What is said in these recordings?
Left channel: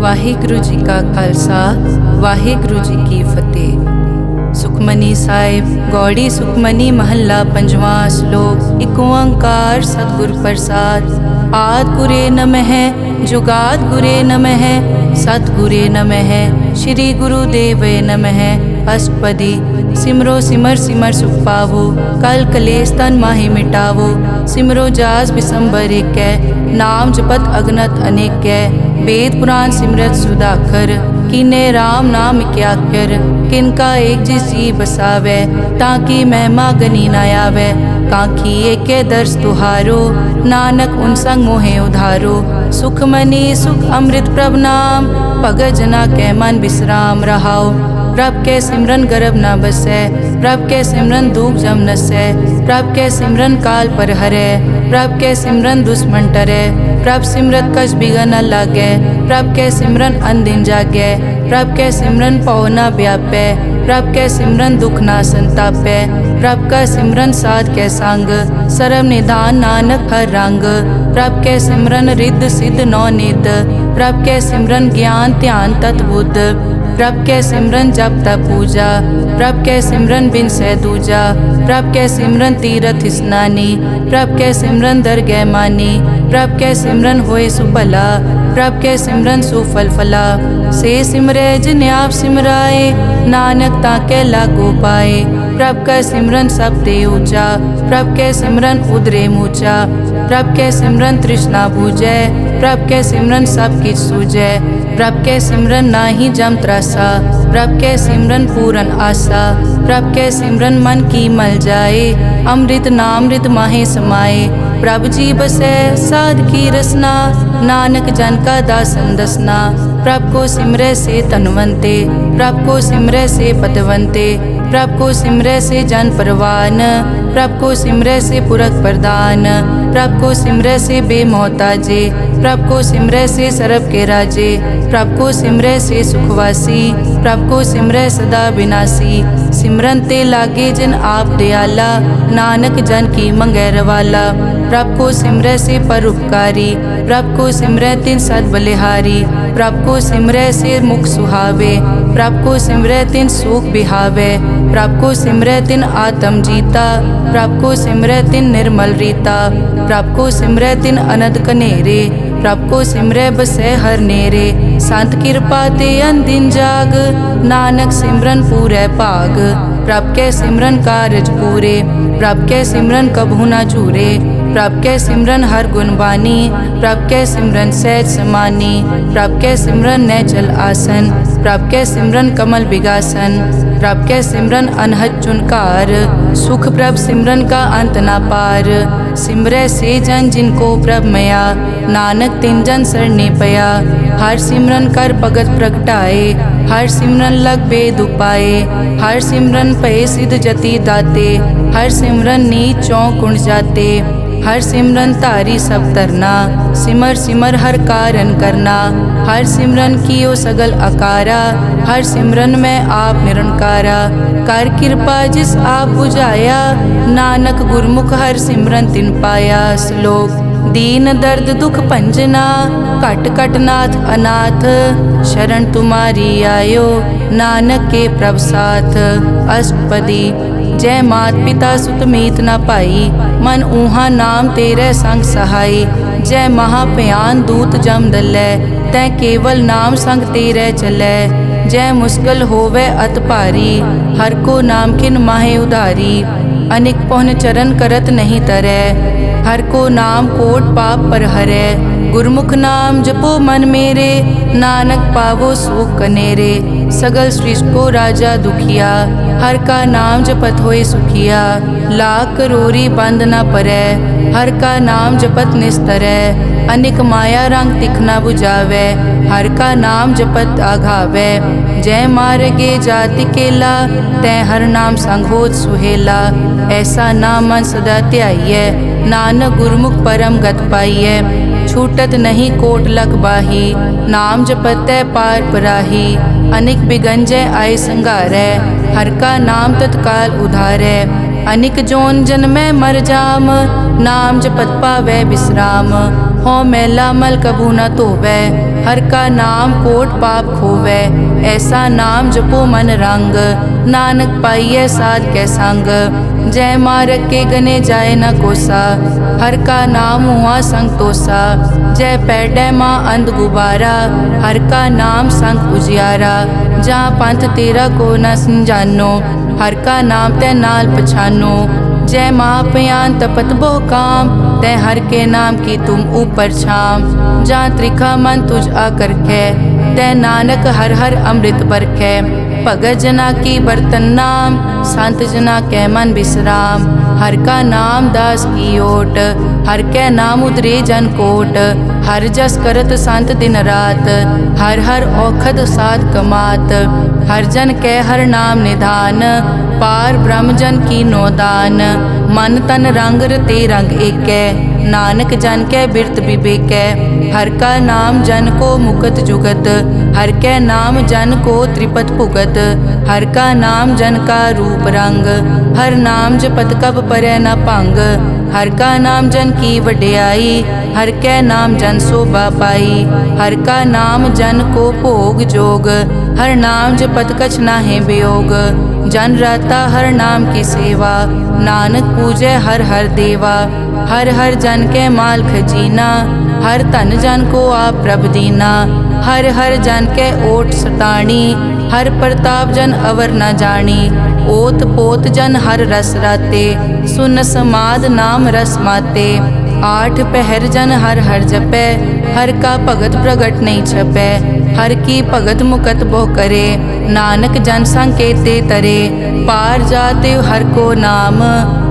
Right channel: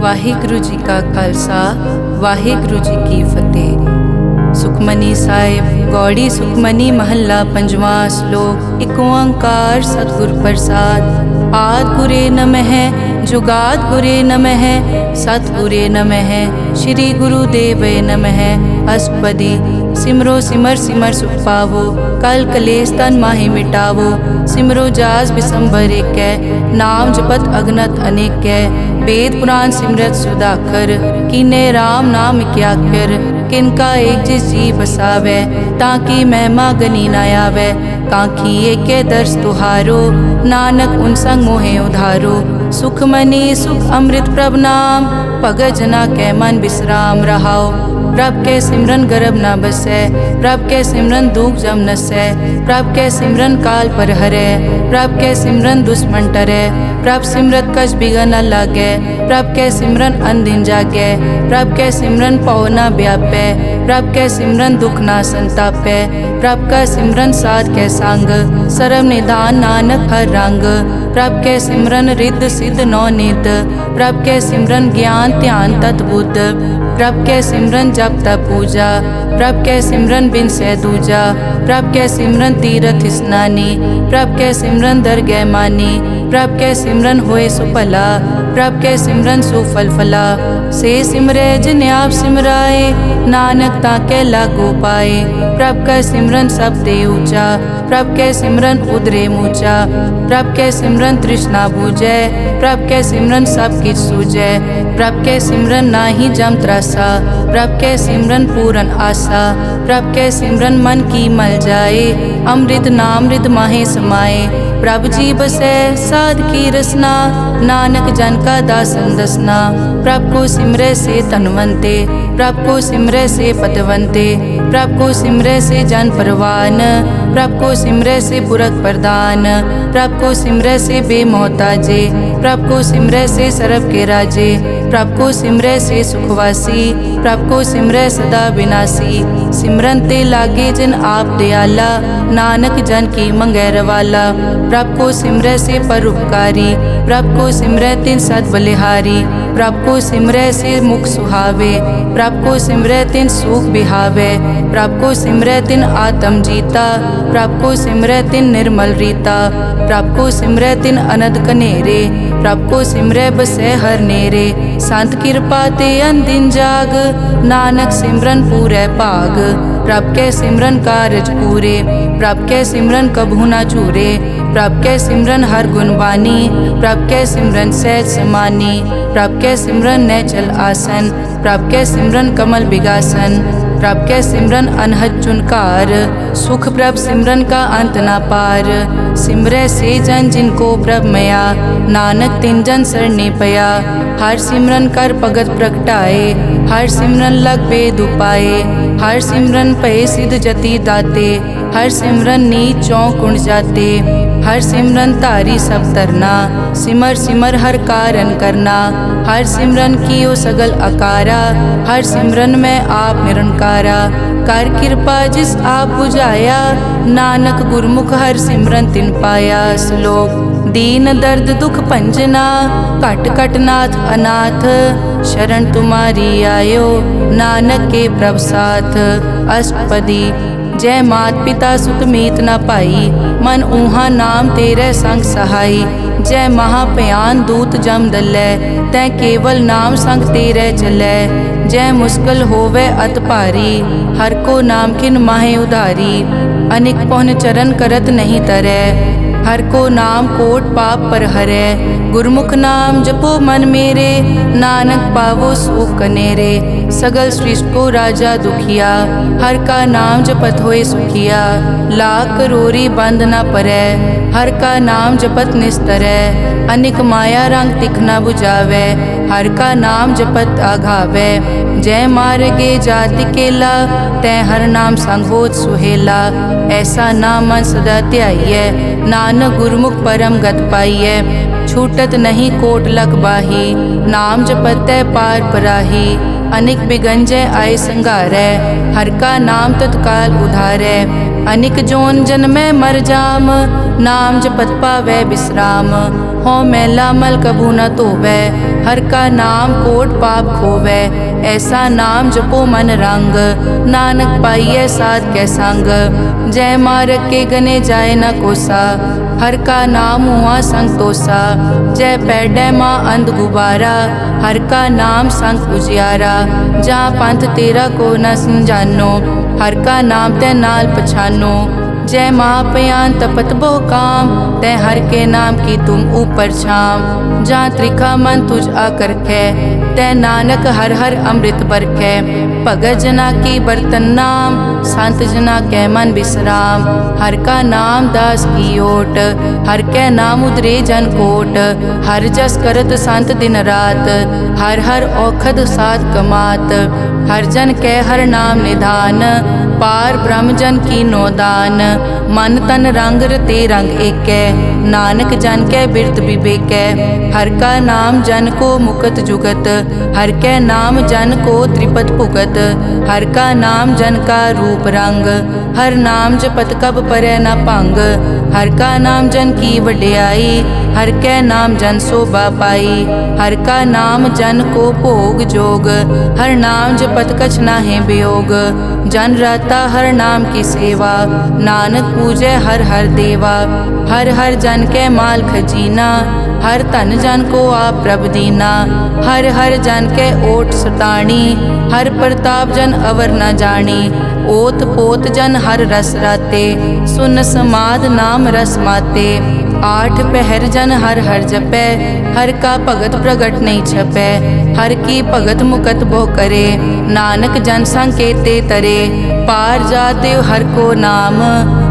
ਵਾਹਿਗੁਰੂ ਜੀ ਕਾ ਖਾਲਸਾ ਵਾਹਿਗੁਰੂ ਜੀ ਕੀ ਫਤਿਹ। ਸੁਖਮਨੀ ਸਾਹਿਬ ਗੌੜੀ ਸੁਖਮਨੀ ਮਹੱਲਾ ਪੰਜਵਾਂ ਸ਼ਲੋਕ। ਏਕ ਓੰਕਾਰ ਸਤਿਗੁਰ ਪ੍ਰਸਾਦ। ਆਦਿ ਗੁਰੇ ਨਮః ਜੁਗਾਦ ਗੁਰੇ ਨਮః ਸਤਿਗੁਰੇ ਨਮঃ ਸ਼੍ਰੀ ਗੁਰੂ ਦੇਵੇ ਨਮঃ। ਅਸ਼ਟਪਦੀ। सिमरो सिमर सिमर सुख पावो कल कलेस तन माहि मिटावो। सिमरो जास बिसंबर एक नाम जपत अगनत अनेक। वेद पुराण सिमरत सुधाकर कीने राम नाम क्याकर। किनका एक जिस जी बसावै ताकि महिमा गनी न आवै। कांखी एक दर्श तुहारो नानक उन संग मोहे उधारो। सुख मनी सुख अमृत प्रभ नाम भगत जना कै मन विश्राम रहाओ। प्रभ के सिमरन गर्भ न बसै प्रभ के सिमरन दुख जम नसै। प्रभ के सिमरन काल पर हरै प्रभ के सिमरन दुश्मन टरै। प्रभ सिमरत कछ बिगन न लागै प्रभ के सिमरन अनदिन जागै। प्रभ के सिमरन पौ न व्यापै प्रभ के सिमरन दुख न संतापै। प्रभ का सिमरन साध के संग सर्व निधान नानक हर रंग। प्रभ के सिमरन रिद्ध सिद्ध नौ निध प्रभ के सिमरन ज्ञान ध्यान तत् बुद्ध। प्रभ के सिमरन जप तप पूजा प्रभ के सिमरन बिन सै दूजा। प्रभ के सिमरन तीरथ स्नानी प्रभ के सिमरन दरगह मानी। प्रभ के सिमरन होए सुफला प्रभ के सिमरन सुफल फला। से सिमरै जिन आप सिमराए नानक ताके लागो पाए। प्रभ का सिमरन सब ते ऊंचा प्रभ के सिमरन उदरे मूचा। प्रभ के सिमरन तृष्णा बूझै प्रभ के सिमरन सब किछ सूझै। प्रभ के सिमरन नाही जम त्रासा प्रभ के सिमरन पूरन आसा। प्रभ के सिमरन मन की मल जाए अमृत नामृत माहे समाए। प्रभ जी बसै साध की रसना नानक जन का दासन दसना। प्रभ को सिमरै से तनवंते प्रभ को सिमरै से पतवंते। प्रभ को सिमरै से जन परवान प्रभ को सिमरै से पुरख प्रदान। प्रभ को सिमरै से बेमोहताजे प्रभ को सिमरै से सरब के राजे। प्रभ को सिमरै से सुखवासी प्रभ को सिमरै सदा विनाशी। सिमरन ते लागे जिन आप दयाला नानक जन की मंगै रवाला। प्रभ को सिमरै से परोपकारी प्रभ को सिमरै तिन सद बलिहारी। प्रभ को सिमरै से मुख सुहावे प्रभ को सिमरै तिन सुख बिहावे। प्रभ को सिमरै तिन आत्म जीता प्रभ को सिमरै तिन निर्मल रीता। प्रभ को सिमरै तिन अनद कनेरे प्रभ को सिमरै बसै हर नेरे। संत कृपा ते अनदिन जाग नानक सिमरन पूरै भाग। प्रभ के सिमरन कारज पूरे प्रभ के सिमरन कभू न चूरे। प्रभ के सिमरन हर गुण बानी प्रभ के सिमरन सहज समानी। प्रभ के सिमरन नैचल आसन प्रभ के सिमरन कमल बिगासन। प्रभ के सिमरन अनहद चुनकार सुख प्रभ सिमरन का अंत ना पार। सिमरै से जन जिनको प्रभ मया नानक तिन जन सरने पया। हर सिमरन कर भगत प्रगटाए हर सिमरन लग बेद उपाए। हर सिमरन पए सिद्ध जति दाते हर सिमरन नीच चौं कुंड जाते। हर सिमरन तारी सब तरना सिमर सिमर हर कारण करना। हर सिमरन कियो सगल अकारा हर सिमरन में आप निरंकारा। कर कृपा जिस आप बुझाया नानक गुरमुख हर सिमरन तिन पाया। श्लोक। दीन दर्द दुख भंजना घट घट नाथ अनाथ। शरण तुम्हारी आयो नानक के प्रभ साथ। अष्टपदी। जय मात पिता सुत मीत न पाई मन ऊहा नाम तेरे संग सहाई। जय महाभयान दूत जम दलै तै केवल नाम संग तेरे चलै। जय मुश्किल होवे अत भारी हर को नाम किन माहे उधारी। अनिक पौन चरण करत नहीं तरै हर को नाम कोट पाप पर हरै। गुरमुख नाम जपो मन मेरे नानक पावो सुख कनेरे। सगल सृष्टि को राजा दुखिया हर का नाम जपत होए सुखिया। लाख करोरी बंद न परै हर का नाम जपत निस्तरै। अनिक माया रंग तिखना बुझावै हर का नाम जपत आघावै। जय मार्गे जाति केला तै हर नाम संग होत सुहेला। ऐसा नाम मन सदा ध्याइयै नानक गुरमुख परम गत पाइयै। छूटत नहीं कोट लख बाही नाम जपतै पार पराही। अनिक बिगंजय आय संगारै हर का नाम तत्काल उधारै। अनिक जोन जन्मै मर जाम नाम जपत पावै विश्राम। हो मैला मल कभू न धोवै हर का नाम कोट पाप खोवै। ऐसा नाम जपो मन रंग, नानक पाइयै साध कै संग। जय मारग के गने जाए न कोसा, हर का नाम हुआ संग तोसा। जय पैडै माँ अंध गुबारा, हर का नाम संग उजियारा। जहाँ पंथ तेरा को न समझानो, हर का नाम तै नाल पछानो। जय महापयान तपत बहु काम, तै हर के नाम की तुम ऊपर छाम। जहाँ त्रिखा मन तुझ आकर कै, तै नानक हर हर अमृत बरखै। भगत जना की बर्तन नाम, संत जना कै मन विश्राम। हर का नाम दास की ओट, हर कै नाम उदरे जन कोट। हर जस करत संत दिन रात, हर हर औखद साध कमात। हर जन कै हर नाम निधान, पार ब्रह्म जन की नोदान। मन तन रंग रते रंग एकै, नानक जन कै बिरत विवेकै। हर का नाम जन को मुकत जुगत, हर कै नाम जन को त्रिपत भुगत। हर का नाम जन का रूप रंग, हर नाम जपत कब परै न भंग। हर का नाम जन की वड्याई, हर कै नाम जन शोभा पाई। हर का नाम जन को भोग जोग, हर नाम जपत कछ नाहि वियोग। जन राता हर नाम की सेवा, नानक पूजै हर हर देवा। हर हर जन कै माल खजीना, हर धन जन को आप प्रभ दीना। हर हर जन कै ओट सताणी, हर प्रताप जन अवर न जानी। ओत पोत जन हर रस राते, सुन समाद नाम रस माते। आठ पहर जन हर हर जपै, हर का भगत प्रगट नहीं छपै। हर की भगत मुकत बहु करे, नानक जन संकेते तरे। पार जाते हर को नाम,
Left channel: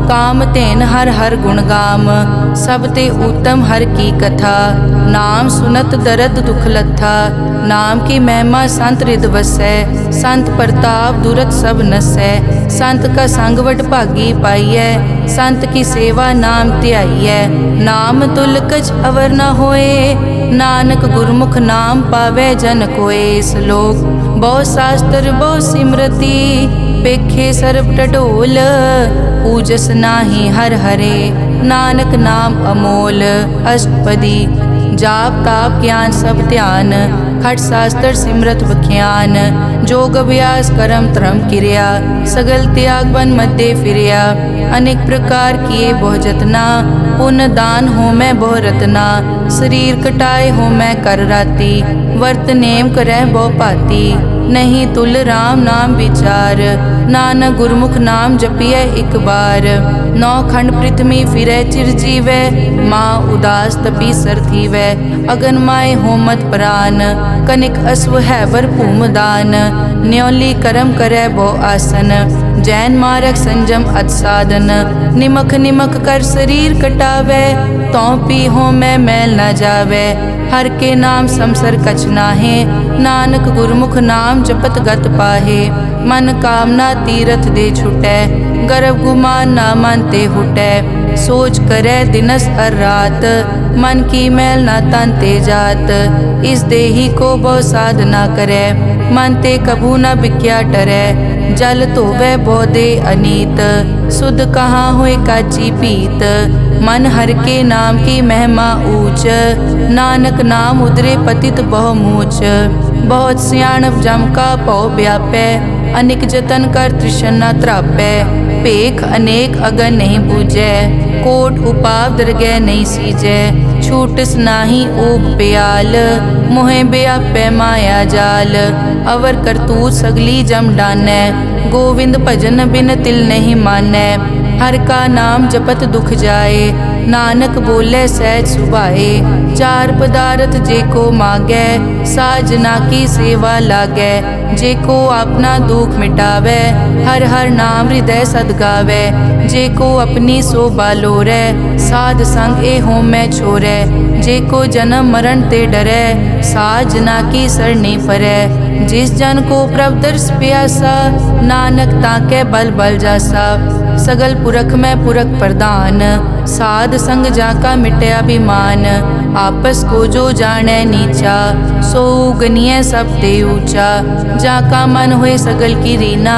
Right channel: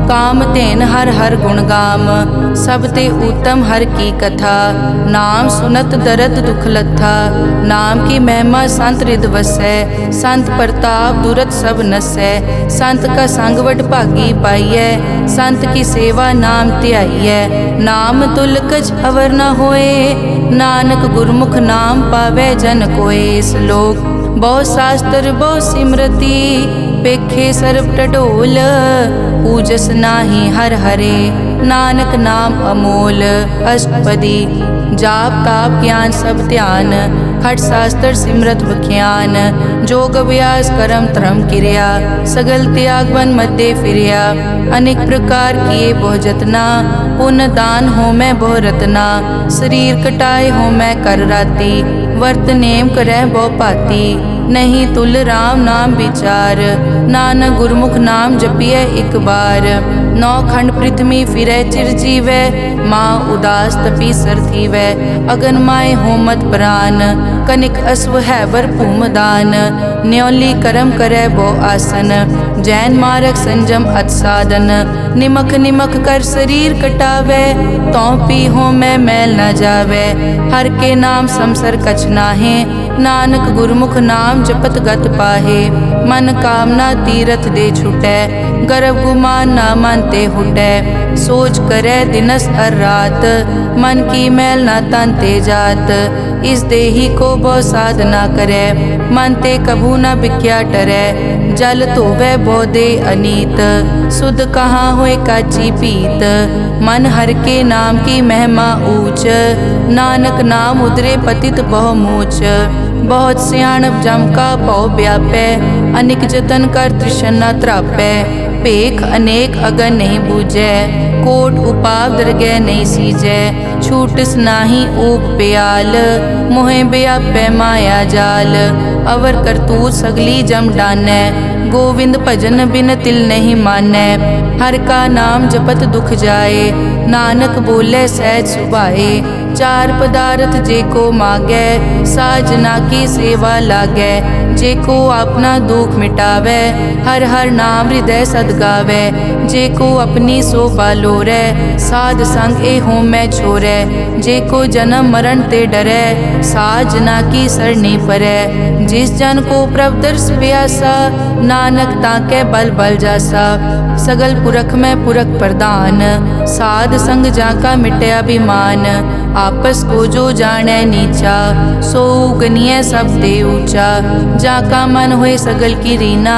काम तेन हर हर गुण गाम। सब ते उत्तम हर की कथा, नाम सुनत दरद दुख लथा। नाम की महिमा संत रिद वसै, संत प्रताप दुरत सब नसै। संत का संग वट भागी पाइयै, संत की सेवा नाम ध्याइयै। नाम तुल कछ अवर न होए, नानक गुरमुख नाम पावै जन कोए। श्लोक बहु शास्त्र बहु सिमरति, पेखे सर्ब टटोल। पूजस नाही हर हरे, नानक नाम अमोल। अष्टपदी जाप ताप ज्ञान सब ध्यान, खट शास्त्र सिमरत विख्यान। जोग अभ्यास करम धर्म क्रिया, सगल त्याग बन मध्य फिरिया। अनेक प्रकार किए बहु जतना, पुण्य दान हो मैं बहु रतना। शरीर कटाए हो मैं कर राती, वर्त नेम करह बहु पाती। नहीं तुल राम नाम विचार, नानक गुरमुख नाम जपिए एक बार। नौ खंड पृथ्वी फिरै चिर जीवै, माँ उदास तपी सर थीवै। अगन माय होमत प्राण, कनिक अश्व हैवर भूमदान। न्योली करम करै बहु आसन, जैन मारक संजम अत साधन। निमख निमख कर शरीर कटावै, तौ पी हो मैं मैल न जावै। हर के नाम समसर कछ नाहे, नानक गुरमुख नाम जपत गत पाहे। मन कामना तीरथ दे छुटै, गर्भ गुमान ना मन ते हुटै। सोच करे दिनस अर रात, मन की मैल ना तन ते जात। इस देही को बहु साधना करे, मन ते कभू न बिख्या टरै। जल धोवै बहु दे अनीत, सुध कहाँ होए काची पीत। मन हर के नाम की महिमा ऊंच, नानक नाम उदरे पतित बहु मूच। बहुत सियाणप जम का पौ व्यापै, अनिक जतन कर तृष्णा त्रापै। पेख अनेक अगन नहीं बूझै, कोट उपाव दरगह नहीं सीजै। छूटस नाही ऊब प्याल, मोहे व्यापै माया जाल। अवर करतूत सगली जम डानै, गोविंद भजन बिन तिल नहीं मानै। हर का नाम जपत दुख जाए, नानक बोले सहज सुभाए। चार पदार्थ जे को मांगै, साजना की सेवा लागै। जे को अपना दुख मिटावै, हर हर नाम हृदय सद गावै। जे को अपनी शोभा लोरै, साध संग ए हो मैं छोरै। जे को जन्म मरण ते डरै, साजना की सरनी परै। जिस जन को प्रभ दर्श प्यासा, नानक ताकै बल बल जासा। सगल पुरख में पुरख प्रधान, साध संग जाका मिटे अभिमान। आपस को जो जाने नीचा, सो गनिय सब दे ऊंचा। जाका मन होए सगल की रीना,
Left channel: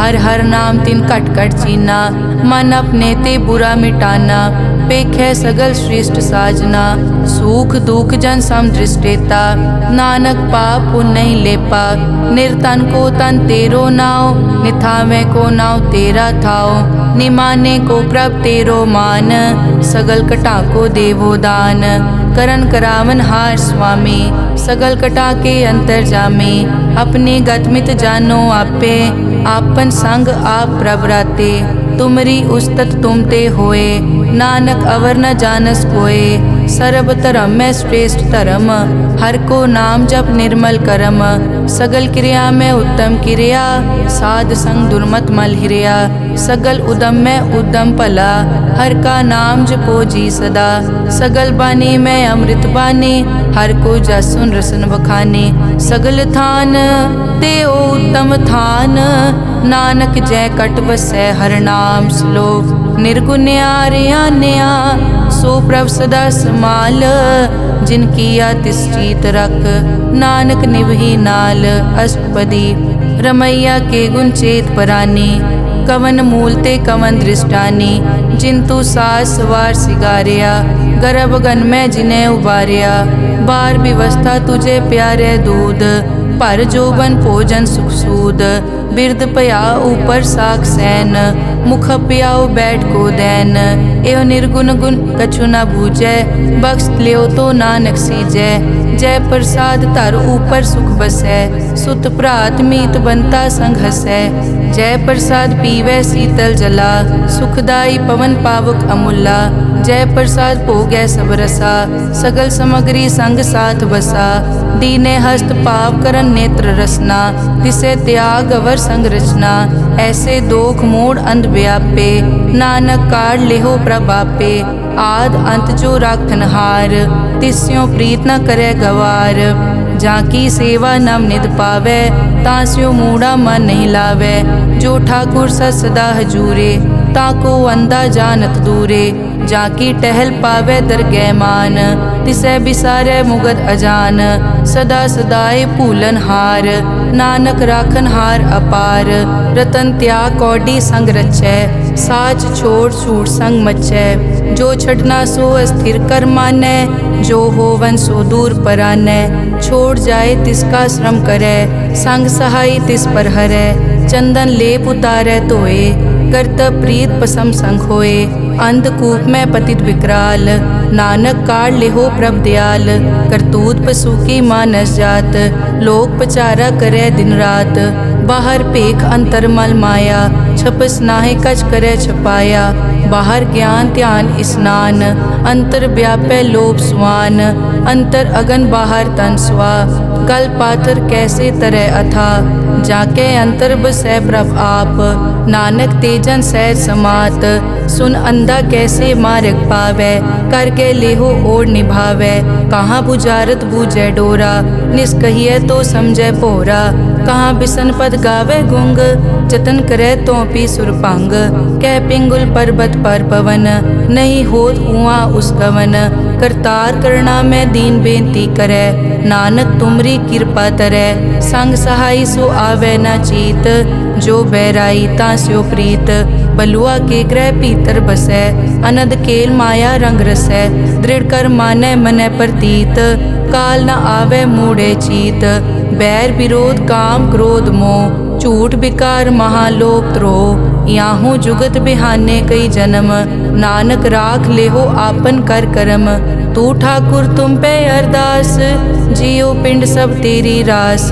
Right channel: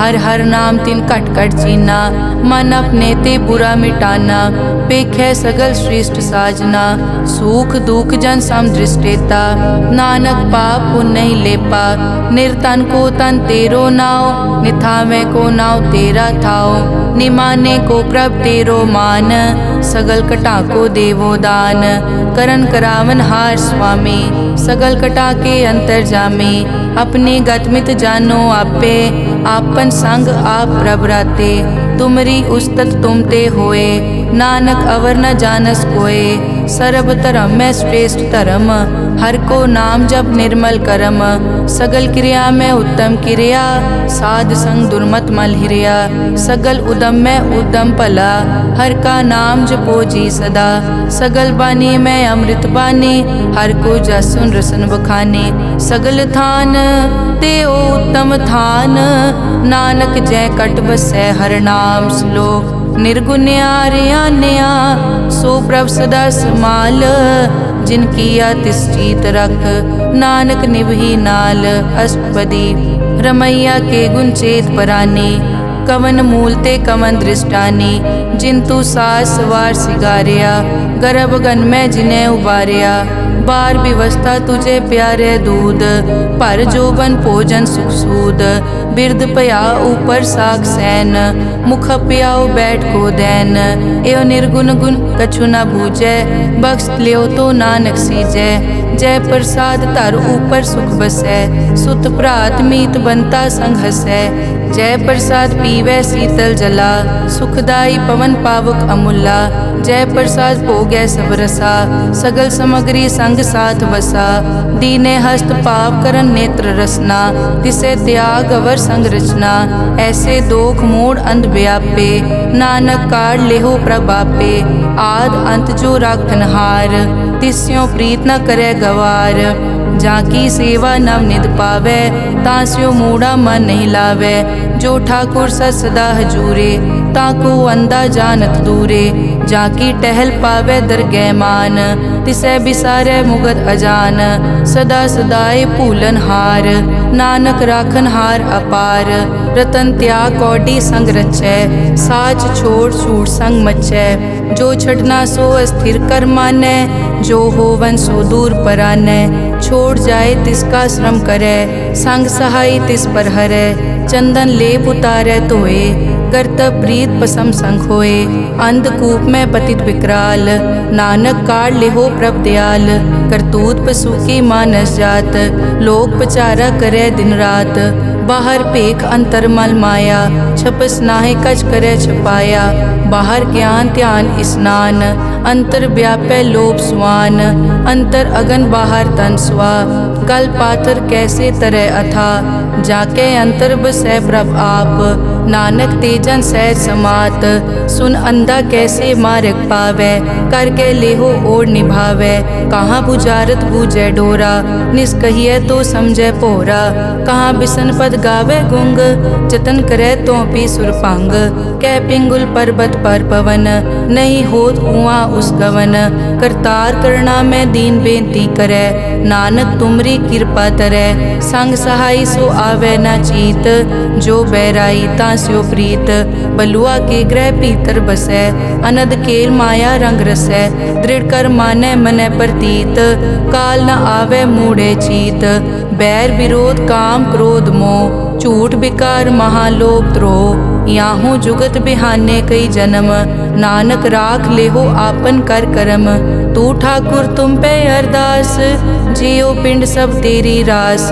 हर हर नाम तिन कट कट चीना, मन अपने ते बुरा मिटाना, पेखै सगल श्रेष्ठ साजना, सुख दुख जन सम दृष्टेता, नानक पाप पुण्य नहीं लेपा, निर्तन को तन तेरो नाव, निथावे को नाव तेरा थाओ, निमाने को प्रभ तेरो मान, सगल कटा को देवो दान, करन करावन हार स्वामी, सगल कटा के अंतर जामे, अपने गतमित जानो आपे, आपन संग आप प्रभ राते, तुमरी उस्तत तुम ते होए, नानक अवर न जानस कोए, सर्ब धर्म में श्रेष्ठ धर्म, हर को नाम जप निर्मल करम, सगल क्रिया में उत्तम क्रिया, साध संग दुर्मत मल हिरिया, सगल उदम में उद्दम भला, हर का नाम जपो जी सदा, सगल बानी में अमृत बानी, हर को जस सुन रसन बखाने, सगल थान देओ उत्तम थान, नानक जय कट बसै हर नाम श्लोक, निर्गुण्या रियान्या सो प्रभ सदा समाल, जिनकी तिस चीत रख, नानक निभही नाल, अष्टपदी रमैया के गुण चेत परानी, कवन मूल ते कवन दृष्टानी, जिंतु सास सवार सिगारिया, गर्भ गन में जिन्हें उबारिया, बार व्यवस्था तुझे प्यारे दूध, पर जोबन भोजन सुख सूद, बिरद पया ऊपर साग सैन, मुख पियाओ बैठ को दैन, एवं निर्गुण गुण कछु न बूझै, बख्श लियो तो नानक सीजै, जय प्रसाद धर ऊपर सुख बसै, सुत भ्रात मीत बनता संग हसै, जय प्रसाद पीवै शीतल जला, सुखदाई पवन पावक अमूला, जय प्रसाद भोगै सब रसा, सगल समग्री संग साथ बसा, दीने हस्त पाव करन नेत्र रसना, तिसे त्याग अवर संग रचना, ऐसे दोख मूढ़ अंध व्यापे, नानक काढ़ लेहो प्रभापे, आद अंत जो राखन हार, तिस्यों प्रीत न करे गवार, जाकी सेवा नव निध पावे, तास्यो मूढ़ा मन नहीं लावे, जो ठाकुर सदा हजूरे, ताको अंधा जानत दूरे, जाकी टहल पावे दरगह मान, तिसै बिसारे मुगद अजान, सदा सदाए भूलन हार, नानक राखन हार अपार, रतन त्याग कौडी संग रचै, साच छोड़ छूट संग मचै, जो छड़ना सो अस्थिर कर मानै, जो होवन सो दूर परानै, छोड़ जाए तिसका श्रम करे, संग सहाय तिस पर हरै, चंदन लेप उतारै धोए, गर्तब प्रीत पसम संग होए, अंधकूप में पतित विकराल, नानक काढ़ लेहो प्रभ दयाल, करतूत पशु की मानस जात, लोक पचारा करे दिन रात, बाहर पेख अंतर मल माया, छपस नाहे कछ करे छपाया, बाहर ज्ञान ध्यान स्नान, अंतर व्यापै लोभ स्वान, अंतर अगन बाहर तन स्वा, गल पाथर कैसे तरह अथा, जाके अंतर बसै प्रभ आप, नानक तेजन सहज समात, सुन अंधा कैसे मार्ग पावै, करके लेहो ओर निभावै, कहाँ बुझारत बूझै डोरा, निष्कहिए तो समझै पोरा, कहाँ बिसन पद गावे गुंग, जतन करे तो पी सुरपांग, कह पिंगुल पर्वत पर पवन, नहीं होत उहाँ उस गवन, करतार करना में दीन बेनती करे, नानक तुमरी कृपा तरै, संग सहाय सो आवे न चीत, जो बैराई तास्यो प्रीत, बलुआ के ग्रह भीतर बसै, अनद केल माया रंग रसै, दृढ़ कर मानै मनै प्रतीत, काल न आवे मूढ़े चीत, बैर विरोध काम क्रोध मोह, झूठ विकार महालोभ द्रोह, याहू जुगत बिहाने कई जन्म, नानक राख लेहो आपन कर करम, तू ठाकुर तुम पे अरदास, जियो पिंड सब तेरी रास,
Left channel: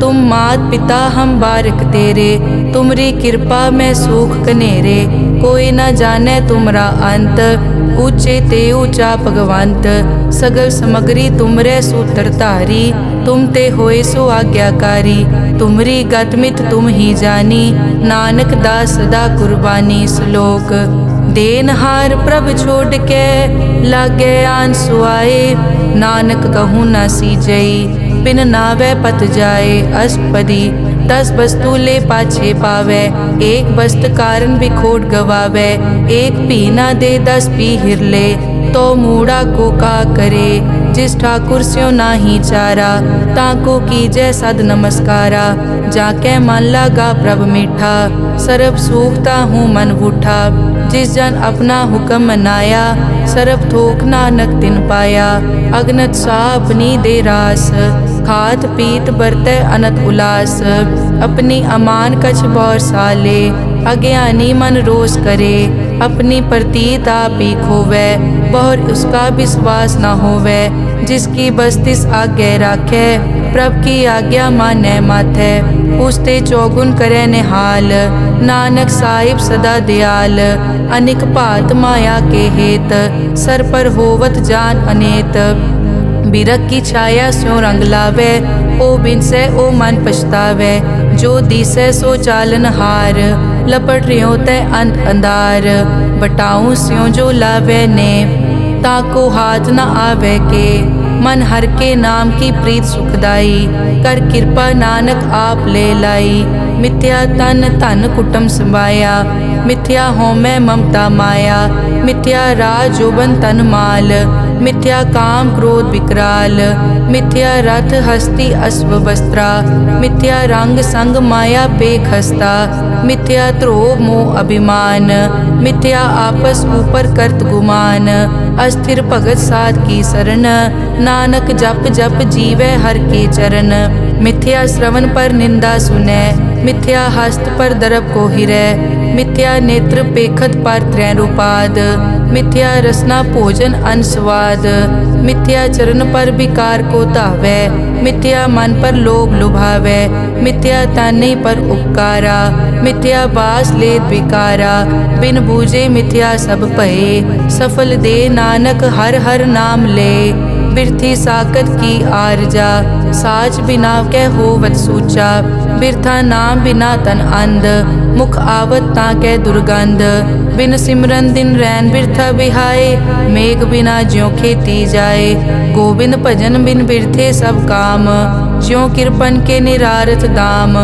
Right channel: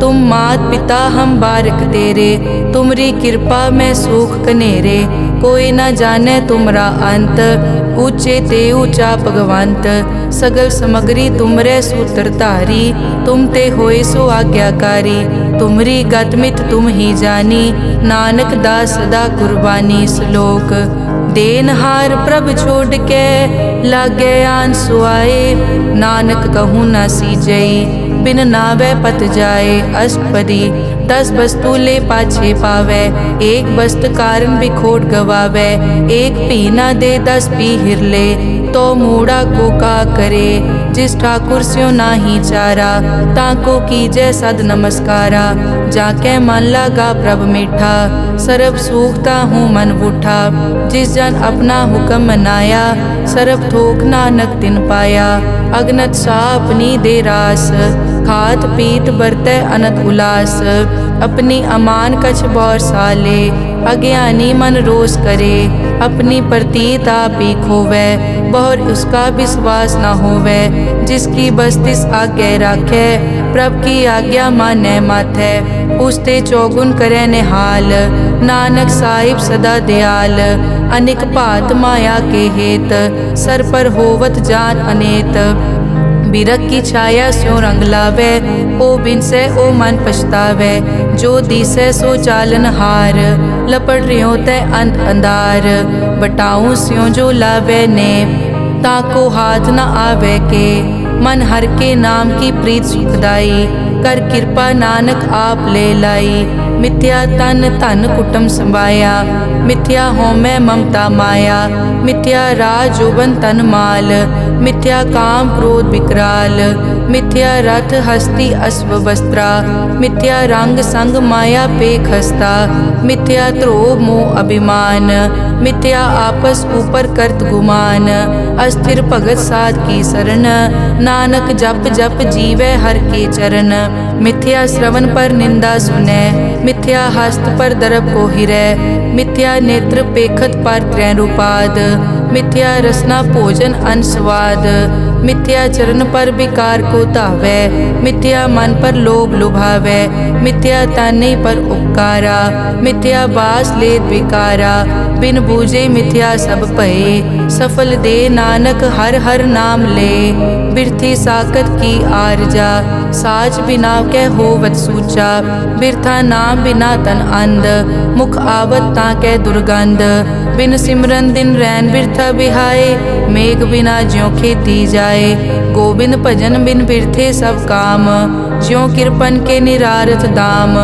तुम मात पिता हम बारिक तेरे, तुमरी कृपा में सुख कनेरे, कोई न जाने तुमरा अंत, ऊंचे ते ऊंचा भगवंत, सगल समग्री तुमरे सूत्र धारी, तुम ते होए सो आज्ञाकारी, तुमरी गतमित तुम ही जानी, नानक दास सदा कुर्बानी। श्लोक देनहार प्रभ छोड़ के लागे आन सुआए, नानक कहूँ न सीजई बिन नावे पत जाए। अष्टपदी 10 वस्तु ले पाछे पावे, एक वस्त कारण बिखोट गवावे, एक पी ना दे 10 पी हिरले, तो मूड़ा को का करे, जिस ठाकुर स्यों नाही चारा, ताको कीजै सद नमस्कारा, जाके मन लागा प्रभ मीठा, सरब सूखता हूँ मन बूठा। जिस जन अपना हुक्म मनाया, सरब थोक नानक तिन पाया। अगनत सा अपनी दे रास, खात पीत बरतै अनत उलास। अपनी अमान कछ बौर साले, अज्ञानी मन रोस करे। अपनी प्रतीत आप ही खोवै, बहुर उसका विश्वास न होवै। जिसकी बस्तिस आज्ञा राखै, प्रभ की आज्ञा मानै माथै। उसते चौगुन करे निहाल, नानक साहिब सदा दयाल। अनिक भात माया के हेत, सर पर होवत जान अनेत। बिरख की छाया स्यों रंग लावे, ओ बिनसे ओ मन पछतावे। जो दिसै सो चालन हार, लपट रियो तै अंत अंधार। बटाऊं स्यों जो लावे ने, ताको हाथ न आवे के। मन हर के नाम की प्रीत सुखदाई, कर कृपा नानक आप ले लाई। मिथ्या तन धन कुटुम संभाया, मिथ्या होमै ममता माया। मिथ्या राज जोबन तन माल, मिथ्या काम क्रोध विकराल। मिथ्या रथ हस्ती अश्व वस्त्रा, मिथ्या रंग संग माया पे खस्ता। मिथ्या ध्रोह मोह अभिमान, मिथ्या आपस ऊपर करत गुमान। अस्थिर भगत साध की शरण, नानक जप जप जीवै हर के चरण। मिथ्या श्रवण पर निंदा सुनै, मिथ्या हस्त पर दरब को हिरै। मिथ्या नेत्र पेखत पर त्रैरूपाद, मिथ्या रसना भोजन अन स्वाद। मिथ्या चरण पर विकार को धावै, मिथ्या मन पर लोभ लुभावै। मिथ्या ताने पर उपकारा, मिथ्या बास लेत विकारा। बिन बूझे मिथ्या सब भये, सफल दे नानक हर हर नाम ले। बिरथी साकत की आरजा, साच बिना कै होवत सूचा। बिरथा नाम बिना तन अंध, मुख आवत ताकै दुर्गंध। बिन सिमरन दिन रैन बिरथा बिहाए, मेघ बिना ज्यों खेती जाए। गोबिंद भजन बिन बिरथे सब काम, ज्यों किरपन के निरारथ दाम।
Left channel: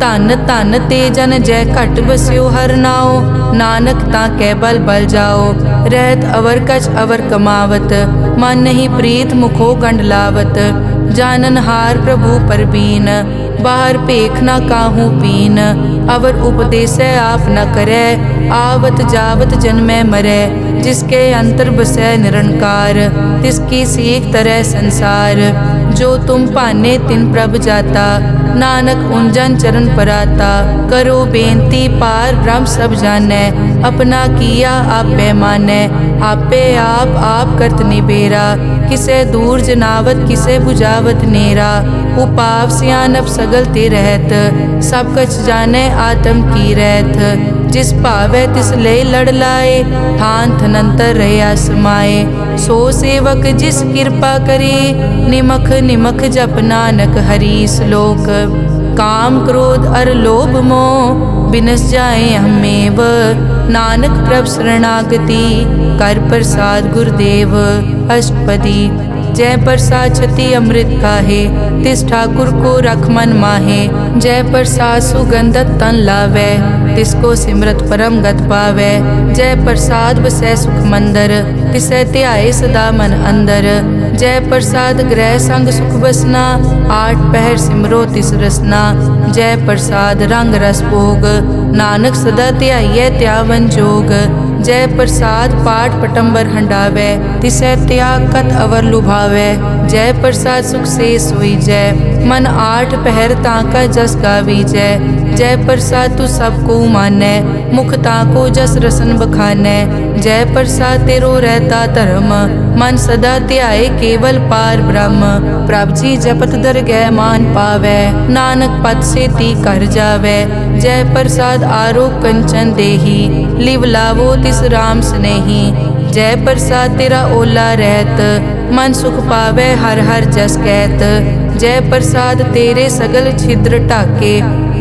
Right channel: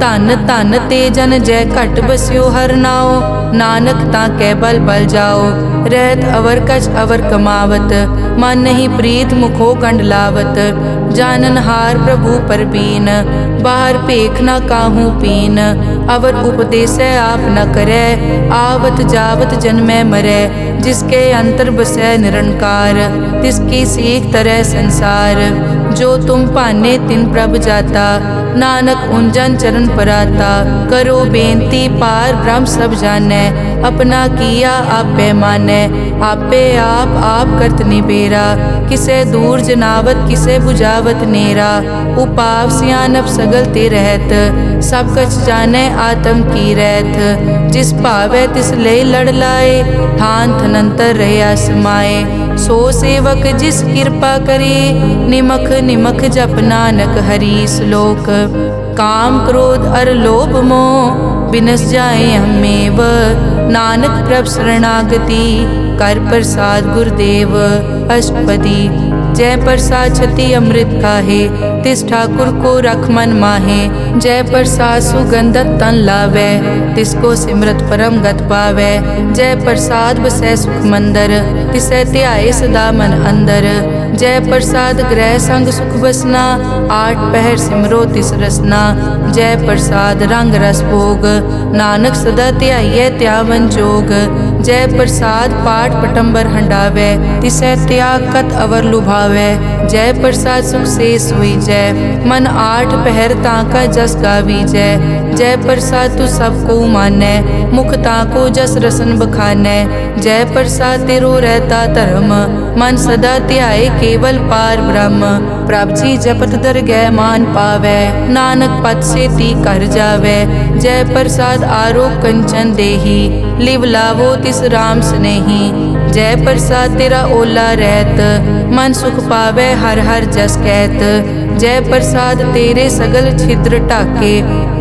धन धन ते जन जय घट बस्यो हर नाओ, नानक ताकै बल बल जाओ। रहत अवर कछ अवर कमावत, मन नहीं प्रीत मुखो गंड लावत। जानन हार प्रभु परबीन, बाहर पेख न काहू पीन। अवर उपदेसै आप न करै, आवत जावत जन्मै मरै। जिसके अंतर बसै निरंकार, तिसकी सीख तरह संसार। जो तुम भाने तिन प्रभ जाता, नानक उंजन चरण पराता। करो बेनती पार ब्रह्म सब जानै, अपना किया आपे मानै। आपे आप करत निबेरा, किसे दूर जनावत किसे बुझावत नेरा। उपाव सियानप सगल ते रहत, सब कछ जानै आत्म की रहत। जिस भावै तिस ले लड़ लाए, थान थनंतर रहया समाए। सो सेवक जिस कृपा करे, निमख निमख जप नानक हरि श्लोक। काम क्रोध अर लोभ मोह, बिनस जाए हमेव। नानक प्रभ शरणागति, कर प्रसाद गुरुदेव। अष्टपदी जय प्रसाद छति अमृत खाहे, तिस ठाकुर को रख मन माहे। जय प्रसाद सुगंधत तन लावै, तिसको सिमरत परम गत पावै। जय प्रसाद बसै सुख मंदर, तिसै ध्याए सदा मन अंदर। जय प्रसाद ग्रह संग सुख बसना, आठ पहर सिमरो तिस रसना। जय प्रसाद रंग रस भोग, नानक सदा ध्याइयै त्यावन जोग। जय प्रसाद पाठ पटंबर हंडावै, तिसै त्याग कत अवर लुभावै। जय प्रसाद सुख से सोई जय, मन आठ पहर ताका जस गावी जय। जय प्रसाद तू सबको मानै, मुख ताको जस रसन बखानै। जय प्रसाद तेरो रहता धर्म, मन सदा ध्याए केवल पार ब्रह्म। प्रभ जी जपत दरगह मान पावै, नानक पद से ती कर जावै। जय प्रसाद आरोग कंचन देही, लिव लावो तिस राम स्नेही। जय प्रसाद तेरा ओला रहत, मन सुख पावै हर हर जस कहत। जय प्रसाद तेरे सगल छिद्र ढाके,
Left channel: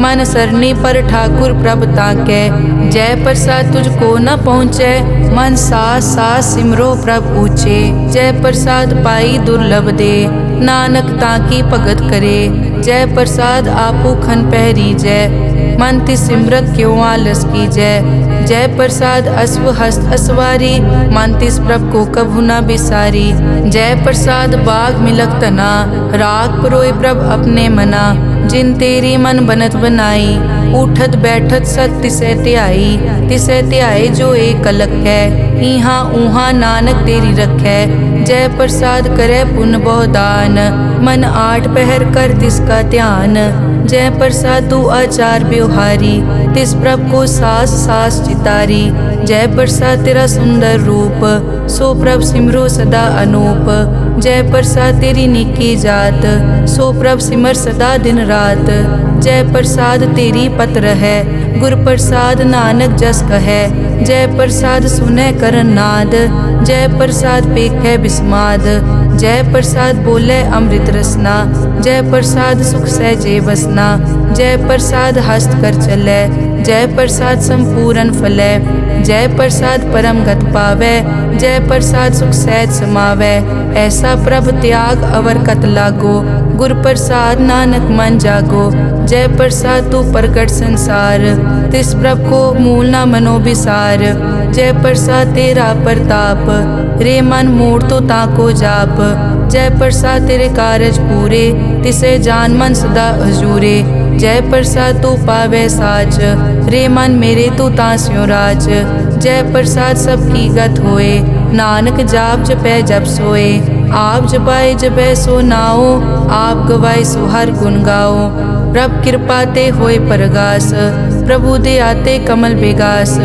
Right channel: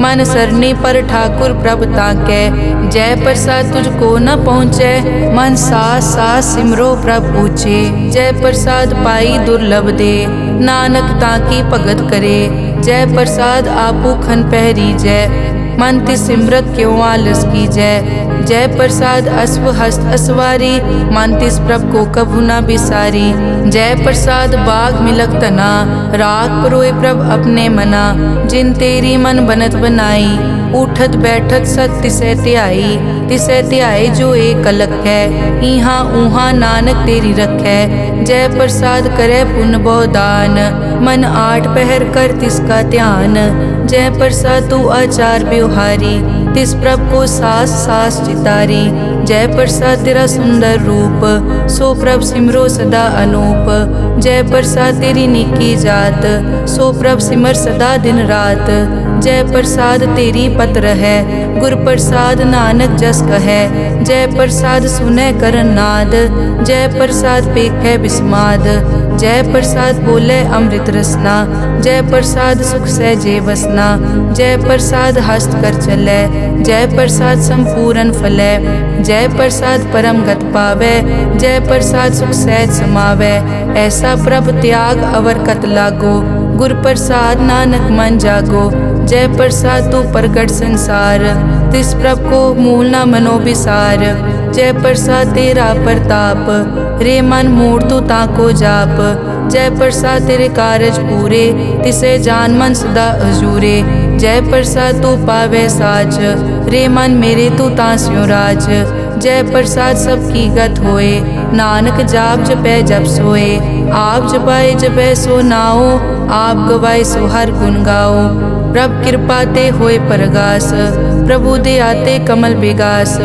मन सरनी पर ठाकुर प्रभ ताकै। जय प्रसाद तुझको न पहुँचै, मन सास सास सिमरो प्रभ ऊँचे। जय प्रसाद पाई दुर्लभ दे, नानक ताकी भगत करे। जय प्रसाद आपू खन पहरी जय, मन तिस सिमरत क्यों आलस की जय प्रसाद अश्व हस्त असवारी, मन तिस प्रभ को कभु न बिसारी। जय प्रसाद बाग मिलक तना, राग परोए प्रभ अपने मना। जिन तेरी मन बनत बनाई, उठत बैठत सत तिसै त्याई जो एक अलग है। इहाँ ऊहाँ नानक तेरी रखै, जय प्रसाद करे पुन बहुदान। मन 8 पहर कर तिसका ध्यान, जय प्रसाद तू आचार व्यवहारी। तिस प्रभ को सास सास चितारी, जय प्रसाद तेरा सुंदर रूप। सो प्रभ सिमरो सदा अनूप, जय प्रसाद तेरी निकी जात। सो प्रभ सिमर सदा दिन रात, जय प्रसाद तेरी पत्र है। गुर प्रसाद नानक जस कहे, जय प्रसाद सुनै करन नाद। जय प्रसाद पेखै बिस्माद, जय प्रसाद बोले अमृत रसना। जय प्रसाद सुख सहजे बसना, जय प्रसाद हस्त कर चलै। जय प्रसाद संपूर्ण फलै, जय प्रसाद परम गत पावै। जय प्रसाद सुख सहज समावै, ऐसा प्रभ त्याग अवर कत लागो। गुर प्रसाद नानक मन जागो, जय प्रसाद तू प्रगट संसार। तिस प्रभ को मूल न मनो बिसार, जय प्रसाद तेरा प्रताप। रे मन मूड तू ताको जाप, जय प्रसाद तेरे कारज पूरे। तिसे जान मन सदा हजूरे, जय प्रसाद तू पावे साच। रे मन मेरे तू तास्यो राज, जय प्रसाद सबकी गत होए। नानक जाप जपै जप सोए, आप जपाए जपै सो नाओ। आप गवाए सो हर गुण गाओ, प्रभ कृपा ते होए परगास। प्रभु दे आते कमल बेगास,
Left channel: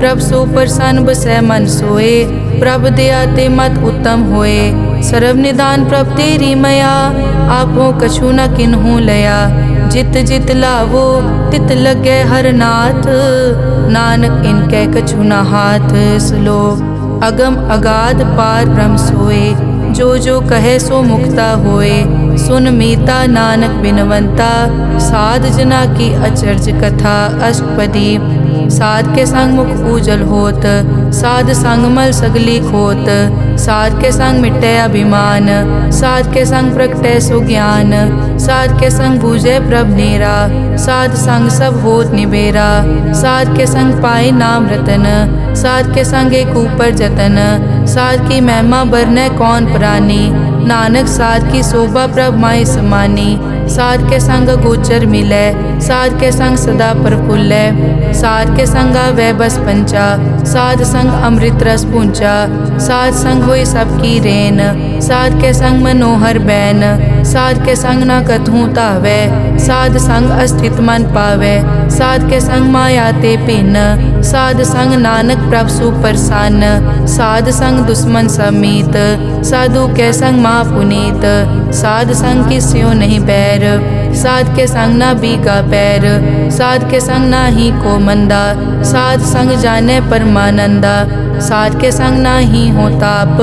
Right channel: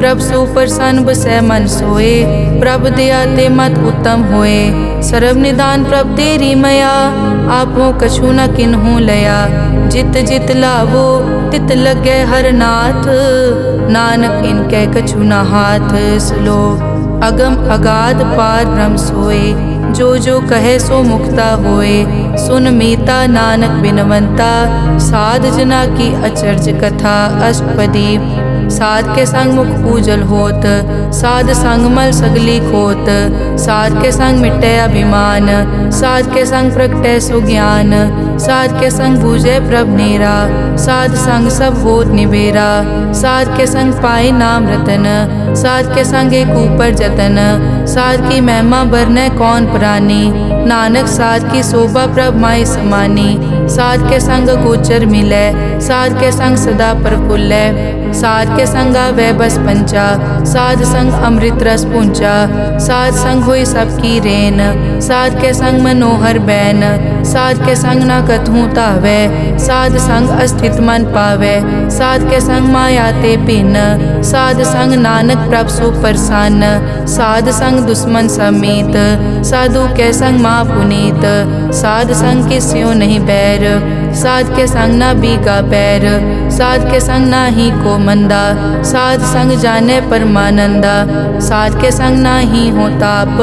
प्रभ सो प्रसन्न बसै मन सोए। प्रभ दे आते मत उत्तम होए, सर्व निदान प्रभ तेरी मया। आपो कछु न किन्हु लया, जित जित लावो तित लगे हर नाथ। नानक इनके कछु न हाथ। श्लोक अगम अगाध पार ब्रह्म सोए, जो जो कहे सो मुक्ता होए। सुन मीता नानक बिनवंता, साध जना की अचर्ज कथा। अष्टपदी साध के संग मुख उजल होत, साध संग मल सगली खोत। साध के संग मिटे अभिमान, साध के संग प्रगटे सो ज्ञान। साध के संग बूझे प्रभ नेरा, साध संग सब होत निबेरा। साध के संग पाए नाम रतन, साध के संग एक ऊपर जतन। साध की महिमा बरने कौन प्राणी, नानक साध की शोभा प्रभ माय समानी। साध के संग गोचर मिलै, साध के संग सदा प्रफुल्लै। साध के संग आवे बस पंचा, साध संग अमृत रस पूंचा। साध संग होई सबकी रेन, साध के संग मनोहर बैन। साध के संग न कथूं तावै, साध संग अस्थित मन पावै। साध के संग माया ते पिन, साध संग नानक प्रभ सुप्रसन्न। साध संग दुश्मन समीत, साधु के संग माँ पुनीत। साध संग किस्यो नहीं बैर, साध के संग न बीगा पैर। साध के संग ना ही को मंदा, साध संग जाने परमानंदा। साध के संग ना ही हो ताप,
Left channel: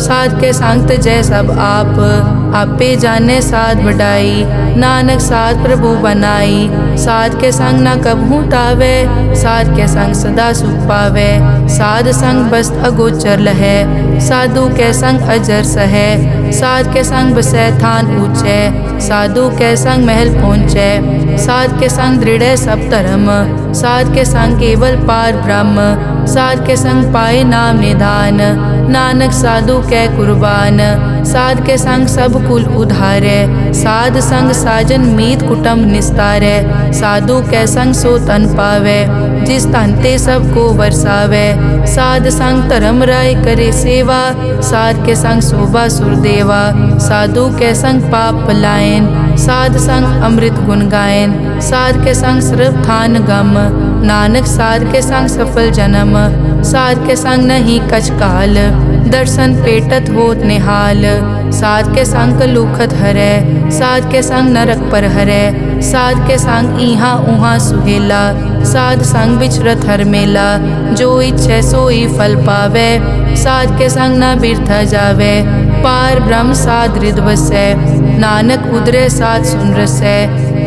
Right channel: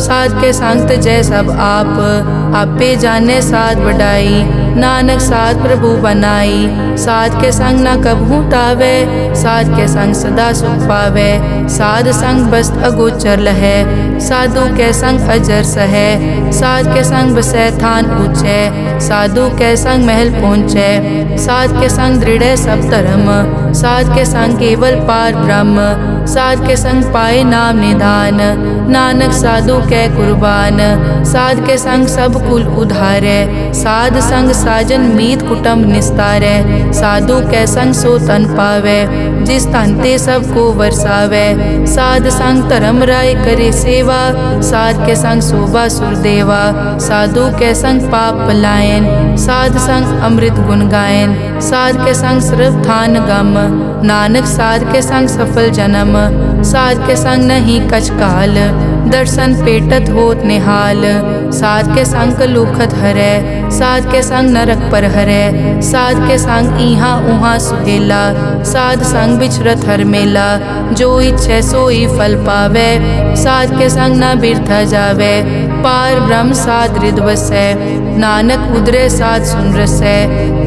साध के संग तजै सब आप। आपे जाने साध बढ़ाई, नानक साध प्रभु बनाई। साध के संग न कबहू तावे, साध के संग सदा सुख पावे। साध संग बस्त अगोचर लहै, साधु के संग अजर सहै। साध के संग बसै थान ऊंचे, साधु के संग महल पहुँचै। साध के संग दृढ़ सब धर्म, साध के संग केवल पार ब्रह्म। साध के संग पाए नाम निधान, नानक साधु कै कुर्बान। साध के संग सब कुल उधारै, साध संग साजन मीत कुटुंब निस्तारै। साधु कै संग सो तन पावै, जिस तन ते सब को वरसावै। साध संग धर्म राय करे सेवा, साध के संग शोभा सुरदेवा। साधु के संग पाप पलायन, साध संग अमृत गुण गायन। साध के संग सर्व थान गम, नानक साध के संग सफल जन्म। साध के संग नहीं कछ काल, दर्शन पेटत होत निहाल। साध के संग लूखत हरै, साध के संग नरक पर हरै। साध के संग इहाँ उहाँ सुहेला, साध संग बिछरत हर मेला। जो इच्छै सोई फल पावै, साध के संग न बिरथा जावै। पार ब्रह्म साध रिद वसै। नानक उदरे साध सुन रसै।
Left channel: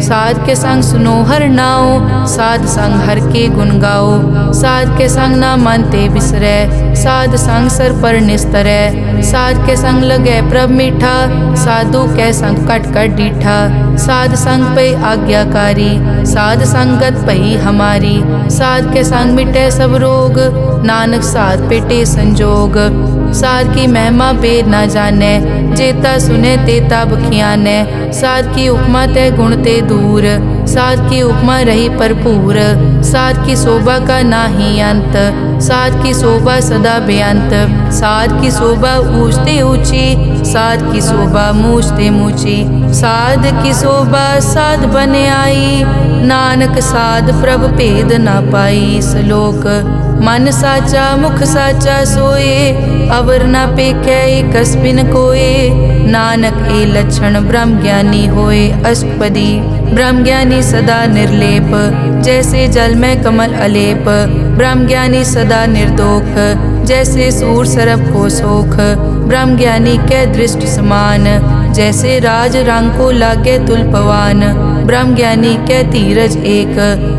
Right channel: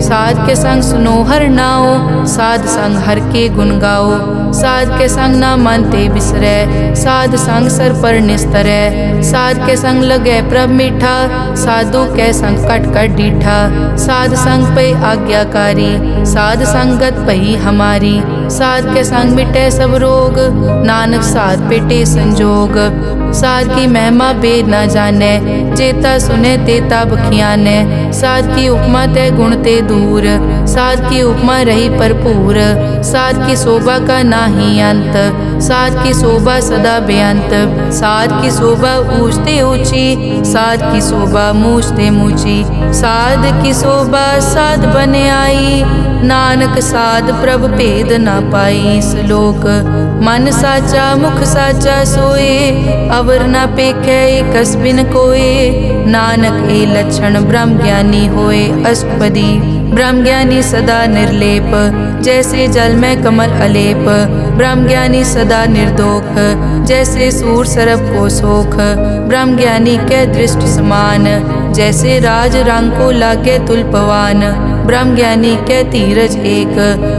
साध के संग सुनो हर नाओ, साध संग हर के गुण गाओ। साध के संग ना मन ते बिसरै, साध संग सर पर निस्तरै। साध के संग लगै प्रभ मीठा, साधु के संग कट कट डीठा। साध संग पे आज्ञाकारी, साध संगत पई हमारी। साध के संग मिटे सब रोग, नानक साध पेटे संजोग। साध की महिमा बेद ना जाने, जेता सुने तेता बखियाने। साध की उपमा ते गुण ते दूर, साध की उपमा रही भरपूर। साध की शोभा का नाही अंत, साध की शोभा सदा बेअंत। साध की शोभा ऊंचते ऊंची, साध की शोभा मूछते मूची। साध की शोभा साध बने आई, नानक साध प्रभ भेद ना पाई। श्लोक मन साचा मुख साचा सोए, अवर ना पेखै एकस बिन कोए। नानक ए लक्षण ब्रह्म ज्ञानी होए। अष्टपदी ब्रह्म ज्ञानी सदा निर्लेप, जैसे जल में कमल अलेप। ब्रह्म ज्ञानी सदा निर्दोख, जैसे सूर सरप को सोख। ब्रह्म ज्ञानी के दृष्ट समान, जैसे राज रंग को लागे तुलपवान। ब्रह्म ज्ञानी के धीरज एक,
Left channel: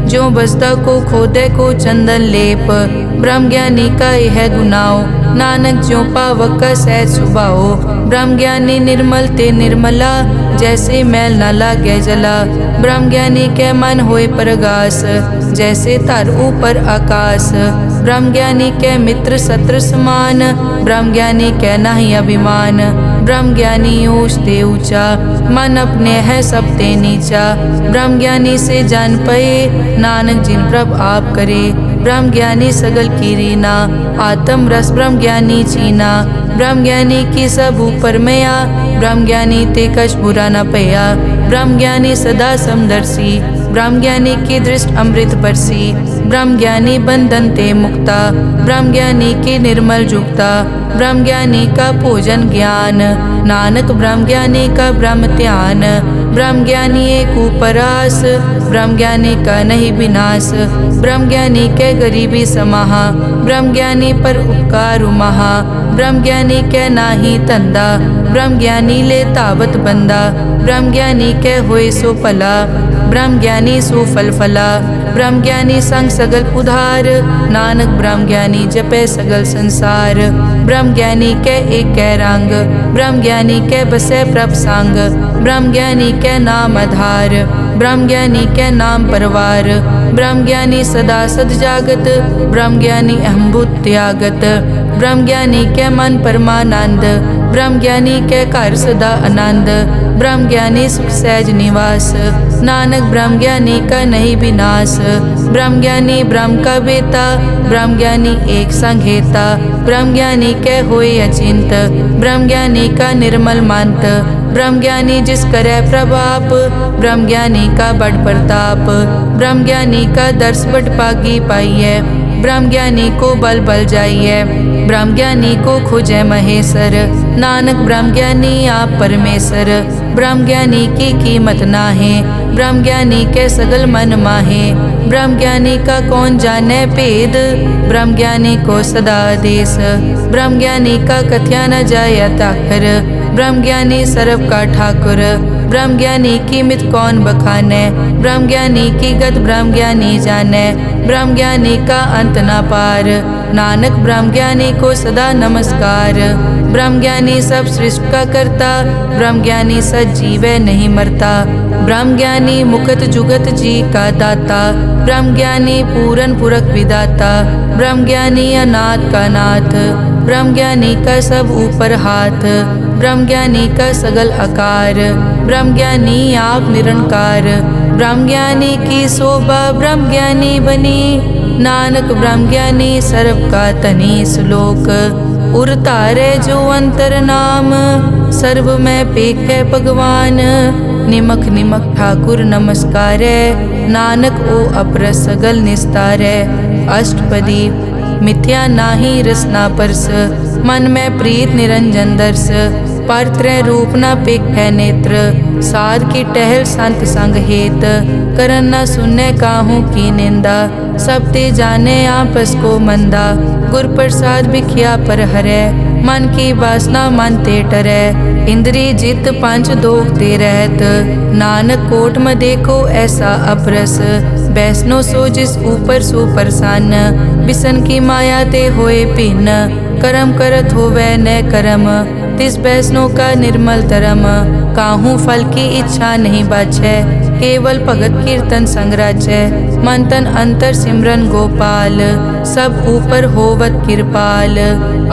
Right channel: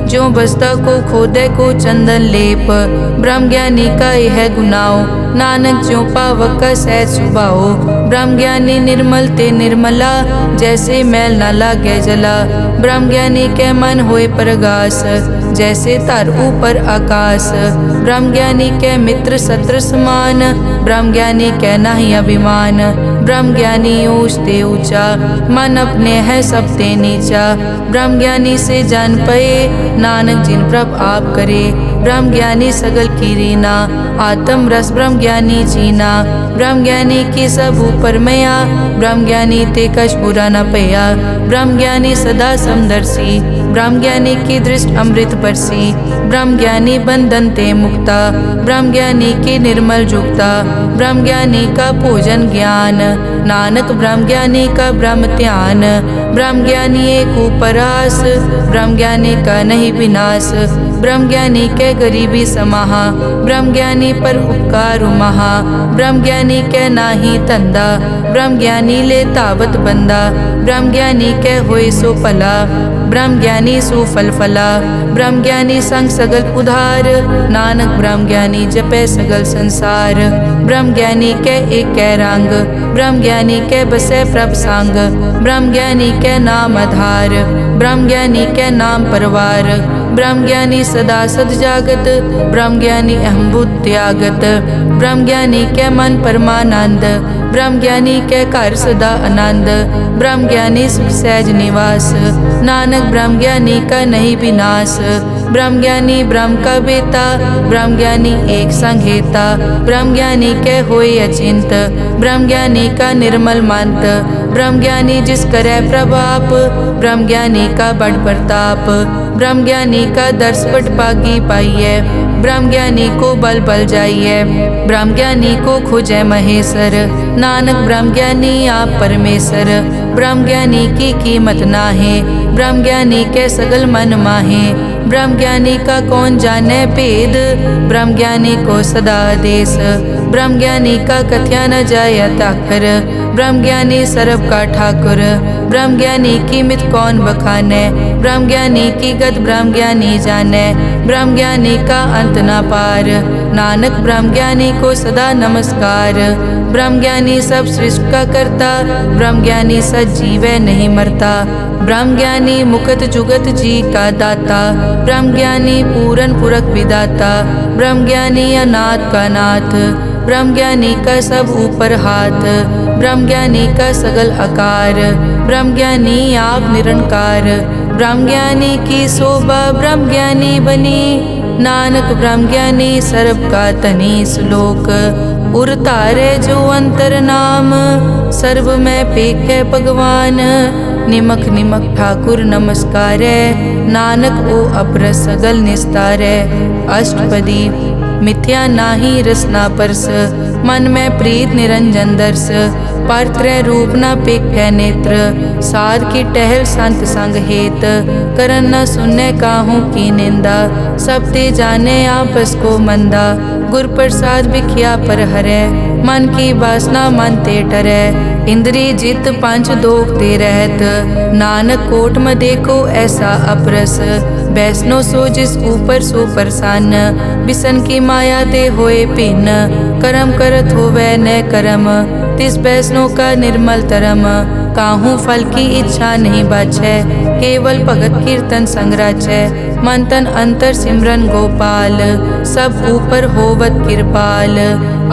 जो बसता को खोदे को चंदन लेप। ब्रह्म ज्ञानी का यह गुनाओ, नानक ज्यों पावक का सहज सुभाओ। ब्रह्म ज्ञानी निर्मल ते निर्मला, जैसे मैल न लागे जला। ब्रह्म ज्ञानी के मन होए परगास, जैसे तर ऊपर आकाश। ब्रह्म ज्ञानी के मित्र शत्रु समान, ब्रह्म ज्ञानी के नहीं अभिमान। ब्रह्म ज्ञानी ऊंच ते ऊंचा, मन अपने है सब ते नीचा। ब्रह्म ज्ञानी से जान पए, नानक जिन प्रभ आप करे। ब्रह्म ज्ञानी सगल की रीना, आत्म रस ब्रह्म ज्ञानी चीना। ब्रह्म ज्ञानी की सब ऊपर मया, ब्रह्म ज्ञानी ते कछ बुरा न पया। ब्रह्म ज्ञानी सदा समदर्शी, ब्रह्म ज्ञानी की दृष्ट अमृत बरसी। ब्रह्म ज्ञानी बंधन ते मुक्ता, ब्रह्म ज्ञानी की निर्मल जुक्ता। ब्रह्म ज्ञानी का भोजन ज्ञान, नानक ब्रह्म ज्ञानी का ब्रह्म ध्यान। ब्रह्म ज्ञानी एक उपरास, ब्रह्म ज्ञानी का नहीं विनाश। ब्रह्म ज्ञानी के गरीबी समाहा, ब्रह्म ज्ञानी पर उपकार महा। ब्रह्म ज्ञानी के नाही तंदा, ब्रह्म ज्ञानी ले तावत बंदा। ब्रह्म ज्ञानी के होए सो फला, ब्रह्म ज्ञानी सो फल फला। ब्रह्म ज्ञानी संग सगल उधार, नानक ब्रह्म ज्ञानी जपे सगल संसार। ब्रह्म ज्ञानी के एक कै रंग, ब्रह्म ज्ञानी के बसे प्रभ संग। ब्रह्म ज्ञानी के नाम आधार, ब्रह्म ज्ञानी के नाम परवार। ब्रह्म ज्ञानी सदा सद जागत, ब्रह्म ज्ञानी अहम बुद्ध त्यागत। ब्रह्म ज्ञानी के मन परमानंद, ब्रह्म ज्ञानी के घर सदा आनंद। ब्रह्म ज्ञानी सुख सहज निवास, नानक ब्रह्म ज्ञानी का नहीं विनाश। ब्रह्म ज्ञानी ब्रह्म का बेता, ब्रह्म ज्ञानी एक संग हेता। ब्रह्म ज्ञानी के होए अचिंत, ब्रह्म ज्ञानी का निर्मल मंत। ब्रह्म ज्ञानी जिस करे प्रभाप, ब्रह्म ज्ञानी का बड़ प्रताप। ब्रह्म ज्ञानी का दर्श बड़ पागी पाइये, ब्रह्म ज्ञानी को बल बल जाइए। ब्रह्म ज्ञानी को खोजे महेश्वर, नानक ब्रह्म ज्ञानी आप परमेश्वर। ब्रह्म ज्ञानी की कीमत नाहे, ब्रह्म ज्ञानी के सगल मन माहे। ब्रह्म ज्ञानी का कौन जाने भेद, ब्रह्म ज्ञानी को सदा आदेश। ब्रह्म ज्ञानी का कथ्या न जाया ताकर, ब्रह्म ज्ञानी सर्व का ठाकुर। ब्रह्म ज्ञानी की मित कौन बखाने, ब्रह्म ज्ञानी की गत ब्रह्म ज्ञानी जाने। ब्रह्म ज्ञानी का अंत न पार, नानक ब्रह्म ज्ञानी को सदा नमस्कार। ब्रह्म ज्ञानी सब सृष्टि का करता, ब्रह्म ज्ञानी सजीवै नहीं मरता। ब्रह्म ज्ञानी मुकत जुगत जी का दाता, ब्रह्म ज्ञानी पूरन पुरख विदाता। ब्रह्म ज्ञानी अनाथ का नाथ, ब्रह्म ज्ञानी का सब ऊपर हाथ। ब्रह्म ज्ञानी का सगल आकार, ब्रह्म ज्ञानी आप निरंकार। ब्रह्म ज्ञानी की शोभा ब्रह्म ज्ञानी बनी, नानक ब्रह्म ज्ञानी सर्व का तनी। श्लोक उर तारे जो अंतर नाम, सर्व में पेखे भगवान। निमक निमक ठाकुर नमस्कारे, नानक ओ अपर सगल निस्तारे। अष्टपदी मिथ्या नाही रसना परस, मन में प्रीत निरंजन दर्श। पर त्रय रूप न पेखै नेत्र। साध की टहल संत संग हेत, करन न सुनै काहू की निंदा। सब ते जाने आपस को मंदा, गुर प्रसाद बिख्या पर हरै। मन की वासना मन ते टरै, इंद्री जित पंच दोख ते रहत। नानक कोट में देखो ऐसा अपरस, बैसनो सो जिस ऊपर सो प्रसन्न। बिसन की माया ते होए भिन्न, कर्म करत होवै न कर्म। तिस बैसनो का निर्मल तरम, काहू फल की इच्छा नहीं बाछै। केवल भगत कीर्तन संग राचै, मन तन अंतर सिमरन गोपाल। सब ऊपर होवत कृपाल,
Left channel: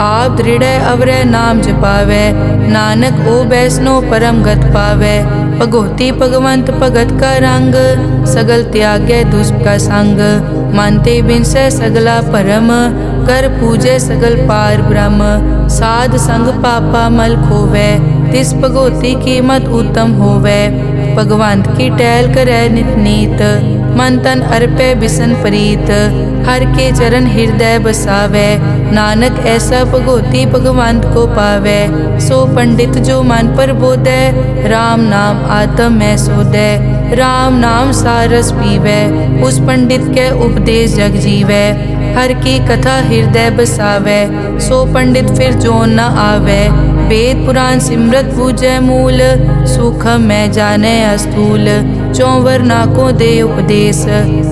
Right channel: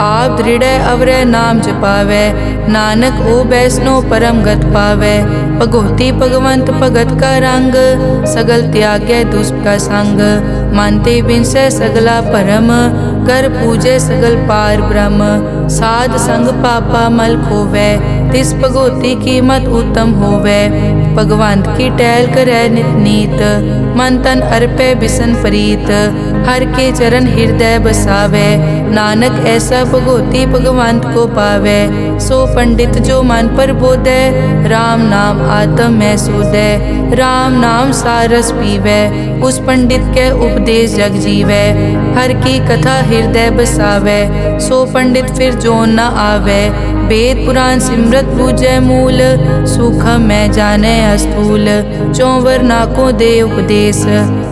आप दृढ़ अवरै नाम जपावै। नानक ओ बैसनो परम गत पावै। भगोती भगवंत भगत का रंग, सगल त्यागै दुष्ट का संग। मानते बिनसै सगला परम, कर पूजै सगल पार ब्रह्म। साध संग पापा मल खोवै, तिस भगोती कीमत उत्तम होवै। भगवंत की टहल करै नित नीत, मन तन अर्पै बिसन प्रीत। हर के चरण हृदय बसावै, नानक ऐसा भगोती भगवंत को पावै। सो पंडित जो मन पर बोधै, राम नाम आत्म में सोधै। राम नाम सारस पीवै, उस पंडित के उपदेश जग जीवै। हर की कथा हृदय बसावै, सो पंडित फिर जोन न आवै। वेद पुराण सिमरत बूझै मूल, सूखम मैं जाने अस्थूल। चौवर नाकों दे उपदेश,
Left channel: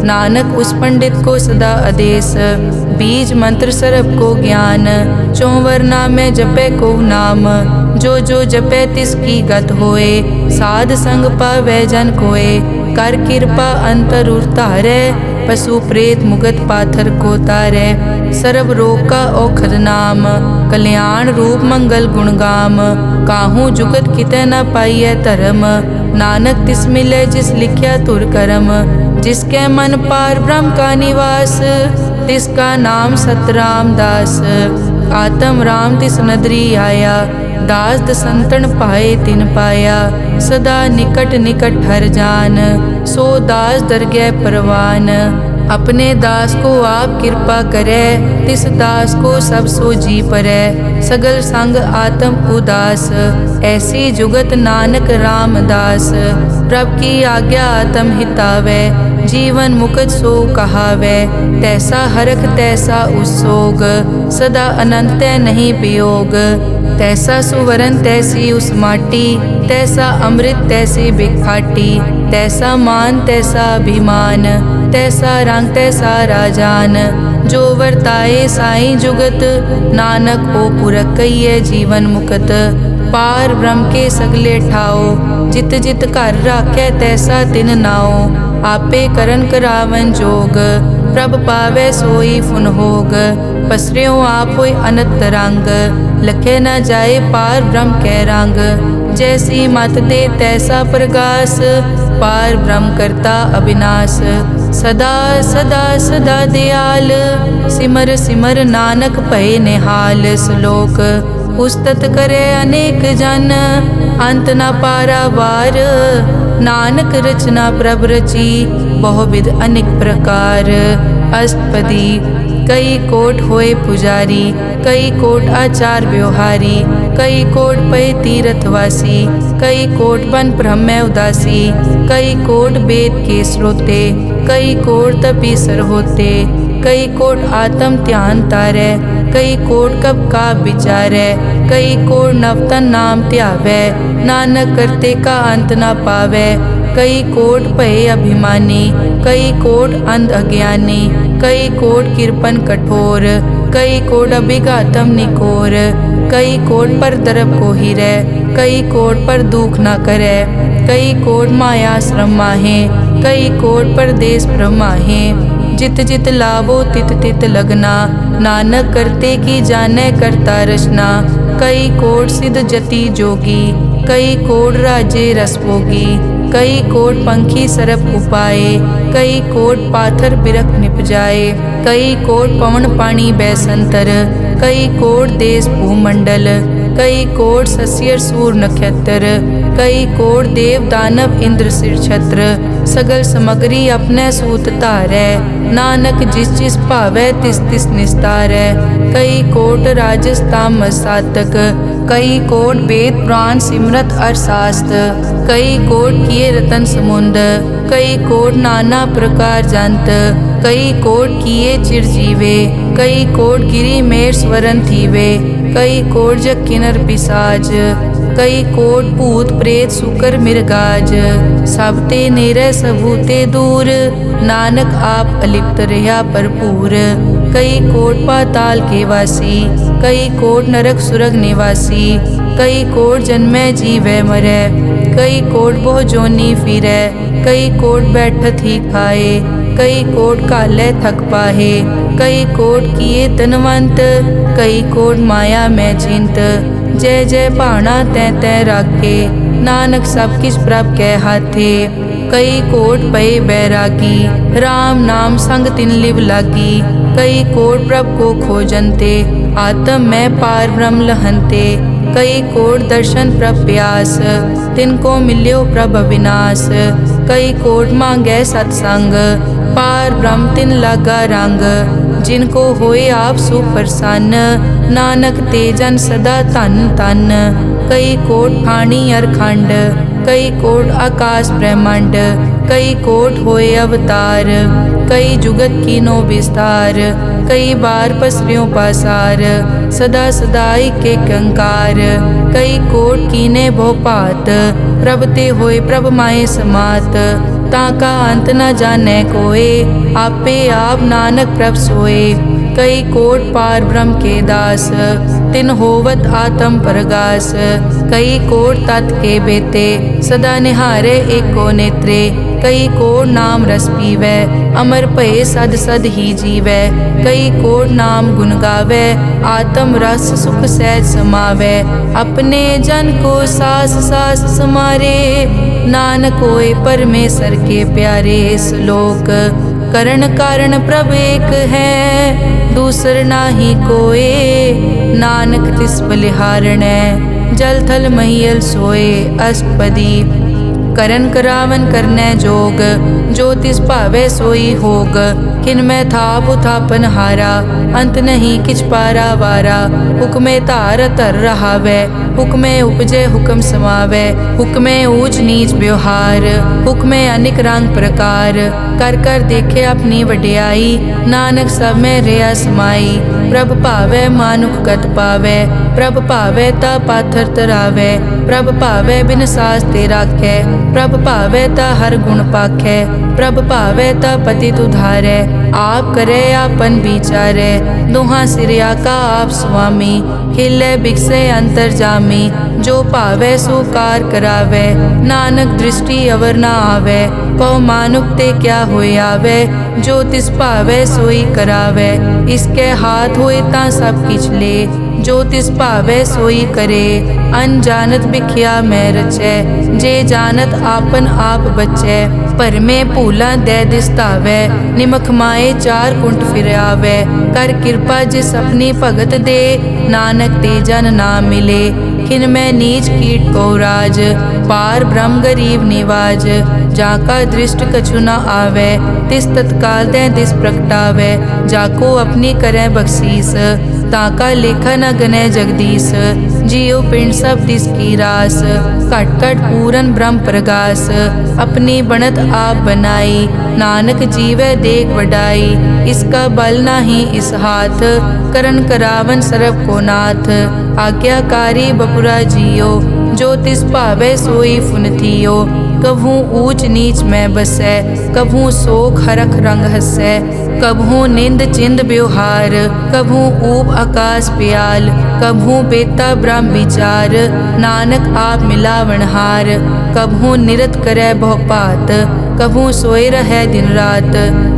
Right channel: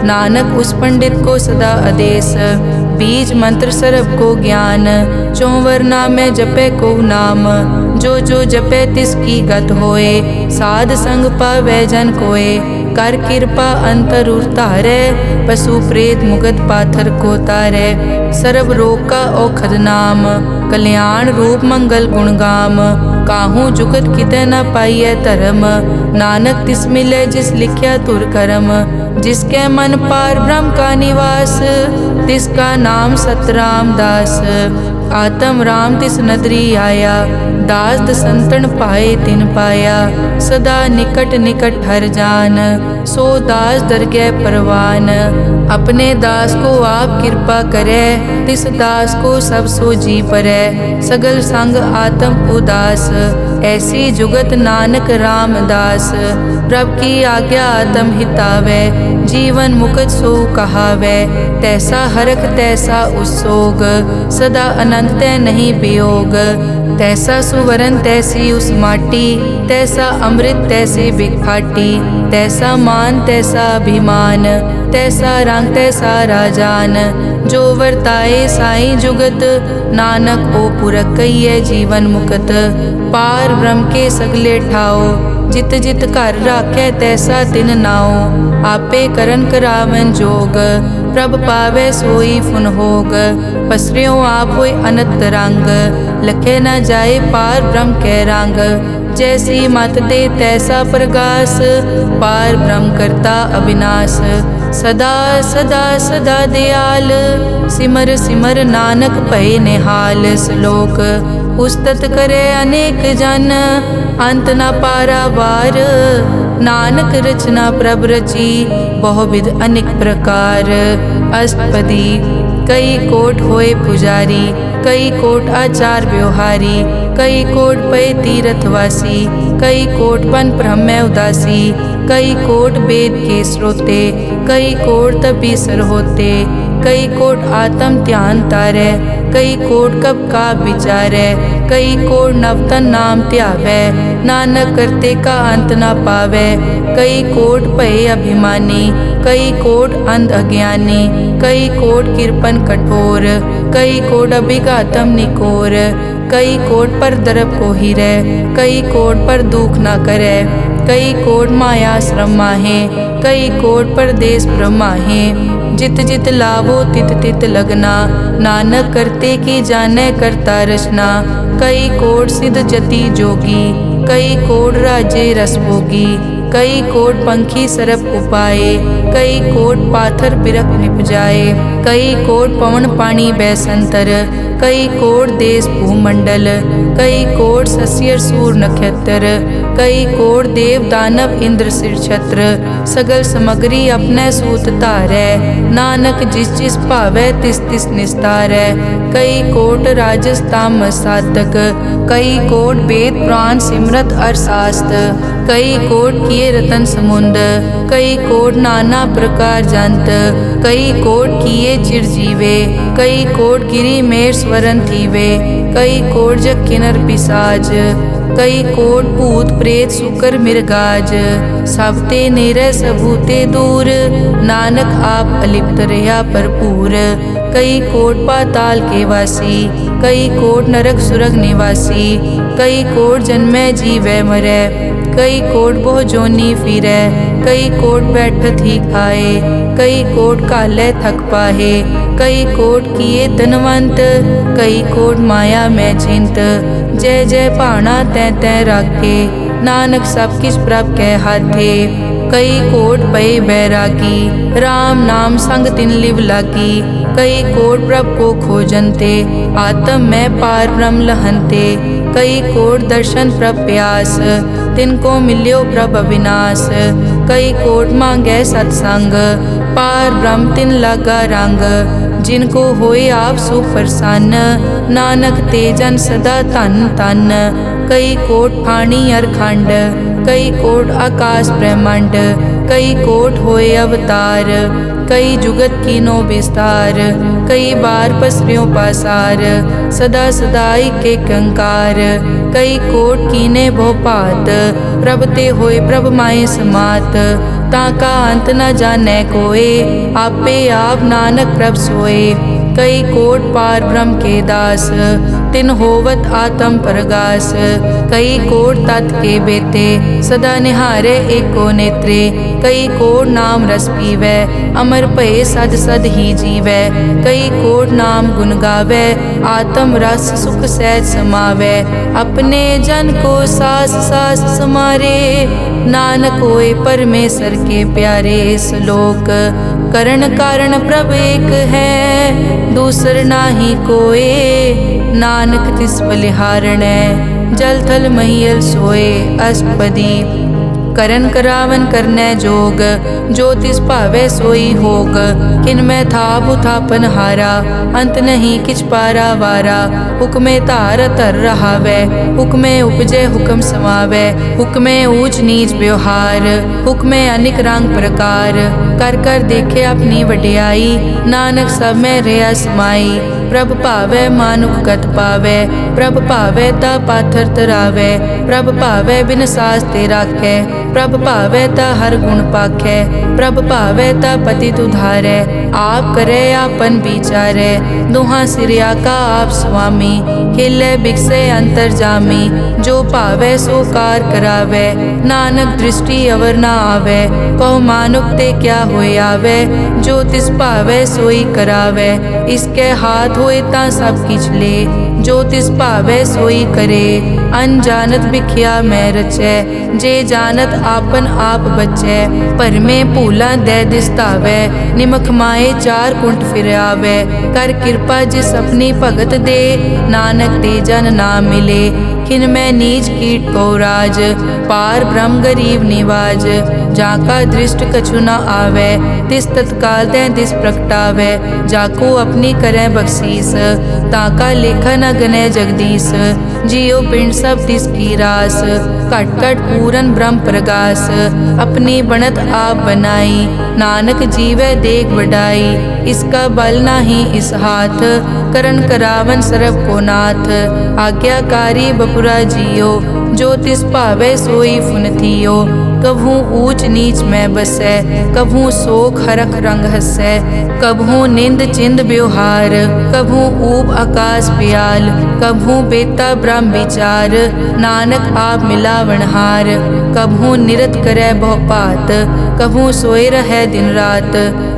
नानक उस पंडित को सदा आदेश। बीज मंत्र सरब को ज्ञान, चौवर नामै जपै को नाम। जो जपै तिसकी गत होए, साध संग पावै जन कोए। कर कृपा अंतर उतारै, पशु प्रेत मुगत पाथर को तारै। सर्व रोग का औखद नाम, कल्याण रूप मंगल गुणगाम। काहू जुगत कितै न पाइयै धर्म, नानक तिस मिलै जिस लिख्या तुर करम। जिसके मन पार ब्रह्म का निवास, तिसका नाम सतराम दास। आत्म राम तिस नदरी आया, दास दसंतन पाए तिन पाया। सदा निकट निकट हर जान, सो दास दरगह परवान। अपने दास को आप कृपा करे, तिस दास को सब सो जी परै। सगल संग आत्म उदास, ऐसी जुगत नानक रामदास। प्रभ की आज्ञा आत्म हितावै, जीवन मुकत सो कहावै। तैसा हरख तैसा उस्सोग, सदा अनंत तै नहीं वियोग। तैसा सुवरन तैसी उस माटी, तैसा अमृत तैसे बिखाटी। तैसा मान तैसा अभिमान, तैसा रंग तैसा राजान। जो वर्ताए साई जुगत, नानक ओ पुरख कहिए जीवन मुकत। पार ब्रह्म के सगले ठाओ, जित जित घर राखै तैसा तिन नाओ। आपे करन करावन जोग, प्रभ पावै सोई फुन होग। पसरियों आप होय अनंत रंग, लखे न जाए पार ब्रह्म कै रंग। जैसी मत दे तैसा प्रगास, पार ब्रह्म करता अविनाश। सदा सदा सदा दयाल, सिमर सिमर नानक भय निहाल। श्लोक उस्तत करे अनेक जन, अंत न पारावार। नानक रचना प्रभ रची, बहुविध अनेक प्रकार। अष्टपदी कई कोट होए पुजारी, कई कोट आचार व्यवहारी। कई कोट पय तीर्थवासी, कई कोट बन ब्रह्म उदासी। कई कोट वेद के स्रोते, कई कोट तपीसर होते। कई कोट आत्म ध्यान तारै, कई कोट कब का विचारै। कई कोट नवतन नाम ध्यावै, नानक करते का अंत न पावै। कई कोट भय अभिमानी, कई कोट अंध अज्ञानी। कई कोट कृपन कठोर, कई कोट अभिघातम निकोर। कई कोट पर दरब को हिरै, कई कोट पर दुख न करे। कई कोट माया श्रम माहे, कई कोट परदेश ब्रह्माहे। जित जित लावो तित तित लगना, नानक करते की जाने करता रचना। कई कोट सिद्ध जति जोगी, कई कोट राजे रस भोगी। कई कोट पंखी सरप उपाए, कई कोट पाथर बिरक निप जाए। कई कोट पवन पानी बैसंतर, कई कोट देश भूमंडल। कई कोट सस्यर सूर नक्षत्र, कई कोट देव दानव इंद्र सिर छत्र, सगल समगरी अपने सूत धारै। नानक जिस जिस भावै तिस तिस निस्तारै। कई कोट राजस तामस साधक, कई कोट वेद पुराण सिमरत अरसास्त। कई कोट किए रतन समुंद, कई कोट नाना प्रकार जंत। कई कोट किए चिरजीवे, कई कोट गिरी मेर स्वरन थीवे। कई कोट जग किन्नर पिसाज, कई कोट भूत प्रेत सुकर मिर्गाज। सब ते नेरै सबूते दूर, नानक आप अलिप्त रहा भरपूर। कई कोट पाताल के वासी, कई कोट नरक सुरग निवासी। कई कोट जन्मै जीवै मरै, कई कोट बहु जोनी फिरै। कई कोट बैठत ही खाए, कई कोट कालै थक पाहे। कई कोट किए धनवंत, कई कोट माया में चिंत। जय जय भाना तै तै राखे, नानक सब किछ प्रभ कै हाथे। कई कोट पए बैरागी, राम नाम संग तिन लिव लागी। कई कोट प्रभ को खोजनते, आत्म में पार ब्रह्म लहनते। कई कोट दर्शन प्रभ प्यास, तिनको मिल्यो प्रभ अविनाश। कई कोट मांगै सतसंग, पार ब्रह्म तिन लागा रंग। जिनको होए आप सुप्रसन्न, नानक ते जन सदा धन धन। कई कोट ठाणी अरखंड, कई कोट आकाश ब्रह्मांड। कई कोट होए अवतार, कई जुगत कीनो विस्तार। कई बार पसर्यो पासार, सदा सदाई के कंकार। कई कोट कीने भो भात, प्रभ ते होए प्रभ माए समात। ताका अंत न जाने कोए, आपे आप नानक प्रभ सोए। कई कोट पार ब्रह्म के दास, तिन होवत आत्म परगास। कई कोट तत् के बेते, सदा निहारे एको नेत्रे। कई कोट नाम रस पीवै, अमर भये सद सद ही जीवै। कई कोट नाम गुण गावै, आत्म रस सुख सहज समावै। अपने जन को सास सास समारे, नानक होए परमेश्वर के प्यारे। श्लोक करण कारण प्रभ एक है, दूसर नाही कोए। नानक तिस बलिहारणै, जल थल महियल सोए। अष्टपदी करन करावन करनै जोग, जो तिस भावै सोई होग। किनमै थाप उथापन हारा, अंत नहीं किछ पारा वारा। हुक्मे धार धर रहावै, हुक्मे उपजै हुक्म समावै। हुक्मे ऊंच नीच व्यवहार, हुक्मे अनिक रंग प्रकार। कर कर देखे अपनी वड्याई, नानक सब में रहा समाई। प्रभ भावै मानुख गत पावै, प्रभ भावै ता पाथर तरावै। प्रभ भावै बिन सास ते राखै, प्रभ भावै ता हर गुण पाखै। प्रभ भावै ता पतित उधारै, आप करे आपन विचारै। दोहां सिरिया का आप स्वामी, खिलै बिकसै अंतर जामी। जो भावै सो कार करावै, नानक दृष्टि अवर ना आवै। कहो मानुक ते क्या होए आवे, जो तिस भावै सोई करावै। इसके हाथ होए तां सब किछ ले, जो तिस भावै सोई करे। अनजानत बिख्या मैं रचै, जे जानत आपन आप बचै। भरमे भूला दै दिसतावै, निमख माए चार कुंट फिर आवै। कर कृपा जिस अपनी भगत दे, नानक ते जन ना मिले। खिन में नीच कीट को राज, पार ब्रह्म गरीब निवाज। जाका दृष्ट कछु न आवे, तिस तत्काल दें तिस प्रगटावे। जाको अपनी करें बख्शीस, ताका लेखा न गने जगदीश। जियो पिंड सब तिस की रास, कट कट पूरन ब्रह्म प्रगास। अपनी बनत आप बनाई, नानक जीवे देख बढ़ाई। इसका बल नाही इस हाथ, करन करावन सरब को नाथ। आज्ञाकारी बपुरा जियो, जो तिस भावे सोई फुन थियो। कभू ऊंच नीच में बसै, कभू शोक हरख रंग हसै। कभू निंद चिंद व्यवहार, कभू ऊब आकाश प्याल। कभू बेता ब्रह्म विचार, नानक आप मिलावनहार। कभू निरत करे बहु पात, कभू सोए रहे दिन रात।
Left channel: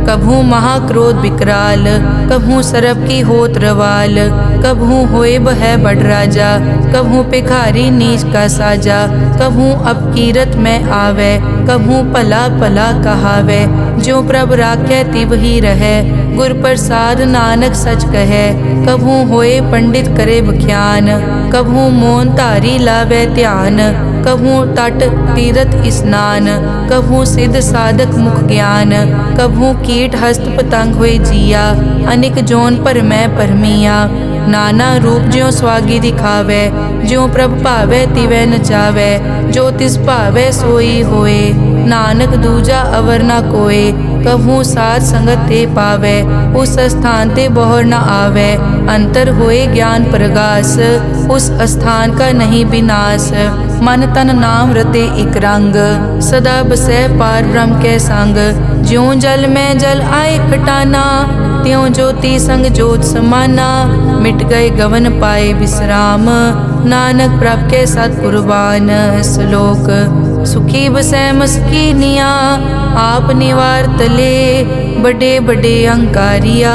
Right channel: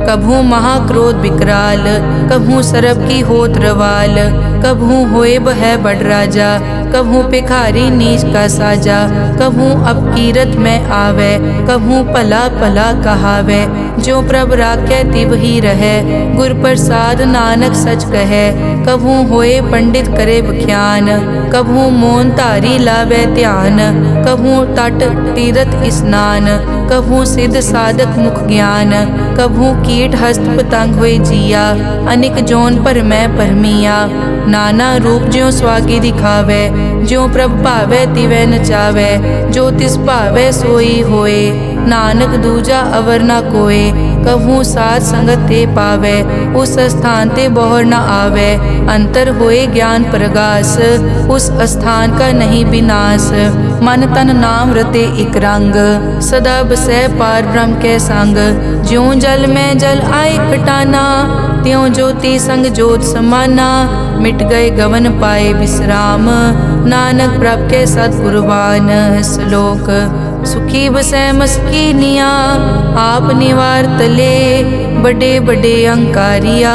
कभू महाक्रोध विकराल, कभू सरब की होत रवाल। कभू होए बह बड़ राजा, कभू भिखारी नीच का साजा, कभू अपकीरत में आवे, कभू भला भला कहावे। ज्यों प्रभ राखै तिव ही रहे, गुर प्रसाद नानक सच कहे। कभू होए पंडित करे बख्यान, कभू मोन धारी लावे ध्यान। कभू तट तीरथ स्नान, कभू सिद्ध साधक मुख ज्ञान। कभू कीट हस्त पतंग होए जिया, अनिक जोन पर मैं परमिया। नाना रूप ज्यों स्वागी दिखावे, ज्यों प्रभ भावे तिवै नचावे। जो तिस भावे सोई होए, नानक दूजा अवर न कोय। कभू साध संगत ते पावे, उस स्थान ते बोहर न आवे। अंतर होए ज्ञान प्रगास, उस स्थान का नहीं विनाश। मन तन नाम रते इक रंग, सदा बसै पार ब्रह्म के संग। ज्यों जल में जल आए खटाना, त्यों ज्योति संग ज्योत समाना। मिट गए गवन पाए विश्राम, नानक प्रभ के सतकुर्बान। श्लोक सुखी बसै मस्कीनिया, आप निवार तले। बड़े बड़े अहंकारिया,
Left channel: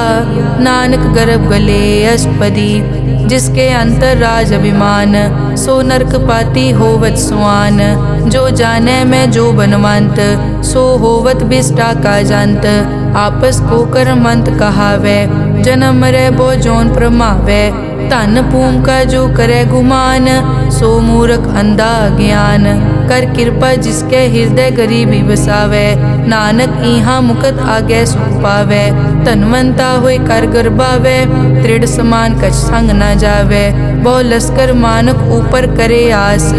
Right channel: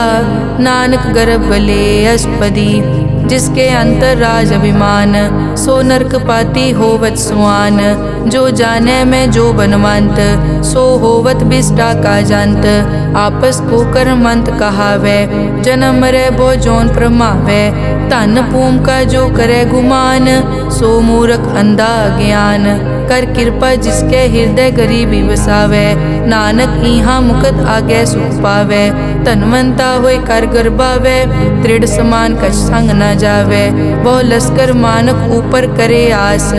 नानक गर्भ गले अष्टपदी। जिसके अंतर राज अभिमान, सो नरक पाती होवत सुआन। जो जाने में जो बनवंत, सो होवत बिष्टा का जंत। आपस को कर्मंत कहावे, जन्म मरे बो जोन प्रमावे। धन भूम का जो करे गुमान, सो मूर्ख अंधा ज्ञान। कर कृपा जिसके हृदय गरीबी बसावे, नानक इहाँ मुकत आगे सुख पावे। धनवंता होए कर गर्बावे, दृढ़ समान कछ संग न जावे। बहु लश्कर मानक ऊपर करे आस,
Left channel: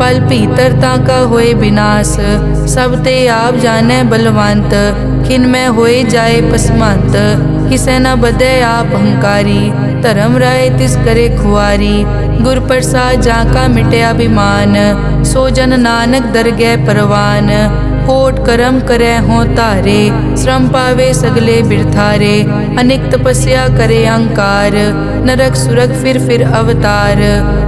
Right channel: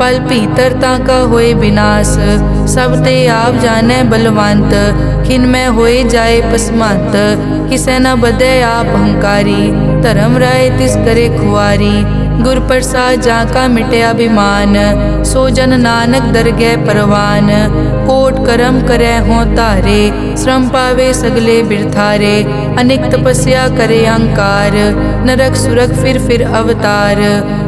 पल भीतर ताका होए विनाश। सब ते आप जाने बलवंत, खिन में होए जाए पसमंत। किसे न बदे आप अहंकारी, धर्म राय तिस करे खुआरी। गुर प्रसाद जाका मिटे अभिमान, सो जन नानक दरगह परवान। कोट कर्म करे हों तारे, श्रम पावे सगले बिरथारे। अनेक तपस्या करे अहंकार, नरक सुरग फिर अवतार।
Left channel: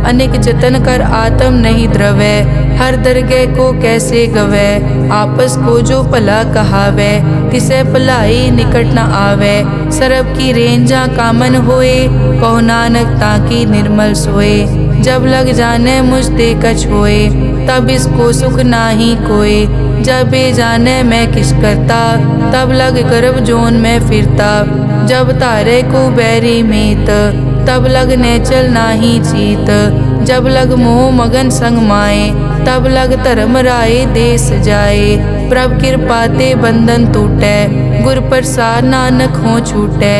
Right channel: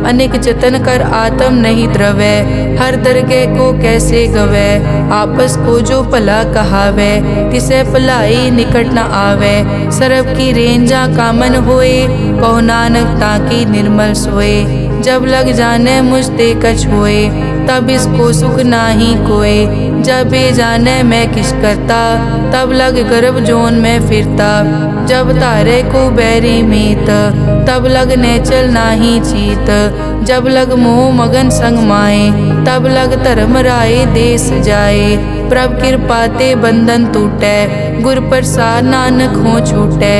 अनेक जतन कर आत्म नहीं द्रवे, हर दरगह को कैसे गवे। आपस को जो भला कहावे, तिसे भलाई निकट न आवे। सरब की रेंजा कामन होए, कहो नानक ताकि निर्मल सोए। जब लग जाने मुझ ते कछ होए, तब इसको सुख नाही कोय। जब ये जाने मैं किस करता, तब लग गर्भ जोन में फिरता। जब तारे को बैरी मीत, तब लग नेचल नाही चीत। जब लग मोह मगन संग माए, तब लग धर्म राय देश जाए। प्रभ कृपा ते बंधन टूटे, गुर प्रसाद नानक हो छूटे।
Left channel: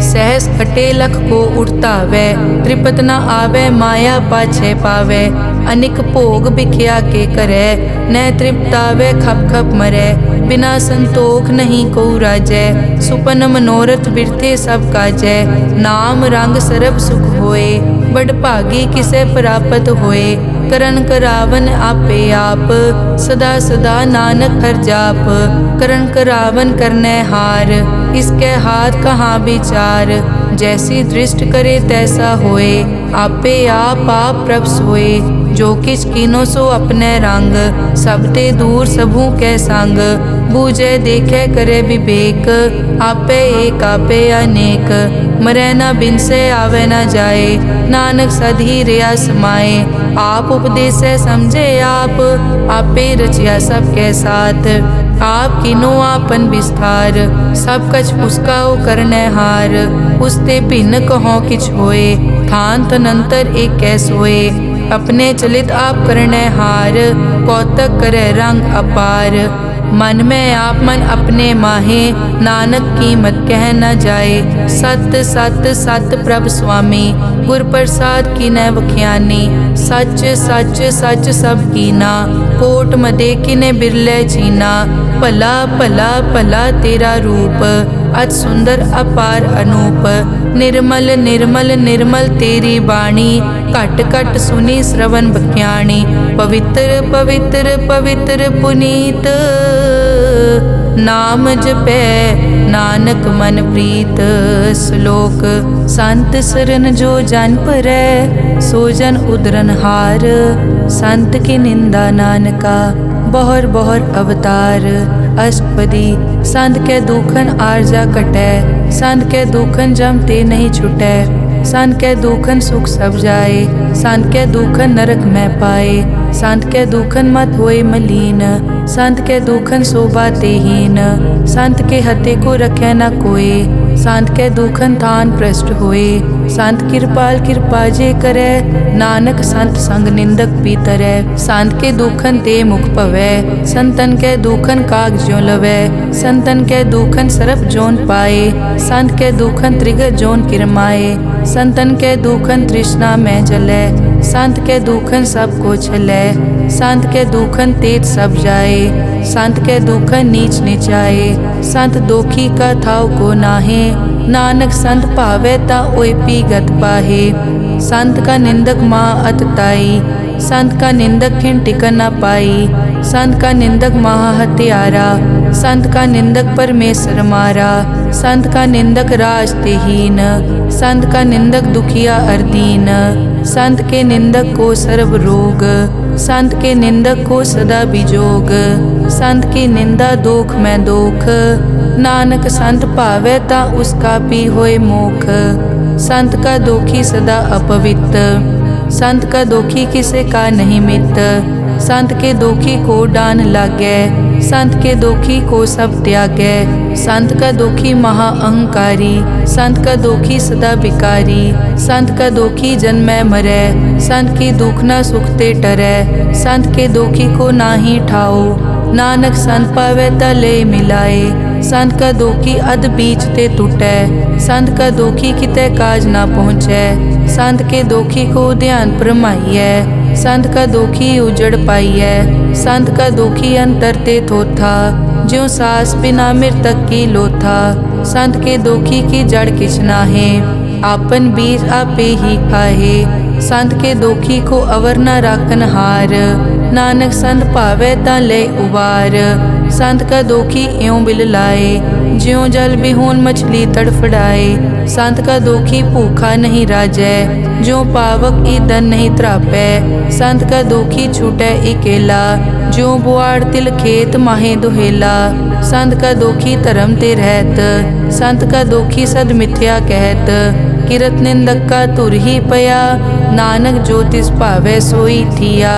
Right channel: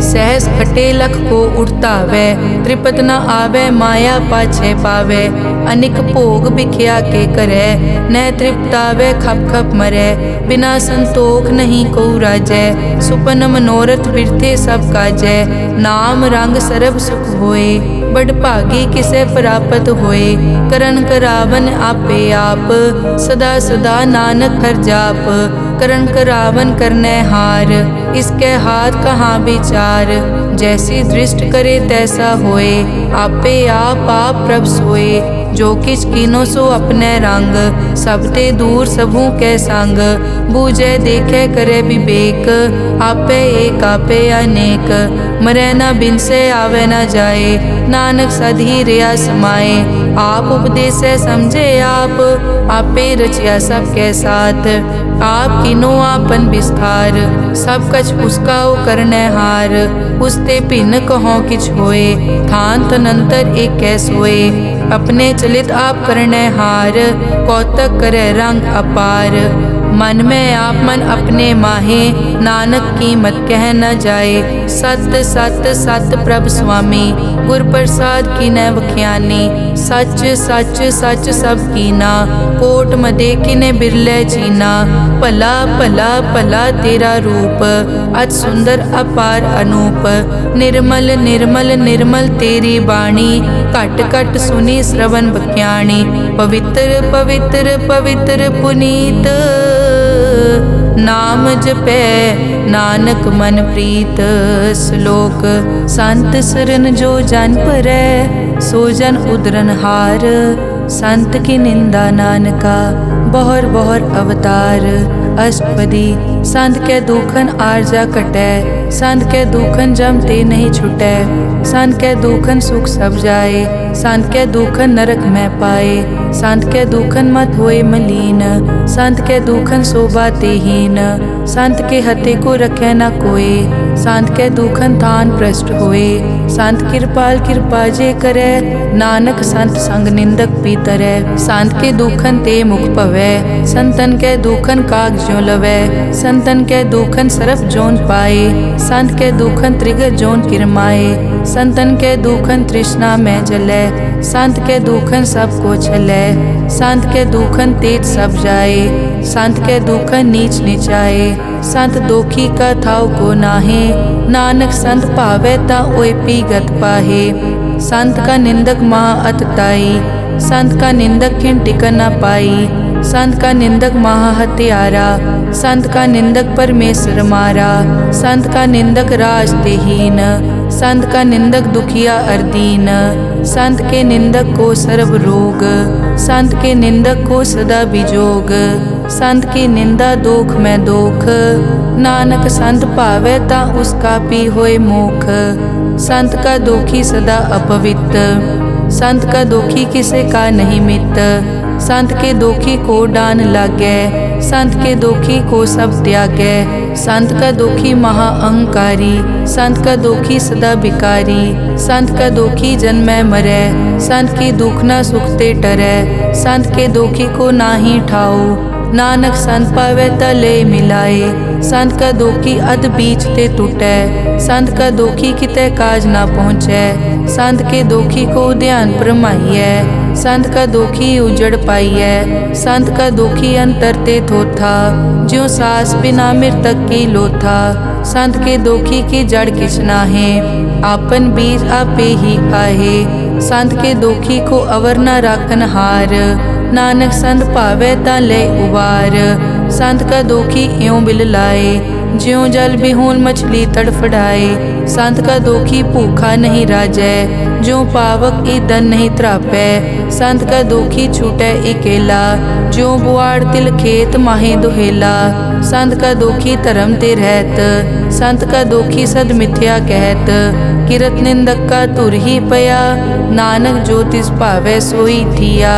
सहस खटे लख को उठतावे, त्रिपत न आवे माया पाछे पावे। अनिक भोग बिख्या के करे, न तृप्तावे खप खप मरे। बिना संतोख नहीं को राजै, सुपन मनोरथ बिरथे सब काजै। नाम रंग सरब सुख होए, बड़ भागी किसे प्राप्त होए। करन करावन आपे आप, सदा सदा नानक हर जाप। करन करावन करने हार, इसके हाथ कहाँ विचार। जैसी दृष्ट करे तैसा होए, आपे आप प्रभ सोए। जो किछ कीनो सो अपने रंग, सब ते दूर सबू के संग। बूझे देखे करे विवेक, आपे एक आपे अनेक। मरे न बिन से आवे न जाए, नानक सधी रिया समाए। आप उपदेश समझे आप, आपे रचिया सबके साथ। आप किनो आपन विस्तार, सब कछ उसका ओ करने हार। उसते भिन्न कहो किछ होए, थान तनंतर एक कैसोए। अपने चलित आप करने हार, कौतक करे रंग अपार। मन में आप मन अपने माहे, नानक कीमत कह न जाए। सत सत सत प्रभ स्वामी, गुर प्रसाद की न वख्यानी। सच सच सच सब कीना, कोट मदे किने बिरले चीना। भला भला भला तेरा रूप, अति सुंदर अपार अनूप। निर्मल निर्मल निर्मल तेरी बाणी, घट घट सुनी श्रवण बख्याणी। पवित्र पवित्र पवित्र पुनीत, नाम जपै नानक मन प्रीत। श्लोक संत सरन जो जन परै, सो जन उदरन हार। संत की निंदा नानका, बहर बहर अवतार। अष्टपदी संत के दुखन आरजा कटै, संत के दुखन जम ते नहीं छुटै। संत के दुखन सुख सब जाए, संत के दुखन नरक में पाए। संत के दुखन मत होए मलीन, संत के दुखन शोभा तेहीन। संत के हते को रखे न कोय, संत के दुखन थान भ्रष्ट होए। संत कृपाल कृपा जे करे, नानक संत संग निंदक पीतरै। संत के दुखन ते मुख पवै, संतन के दुखन काग ज्यों लवै। संतन के दुखन सरप जोन पाए, संत के दुखन त्रिगर जोन किरमाए। संतन के दुखन तृष्णा में जलै, संत के दुखन सब को छलै। संत के दुखन तेज सब जाए, संत के दुखन नीच नीचाए। संत दोखी का थाव को नाहे, नानक संत भावै ता ओय पीगत पाहे। संत का निंदक महा अतताई, संत का निंदक खिन टिकन न पाई। संत का निंदक महा हत्यारा, संत का निंदक परमेश्वर मारा। संत का निंदक राज तेहीन, संत का निंदक दुखिया अर्दीन। संत के निंदक को सर्व रोग, संत के निंदक को सदा बिजोग। संत की निंदा दोख में दोख, नानक संत भावै ता उसका पी होए मोख। संत का दोखी सदा अपवित्र, संत का दोखी किसे का नहीं मित। संत के दोखी को डान लागै, संत के दोखी को सब त्यागै। संत का दोखी महा अहंकारी, संत का दोखी सदा बिकारी। संत का दोखी जन्मै मरै, संत की दुख न सुखते टरै। संत के दोखी को नाही ठाओ, नानक संत पावै ता ले मिलाए। संत का दोखी अध बीच ते टूटै, संत का दोखी कितै काज ना पहुँचै। संत के दोखी को ध्यान परमाइयै, संत का दोखी उजड़ पाइयै। संत का दोखी अंतर ते थोथा, ज्यों सास बिना मृतक की लोथा। संत के दोखी की जड़ किछ नाहे, आपन बीज आपे ही खाहे। संत के दोखी को अवर न राखन हार, नानक संत भावै ता ले उबार। संत का दोखी इयों बिल लाए, ज्यों जल बिहून मछली तड़फड़ाए। संत का दोखी भूखा नहीं राजै, ज्यों पावक ईंधन नहीं त्रापै। संत का दोखी छूटै इकेला, ज्यों बुआड़ तिल खेत माहे दुहेला। संत का दोखी धर्म ते रहत, संत का दोखी सद मिथ्या कहत। किरत निंदक का तुर ही पया, नानक जो तिस भावै सोई थिया।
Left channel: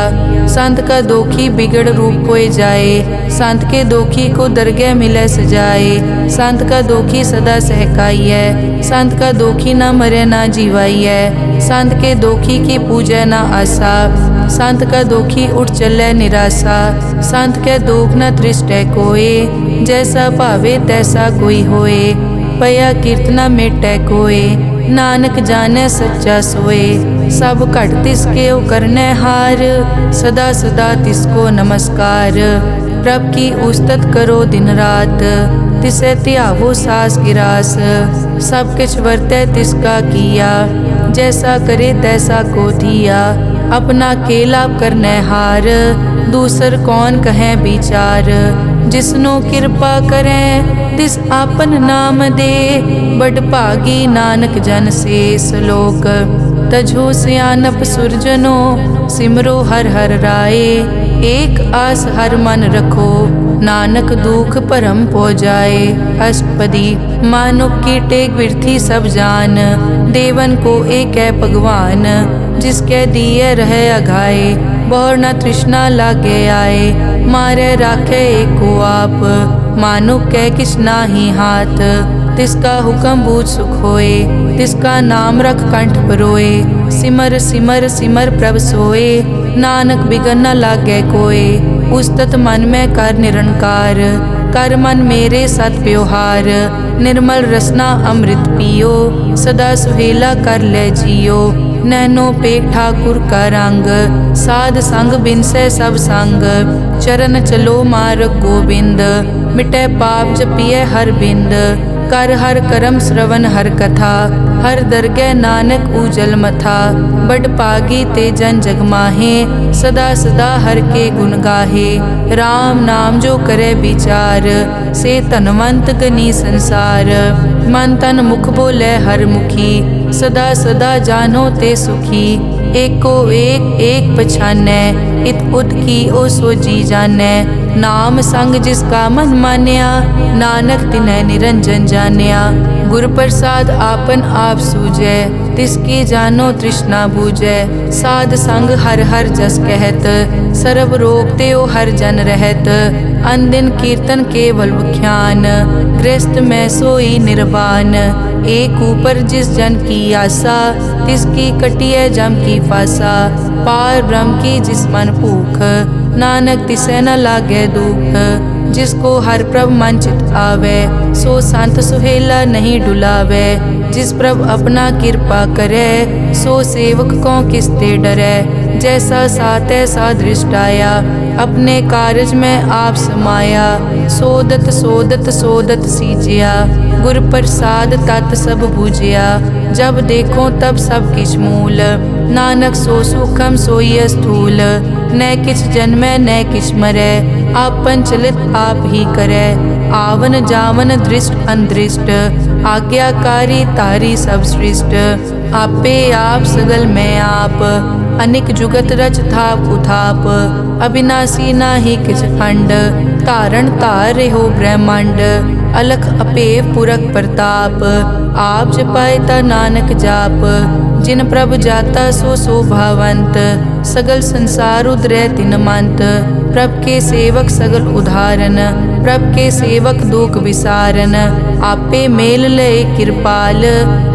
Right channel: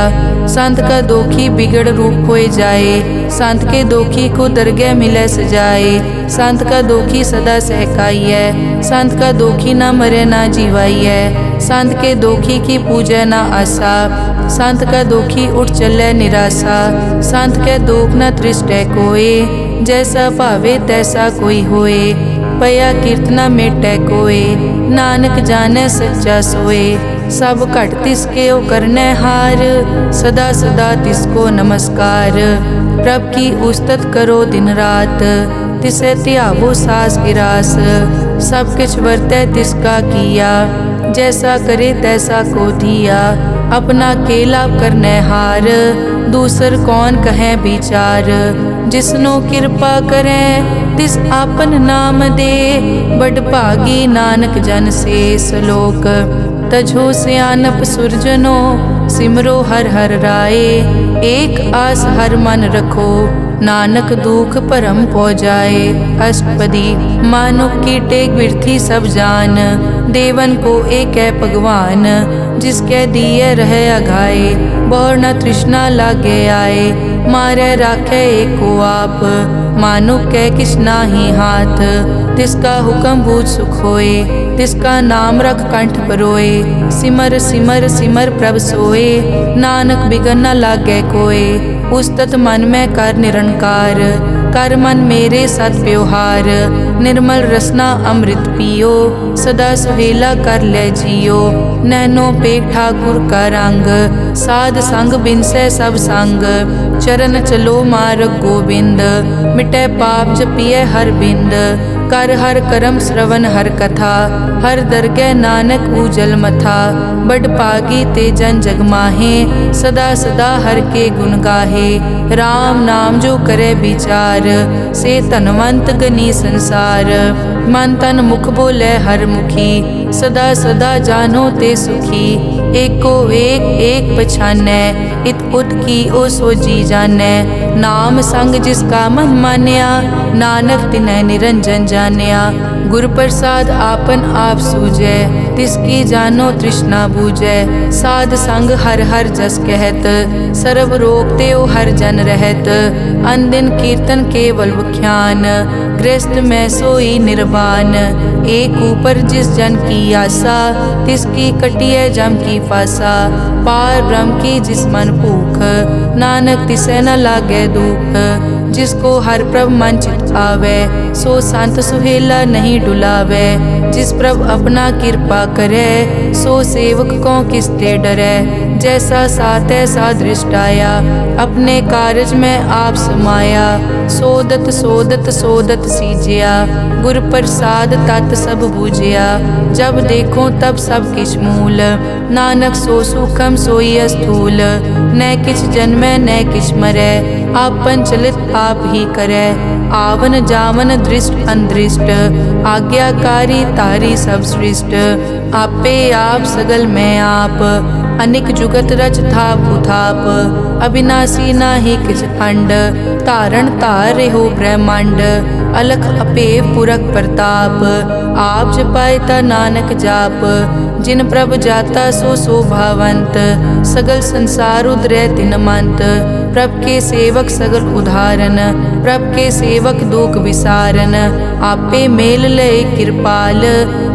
संत का दोखी बिगड़ रूप होए जाए, संत के दोखी को दरगह मिलै सजाए। संत का दोखी सदा सहकाइयै, संत का दोखी ना मरे ना जीवाइयै। संत के दोखी की पूजै ना आसा, संत का दोखी उठ चलै निराशा। संत के दोख न तृष्टै कोय, जैसा भावे तैसा कोई होए। पया कीर्तना मेटै कोय, नानक जानै सच्चा सोए। सब घट तिसके ओ करनै हार, सदा सदा तिसको नमस्कार। प्रभ की उस्तत करो दिन रात, तिसे त्यावो सास गिरास। सब किछ वर्तै तिसका किया, जैसा करे तैसा को दिया। अपना केला करनै हार, दूसर कौन कहे विचार। जिसनो कृपा करें तिस आपन नाम दे, बड़ भागी नानक जन से सलोक। तजो सियानप सुरजनो, सिमरो हर हर राए। एक आस हर मन रखो, नानक दुख परम पो जाए। अष्टपदी मानुक की टेक बिरथी सब जान, देवन को एक है भगवान। जिसके दिए रहे अघाए, बहुर न तृष्णा लागे आए। मारे राखे एको आप, मानुक कै किछ नाही हाथ। तिसका हुक्म बूझ सुख होए, तिसका नाम रख कंठ परोए। सिमर सिमर सिमर प्रभ सोए, नानक बिगन न लागै कोय। उस्तत मन में कर निरंकार, कर मन मेरे सत व्यवहार। निर्मल रसना अमृत पियो, सदा सुहेला कर ले जियो। नैनो पेख ठाकुर का रंग, साध संग बिनसै सब संग। चरण चलो मार्ग गोबिंद, मिटै पाप जपिए हर बिंद। कर हर करम श्रवण हर कथा, हर दरगह नानक उजल मथा। बड़ पागी ते जन जग माहे, सदा सदा हर के गुण गाहे। राम नाम जो करे विचार, से धनवंत गनी संसार। मन तन मुख बोले हर मुखी, सदा सदा जानो ते सुखी। एको एक एक पछानै, इत उत की ओ सो जी जानै। नाम संग जिसका मन मान्या, नानक तिन्है निरंजन जान्या। गुर प्रसाद आपन आप सूझै, तिसकी जानो तृष्णा बूझै। साध संग हर हर जस कहत, सर्व रोग त्यो हर जन रहत। अनदिन कीर्तन केवल बख्यान, गृहस्थ में सोई निर्वाण। एक ऊपर जिस जन की आशा, तिसकी कटिय जम की फासा। पार ब्रह्म की जिस मन भूख, नानक तिसै न लागे दुख। जिसको हर प्रभ मन चित आवे, सो संत सुहेला नहीं डुलावे। जिस प्रभ अपना कृपा करे, सो सेवक को किसते डरे। जैसा सात ऐसा दृष्टाया, अपने कारज में आप समाया। सोदत सोदत सोदत सीजिया, गुर प्रसाद तत् सब बूझिया। जब देखो तब सब किछ मूल, नानक सो सूखम सोई स्थूल। न किछ जन्मै न किछ मरै, आपन चलित आप ही करै। आवन जावन दृष्ट अनदृष्ट, आज्ञाकारी तारी सब सृष्ट। आपे आप सगल में आप, अनिक जुगत रच थाप उथाप। अविनाशी नाहि किछ खंड, धारण धार रेहो ब्रह्मांड। अलख अपेव पुरख प्रताप, आप जपाए ता नानक जाप। जिन प्रभ जाता सो शोभावंत, सगल संसार उदरै तिन मंत। प्रभ के सेवक सगल उदाहरण, प्रभ के सेवक दुख विसारन। आपे मेल लय कृपाल,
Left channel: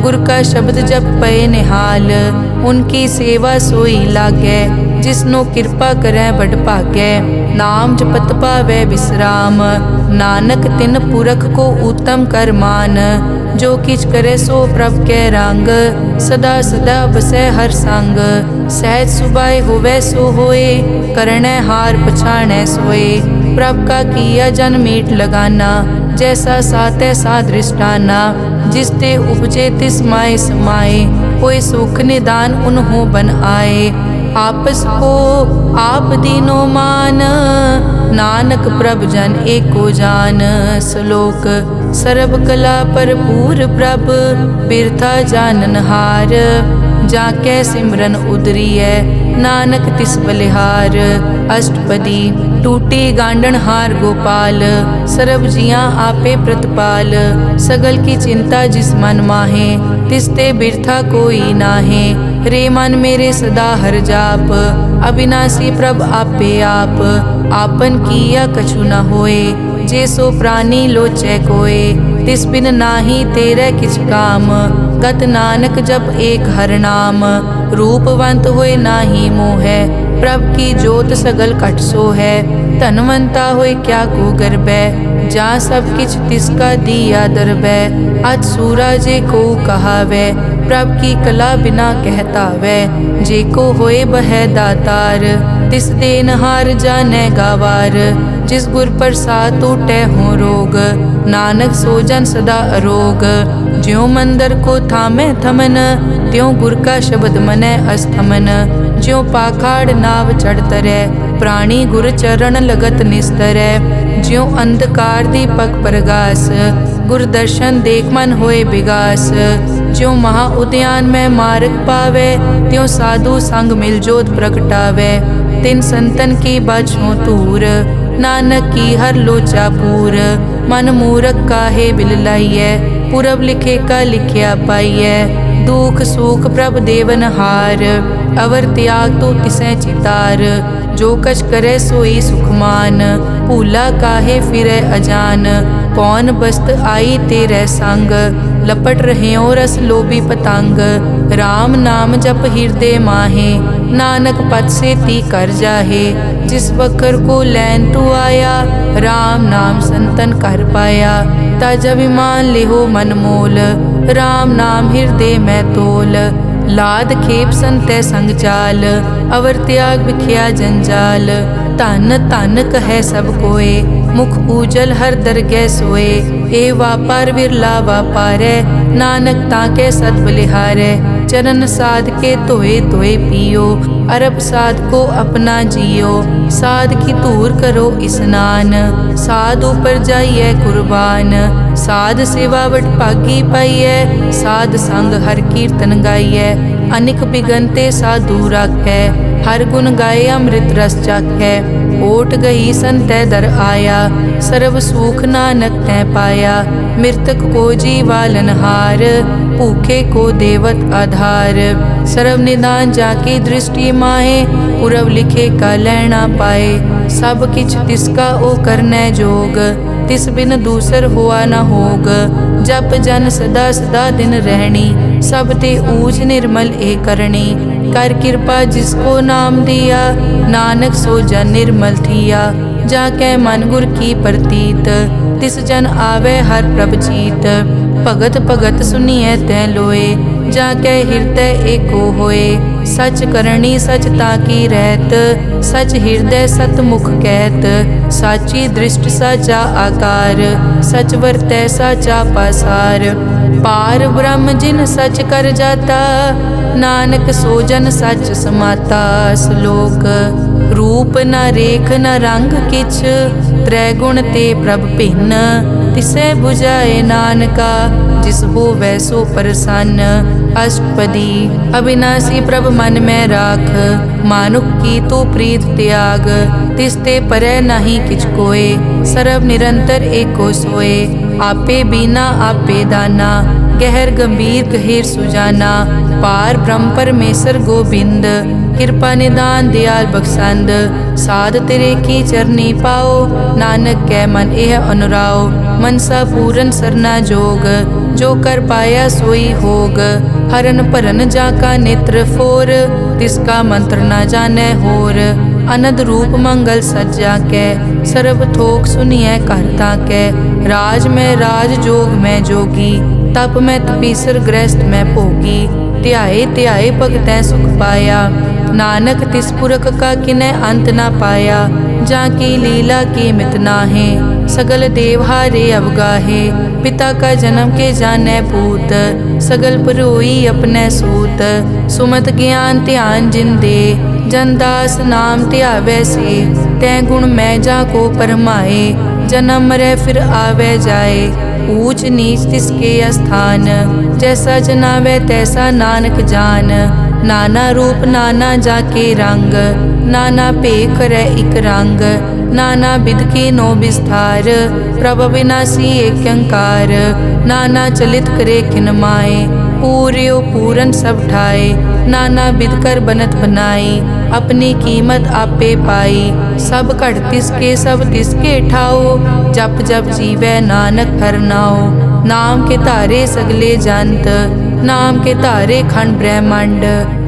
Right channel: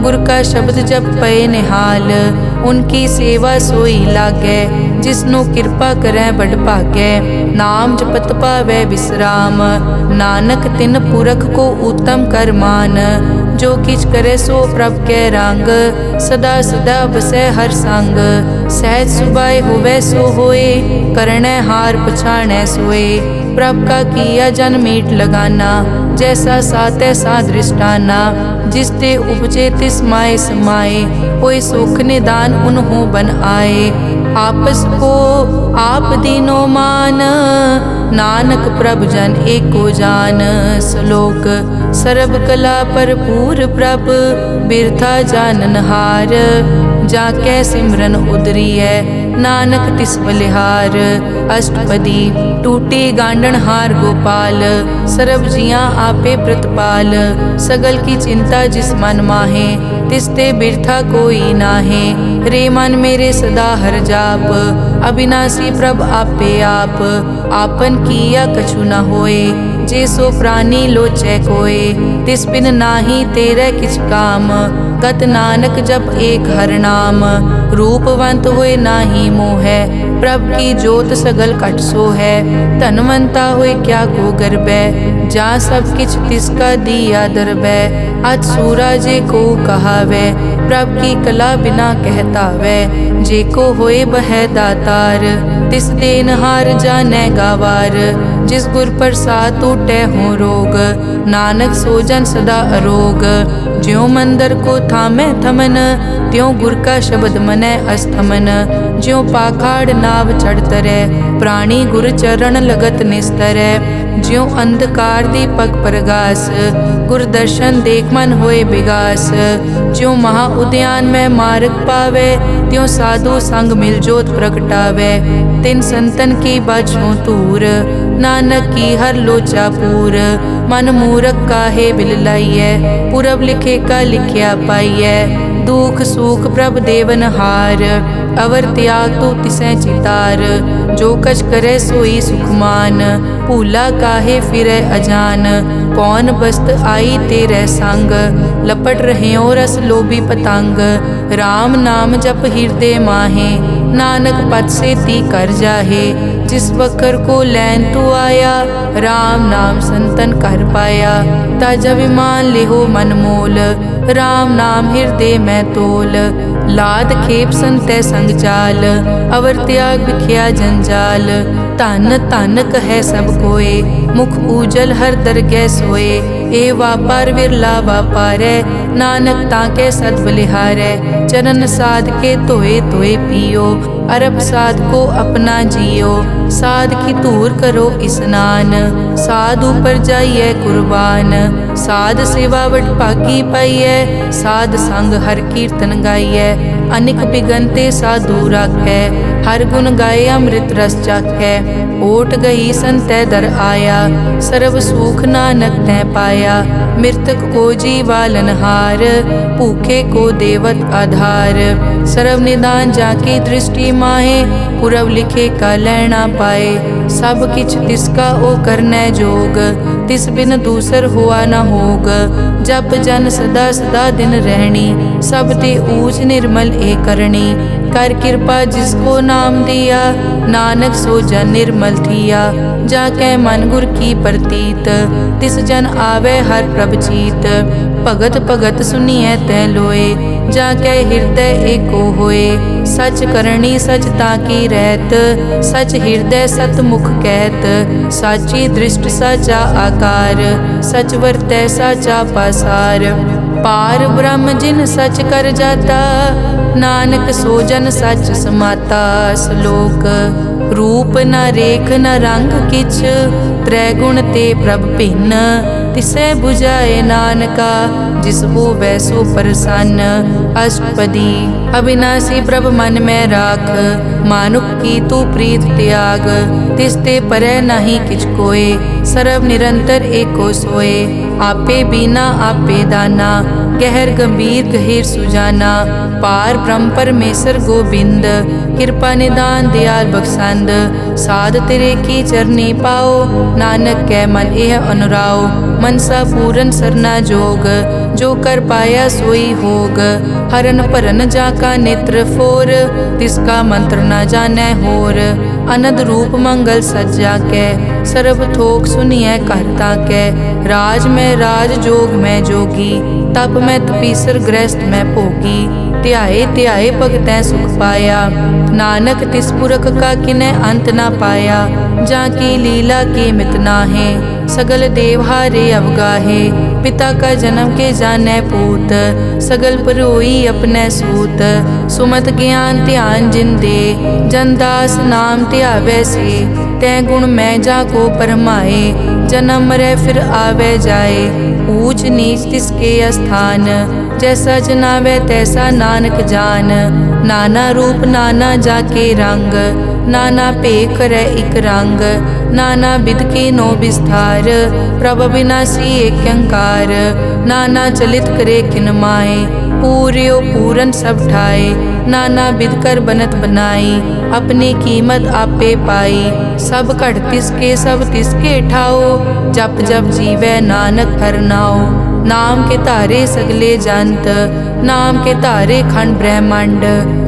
गुर का शब्द जप पए निहाल। उनकी सेवा सोई लागै, जिसनो कृपा करै बड़ भागै। नाम जपत पावै विश्राम, नानक तिन पुरख को उत्तम कर मान। जो किछ करे सो प्रभ कै रंग, सदा सदा बसै हर संग। सहज सुभाए होवै सो होए, करणै हार पछाणै सोए। प्रभ का किया जन मीठ लगाना, जैसा सात ऐसा दृष्टाना। जिसते उपजे तिस माए समाए, होए सुख निदान उन्हों बन आए। आपस को आप दीनो मान, नानक प्रभ जन एको जान। श्लोक सर्ब कला भरपूर प्रभ, बिरथा जानन हार। जाकै सिमरन उदरियै, नानक तिस बलिहार। अष्टपदी टूटी गांडन हार गोपाल, सर्ब जियां आपे प्रतिपाल। सगल की चिंता जिस मन माहे, तिसते बिरथा कोई नाहे। रे मन मेरे सदा हर जाप, अविनाशी प्रभ आपे आप। आपन किया कछु न होए, जे सो प्राणी लोचै कोय। तिस बिन नाही तेरे किछ काम, गत नानक जप एक हर नाम। रूपवंत होए नाही मोहै, प्रभ की जोत सगल कट सो है। धनवंता होए क्या को गर्बै, जा सब किछ तिसका दिया दरबै। अत सूरा जे को कहावै, प्रभ की कला बिना कहतावै। जे को होए बह दातार, तिस देनहार जानै गावार। जिस गुर प्रसाद टूटै हो रोग, नानक सो जन सदा अरोग। ज्यों मंदिर को थामै थमन, त्यों गुर का शब्द मनै अस्थमन। ज्यों पाखाड़ नाव चढ़ तरै, प्राणी गुर चरण लगत निस्तरै। ज्यों अंधकार दीपक प्रगास, गुर दर्शन देख मन होए विगास। ज्यों महा उद्यान में मार्ग पावे, त्यों साधु संग मिल जोत प्रगटावे। तिन संतन की बाछों तूर, नानक की हर लोचा पूर। मन मूरख काहे बिल लाइयै, पुरब लिखे का लिखिया पाइयै। दुख सुख प्रभ देवन हार, अवर त्याग तो तिसै चितार। जो कछ करे सोई सुखमान, भूला काहे फिरै अजान। कौन बस्त आई तेरे संग, लपट रहे रस लोभी पतंग। राम नाम जप हृदय माहे, नानक पद से ती कर जाहे। जिस वखर को लैन तू आया, राम नाम संतन कर पाया। तज अभिमान लेहो मन मोल, राम नाम हृदय में तोल। लाद खेप संतै संग चाल, अवर त्याग बिखिया जंजाल। धन धन कहे सब कोय, मुख ऊजल हर दरगह सोए। ए वापार विरला वापारै, नानक ताके सद बलिहारै। चरण साध के धोए धोए पियो, अरब साध को अपना जियो। साध की धूर करो स्नान, साध ऊपर जाइए कुर्बान। साध सेवा वड भागी पाइयै, साध संग हर कीर्तन गाइयै। अनिक बिगनते साधु राखै, हर गुण गाए अमृत रस चाखै। ओट गई संतै दर आया, सर्व सुख नानक तै पाया। मृतक को जीवालनहार, भूखे को देवत आधार। सर्व निदान जाकी दृष्टि माहे, पुरब लिखे का लैना पाए। सब किछ तिसका ओ करनै जोग, तिस बिन दूसर हुआ न होग। जप जन सदा सदा दिन रहनी, सब ते ऊच निर्मल ए करनी। कर कृपा जिसको नाम दिया, नानक सो जन निर्मल थिया। जाकै मन गुर की प्रतीत, तिस जन आवे हर प्रभ चीत। भगत भगत सुनिए तै लोए, जाकै हृदय एको होए। सच करनी सच ताकी रहत, सच हृदय सतमुख कहत। साची दृष्ट साचा आकार, सच वरतै साचा पासार। पार ब्रह्म जिन सच कर जाता, नानक सो जन सच समाता। श्लोक रूप न रेख न रंग किछ, त्रै गुण ते प्रभ भिन्न। तिसै बुझाए नानका, जिस होवै सो प्रसन्न। अष्टपदी अविनाशी प्रभ मन में राख, मानुख की तू प्रीत त्याग। तिसते परै नहीं किछ कोय, सर्व निरंतर एको सोए। आपे बीना आपे दाना, गहर गंभीर गहीर सुजाना। पार ब्रह्म परमेश्वर गोबिंद, कृपा निदान दयाल बख्शंद। साध तेरे की चरनी पाओ, नानक कै मन एह अनुराओ। मनसा पूरन सरना जोग, जो कर पाया सोई होग। हरन भरन जाका नेत्र फोर, तिसका मंत्र न जानै होर। अनद रूप मंगल सज्जा कै, सर्व थोक सुनिए कर ताकै। राज में राज जोग में जोगी, तप में तपीसर गृहस्थ में भोगी। ध्याए ध्याए भगतै सुख पाया, नानक तिस पुरख का किनै अंत ना पाया। जाकी लीला की मित नाहे, सगल देव हारे अवगाहे। पिता का जन्म के जानै पूत, सगल परोई अपने सूत। सुमत ज्ञान ध्यान जिन दे, जनदास नाम ध्यावै से। तै गुण मैं जाको परमाए, जन्म मरै फिर आवे जाए। ऊच नीच तिसके अस्थान, जैसा जनावै तैसा नानक जान। नाना रूप नाना जाके रंग, नाना भेख करै इक रंग। नाना बिध के नो विस्तार, प्रभ अविनाशी एक अंकार। नाना चलित करे खिन माए, पूर्यो पूरन सब ठाए। नाना बिध कर बनत बनाई, अपनी कीमत आपे पाई। सब घट तिसके सब तिसके ठाओ, जप जप जीवै नानक हर नाओ। नाम के धारे सगले जंत, नाम के धारे खंड ब्रह्मांड।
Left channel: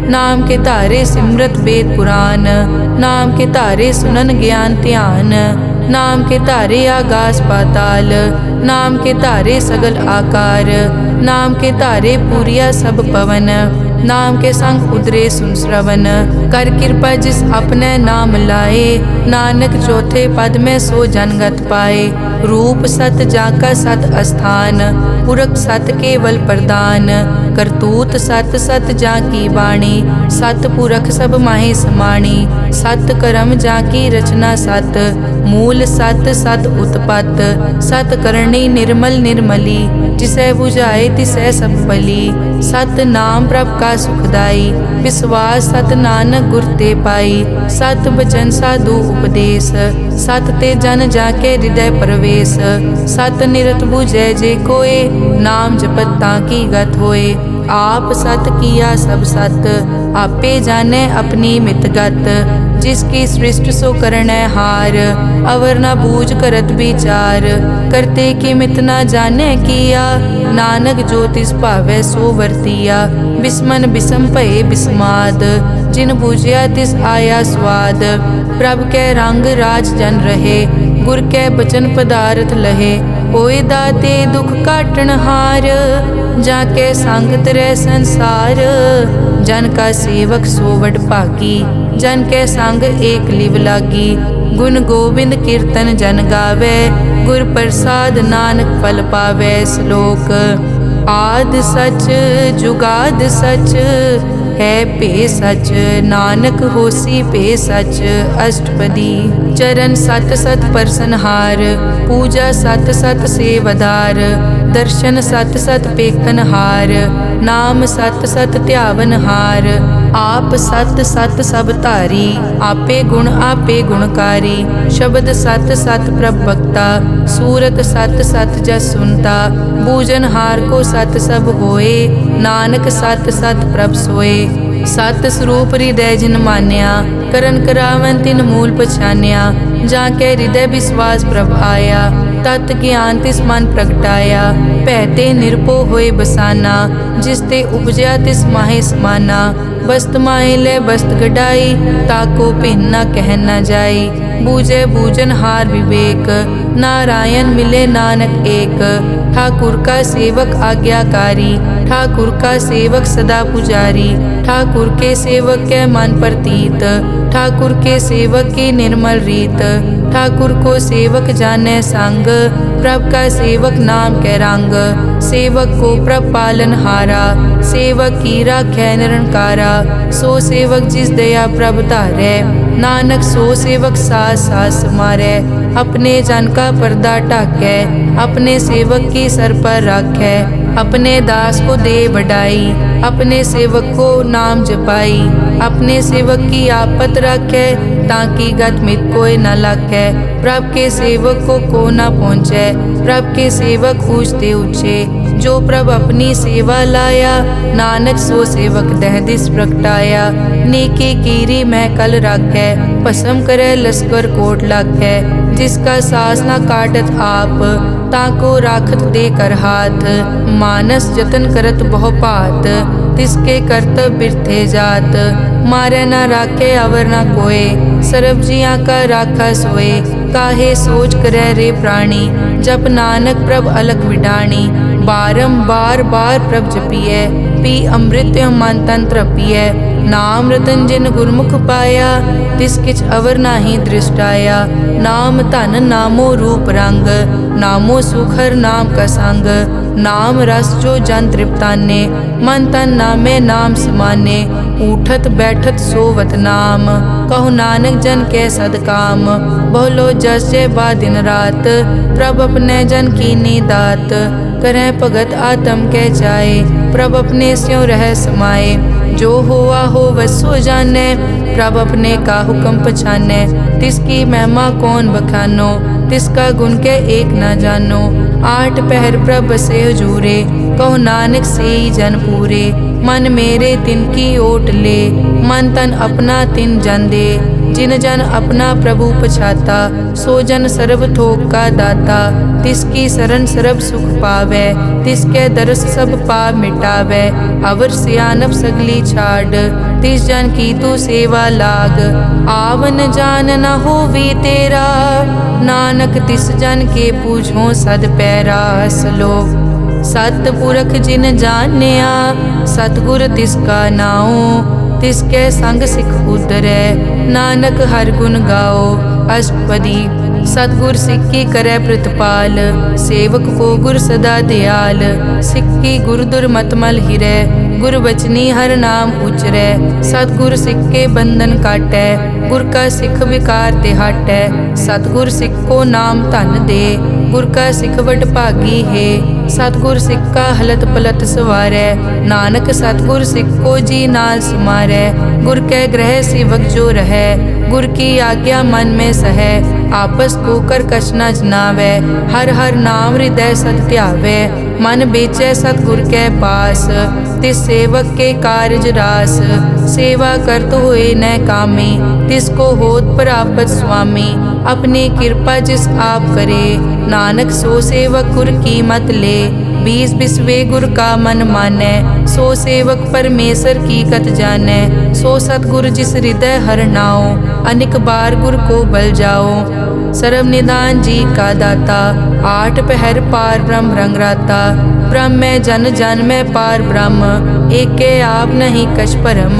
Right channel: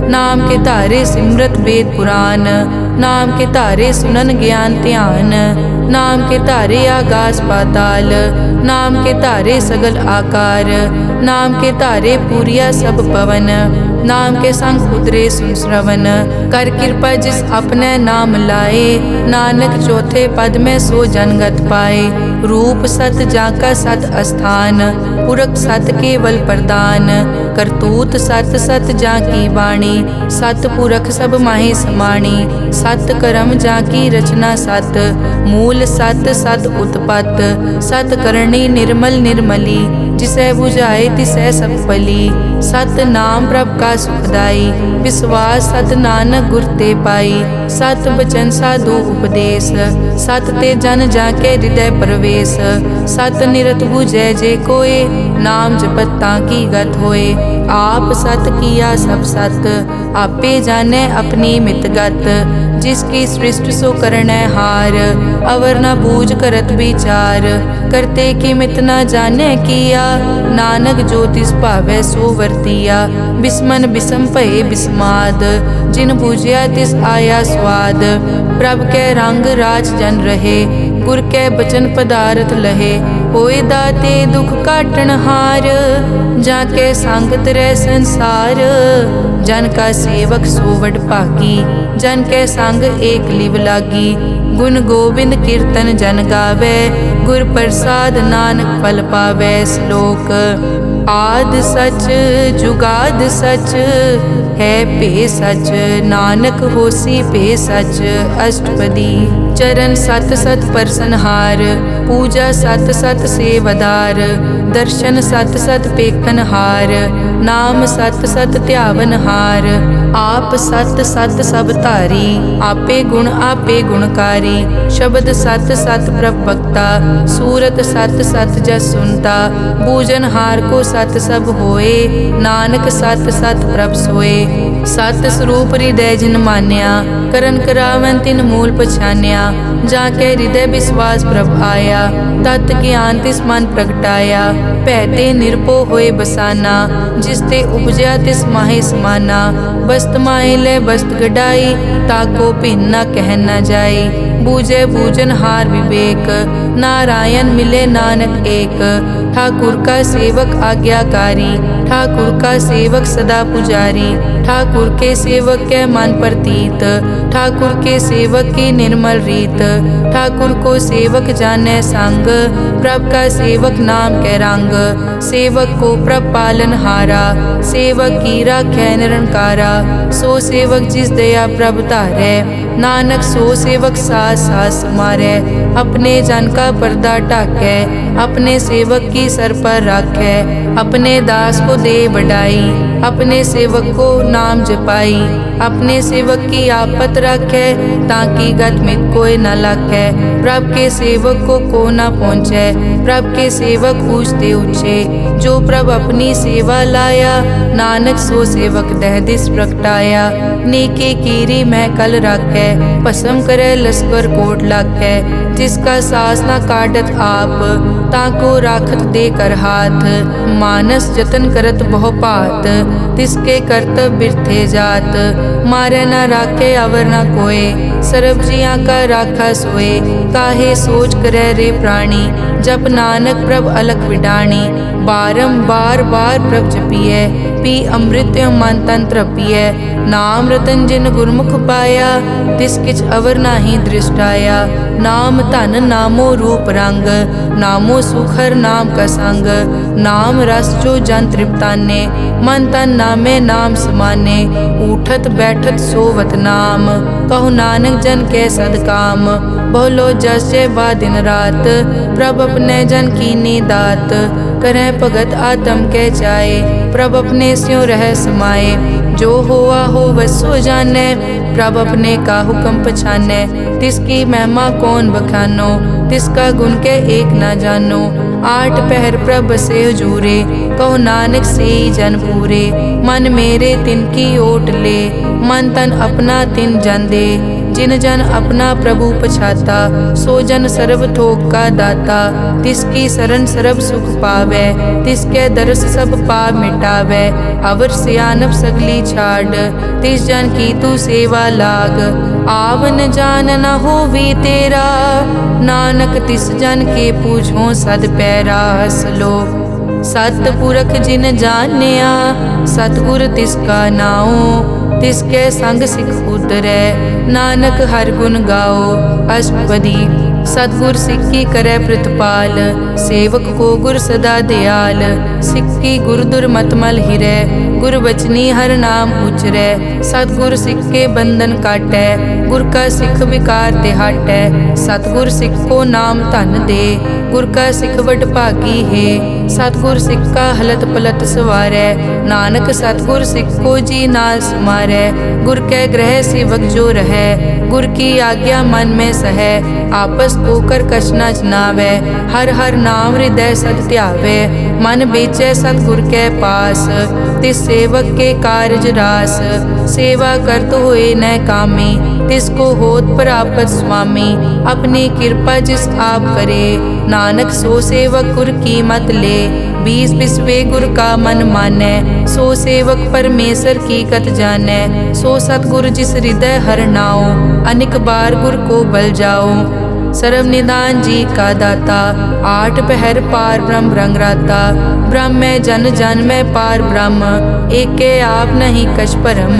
नाम के धारे सिमरत वेद पुराण, नाम के धारे सुनन ज्ञान ध्यान। नाम के धारे आगास पाताल, नाम के धारे सगल आकार। नाम के धारे पूरिया सब पवन, नाम के संग उतरे सुन श्रवण। कर कृपा जिस अपने नाम लाए, नानक चौथे पद में सो जनगत पाए। रूप सत जाका सत अस्थान, पुरख सत केवल प्रदान। करतूत सत सत जाकी वाणी, सत पुरख सब माहे समाणी। सत कर्म जाकी रचना सत, मूल सत सत उत्पत। सत करणी निर्मल निर्मली, जिसै बुझाए तिसै सब पली। सत नाम प्रभ का सुखदाई, विश्वास सत नानक गुर ते पाई। सत बचन साधु उपदेश, सत ते जन जाके हृदय प्रवेश। सत निरत बुझै जे कोय, नाम जपत ताकी गत होए। आप सत किया सब सत, आपे जाने अपनी मितगत। जिसकी सृष्टि सो करनै हार, अवर न बूझ करत विचार। करते की मित न जाने किया, नानक जो तिस भावै सो वर्तिया। बिस्मन बिसम भये बिस्माद, जिन बूझिया तिस आया स्वाद। प्रभ कै रंग राज जन रहे, गुर कै बचन पदारथ लहे। होए दाते दुख काटन हार, जाके संग तरै संसार। जन का सेवक सो वड भागी, जन कै संग एक लिव लागी। गुण गोबिंद कीर्तन जन गावे, गुर प्रसाद नानक फल पावे। श्लोक आद सच जुगाद सच, है पे सच, नानक होसी पे सच अष्टपदी। चरण सत सत परसनहार, पूजा सत सत सेवदार, दर्शन सत सत पेखनहार, नाम सत सत ध्यावनहार। आप सत सत सब धारी, आपे गुणकारी। शब्द सत सत प्रभ भक्ता, सूरत सत सत जस सुनता। बूझनहार को सत सब होए, नानक सत सत प्रभ सोए। सत स्वरूप हृदय जिन मान्या, करन करावन तिन मूल पछान्या। जाके हृदय विश्वास प्रभ आया, तत् ज्ञान तिस मन प्रगटाया। भैते निरपो होए बसाना, जिस ते उपजया तिस माहे समाना। बस्त माहे ले बस्त गडाई, ताको भिन्न न कह न जाई। बूझे बूझन हार विवेक, नारायण मिले नानक एक। ठाकुर का सेवक आज्ञाकारी, ठाकुर का सेवक सदा पुजारी। ठाकुर के सेवक के मन प्रतीत, ठाकुर के सेवक की निर्मल रीत। ठाकुर को सेवक जाने संग, प्रभ का सेवक नाम के रंग। सेवक को प्रभ पालन हारा, सेवक की राखै निरंकारा। सो सेवक जिस दया प्रभ धारै, नानक सो सेवक सास सास मारै। अपने जन का पर्दा ढाकै, अपने सेवक की सर पर राखै। अपने दास को दे बढ़ाई, अपने सेवक को नाम जपाई। अपने सेवक की आपत राखै, ताकि गत मित कोई न लाखै। प्रभ के सेवक को न पहुँचै, प्रभ के सेवक ऊंचते ऊंचे। जो प्रभ अपनी सेवा लाया, नानक सो सेवक दह दिस प्रगटाया। नेके कीरी मह कल राखै, भस्म करे लश्कर कोट लाखै। जिसका सास न काटत आप, ताको राखत दे कर हाथ। मानस जतन करत बहु पात, तिसके करतब बिरथे जात। मारे न राखे अवर न कोय, सर्ब जिया का राखा सोए। काहे सोच करे रे प्राणी, जप नानक प्रभ अलख विडाणी। बारंबार बार प्रभ जपिए, पी अमृत मन तन तृपिए। नाम रतन जिन गुरमुख पाया, तिस किछ अवर नाही दृष्टाया। नाम धन नामो रूप रंग, नामो सुखर नाम का संग। नाम रस जो जन तृप्ताने, मन तन नामे नाम समाने। उठत बैठत सोवत नाम, कहु नानक जन के सदकाम। बहुलो जस जय बा दिन रात, प्रभ अपने जन कीनी दात। करें भगत आत्म के चाए, प्रभ अपने स्यों रह समाए। जो होआ हो वसो जाने, प्रभ अपने का हुक्म पछाने। तिसकी महिमा कौन बखानो, तिसका गुण के एक न जानो। आठ पहर प्रभ बसे हजूरे, कहो नानक से जन पूरे। मन मेरे तिनकी ओट ले, मन तन अपना तिन जन दे। जिन जन अपना प्रभु पछाता, सो जन सर्ब थोक का दाता। तिसकी शरण सर्ब सुख पावे, तिसके दरस सब पाप मिटावे। अवर सियानप सगली छाड़, तिस जन की तू सेवा लाग। आवन जान न होवी तेरा, नानक तिस जन के पूछो सद पैरा। सलोक सतपुरख जिन जानिया, सतगुर तिसका नाओ। तिसके संग सिख उदरै, नानक हर गुण गाओ। अष्टपदी सतगुर सिक्की करे प्रतिपाल, सेवक को गुर सदा दयाल। सिक्की गुर दुर्मतमल हिरै, गुर बचनी हर नाम उचरै। सतगुर सिक्के बंधन काटै, गुर का सिख विकार ते हटै। सतगुर सिख को नाम धन दे, गुर का सिख वड भागी है। सतगुर सिख का हलत पलत सवारै, नानक सतगुर सिख को जी नाल समारै। गुर के ग्रह सेवक जो रहै, गुर की आज्ञा मन में सहै। आपस को कर कछ न जनावै, हर हर नाम हृदय सद ध्यावै। मन बेचै सतगुर के पास, तिस सेवक के कारज रास। सेवा करत होए न कामी, तिसको होत प्रापत स्वामी। अपनी कृपा जिस आप करे, नानक सो सेवक गुर की मत ले। बीस बिसवे गुर का मन मानै, सो सेवक परमेश्वर की कत जानै। सो सतगुर जिस हृदय हर नाओ, अनिक बार गुर को बल जाओ। सर्व निदान जी का दाता, आठ पहर पार ब्रह्म रंग राता। ब्रह्म में जन जन में पार ब्रह्म, एके आप नहीं कछ परम।